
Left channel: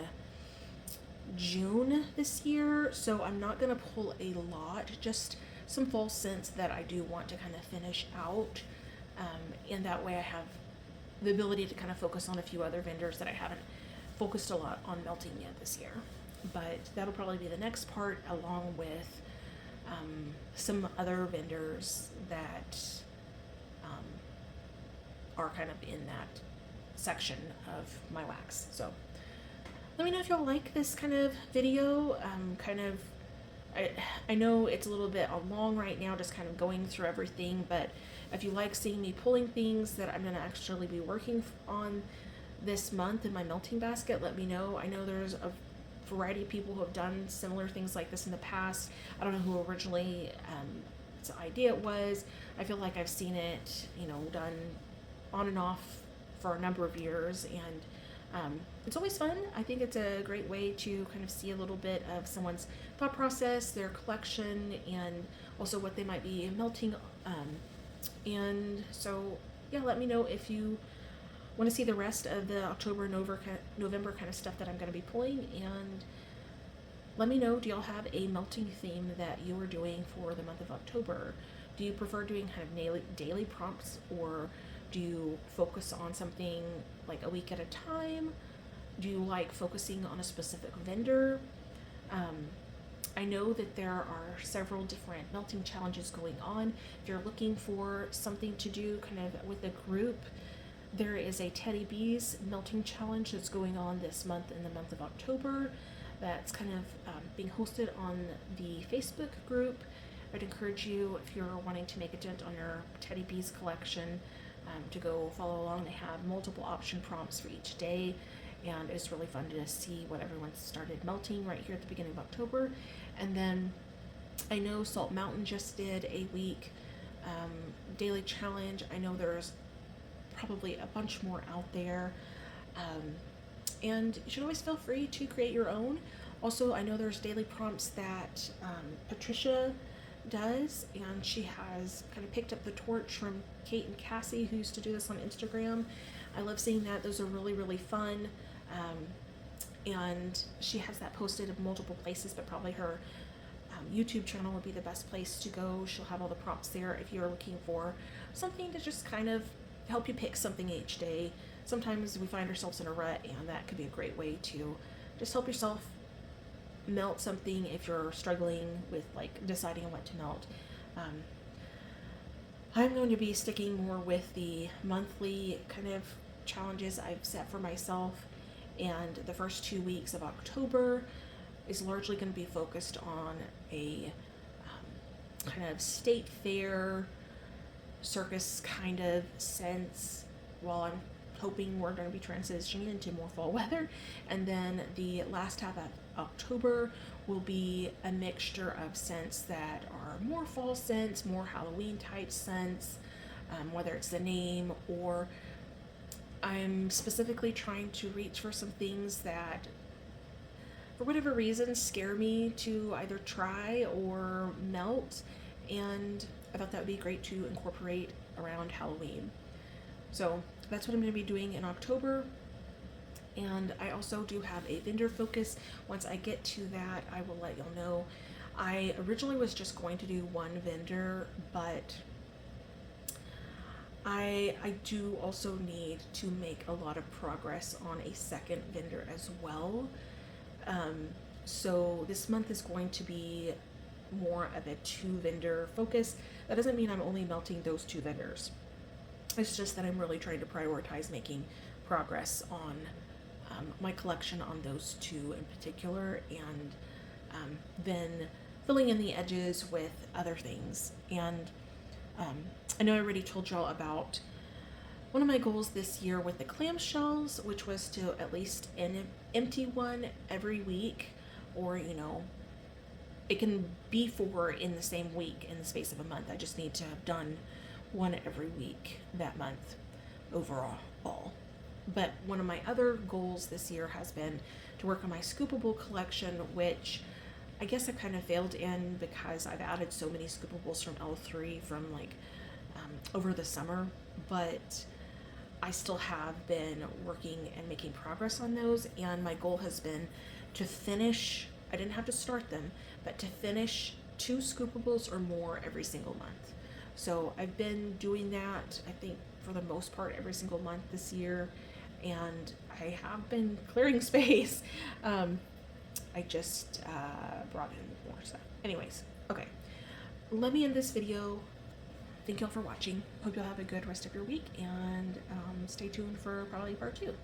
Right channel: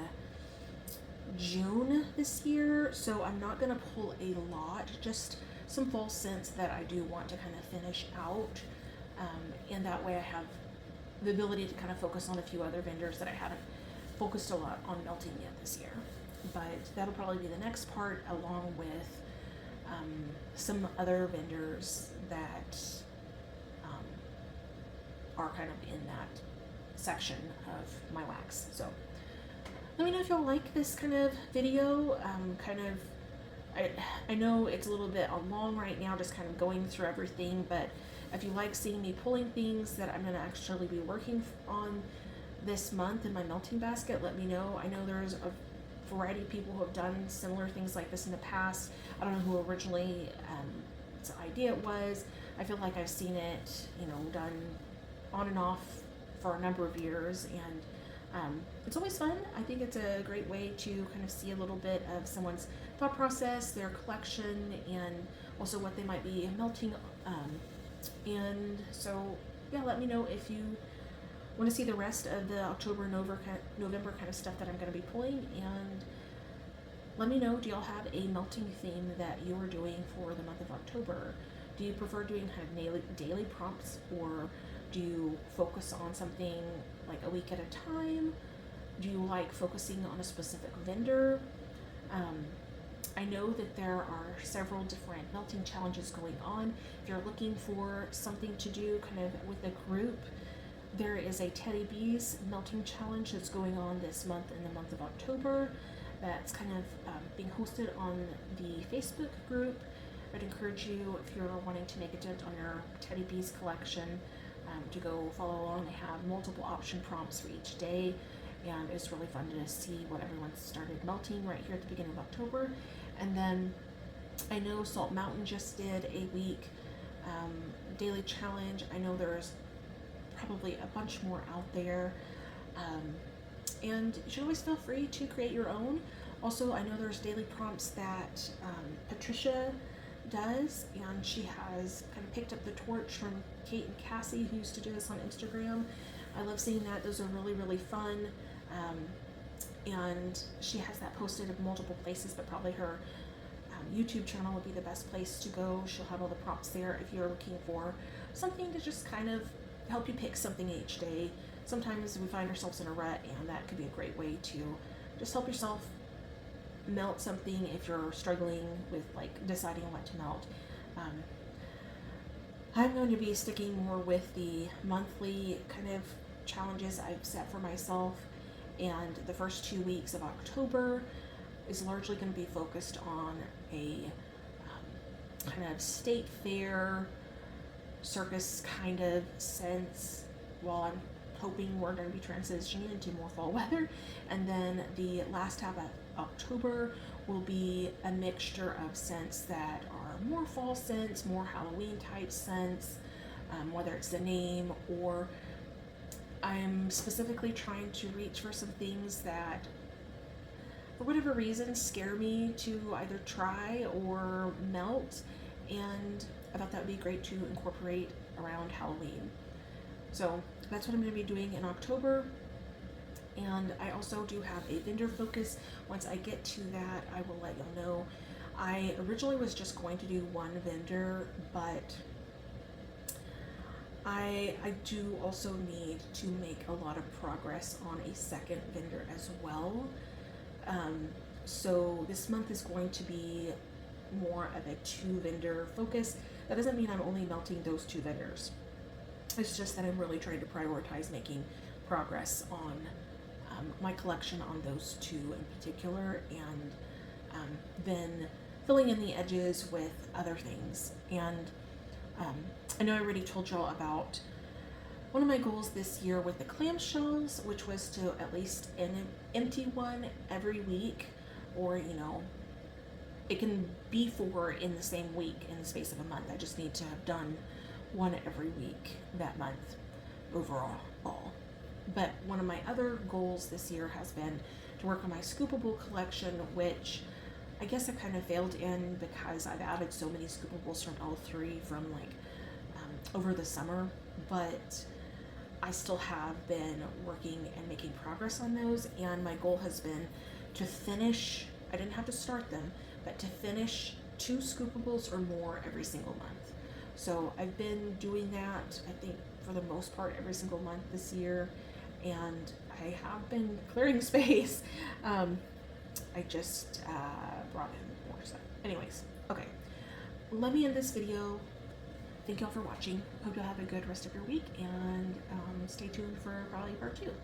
June this year, so I'm not going to pull a lot, just some fall scents that I do want to kind of finish out, and that way I have the ability to kind of focus on a few other vendors that I haven't focused a lot on melting yet this year. But that'll probably be the next part, along with some other vendors that are kind of in that section of my wax. So let me know if y'all like this kind of video. I know it's a little bit long right now, just kind of going through everything, but if you like seeing me pulling things that I'm going to actually be working on this month in my melting basket, let me know. I know there's a variety of people who have done similar things like this in the past. I don't know who originally the idea was. I feel like I've seen it, done on and off for a number of years, and it's always fun. I think it's a great way to kind of see a little bit of someone's thought process, their collection, and also what they might be melting. And so, yeah, let me know if you want to see the rest of the October, November kind of stuff that I'm going to be pulling, and let me know, do y'all have a melting theme that you are doing for the month of October? Do you prefer doing kind of daily prompts, or do you focus on something like a week at a time? Do you like focusing on a specific vendor? I know that there are several different melting challenges going on. If you're looking for something to do kind of with a group, there is a Teddy Bees melting challenge that's going on this month in the month of October. That's kind of being hosted on the Facebook group. I'd encourage you, if you're wanting to make a dent on your Teddy Bees collection, to go follow along. They have multiple option prompts for each day, and it's really fun to see what everyone's started melting right here at the beginning of October. And then I know Salt Mountain just did a week daily challenge. I know there's probably a bunch more out there. And you should always feel free to create your own. Also, I know there's daily prompts that Patricia does, and she has kind of picked up the torch from Kate and Cassie, who used to do this on Instagram. I love seeing that. Those are really, really fun. And she has that posted in multiple places, but probably her YouTube channel would be the best place to go. She'll have all the prompts there if you're looking for something to just kind of help you pick something each day. Sometimes we find ourselves in a rut, and that could be a great way to just help yourself melt something if you're struggling with like deciding what to melt. I'm going to be sticking more with the monthly kind of challenges I've set for myself, and the first 2 weeks of October is largely going to be focused on a kind of state fair circus kind of sense, while I'm hoping we're going to be transitioning into more fall weather. And then the last half of October will be a mixture of scents that are more fall scents, more Halloween type scents, whether it's the name, or I'm specifically trying to reach for some things that for whatever reason scare me to either try or melt, and I thought that would be great to incorporate around Halloween. So that's what I'm going to be doing in October. And I also do have a vendor focus. Once I get to that, I will let y'all know. I originally was just going to do one vendor, but I do also need to make a lot of progress on a second vendor as well. So this month is going to be more of a 2 vendor focus. That doesn't mean I'm only melting those 2 vendors. It's just that I'm really trying to prioritize making progress on my collection on those 2 in particular, and then filling in the edges with other things. And I know I already told y'all about one of my goals this year with the clamshells, which was to at least empty one every week, or it can be 4 in the same week in the space of a month. I just need to have done one every week that month overall. But one of my other goals this year has been to work on my scoopable collection, which I guess I kind of failed in because I've added so many scoopables from L3 from over the summer, but I still have been working and making progress on those, and my goal has been to finish, I didn't have to start them, but to finish 2 scoopables or more every single month. So I've been doing that, I think, for the most part every single month this year, and I have been clearing space. I just brought in more stuff. Anyways, okay, let me end this video. Thank y'all for watching. Hope y'all have a good rest of your week, and stay tuned for probably part 2.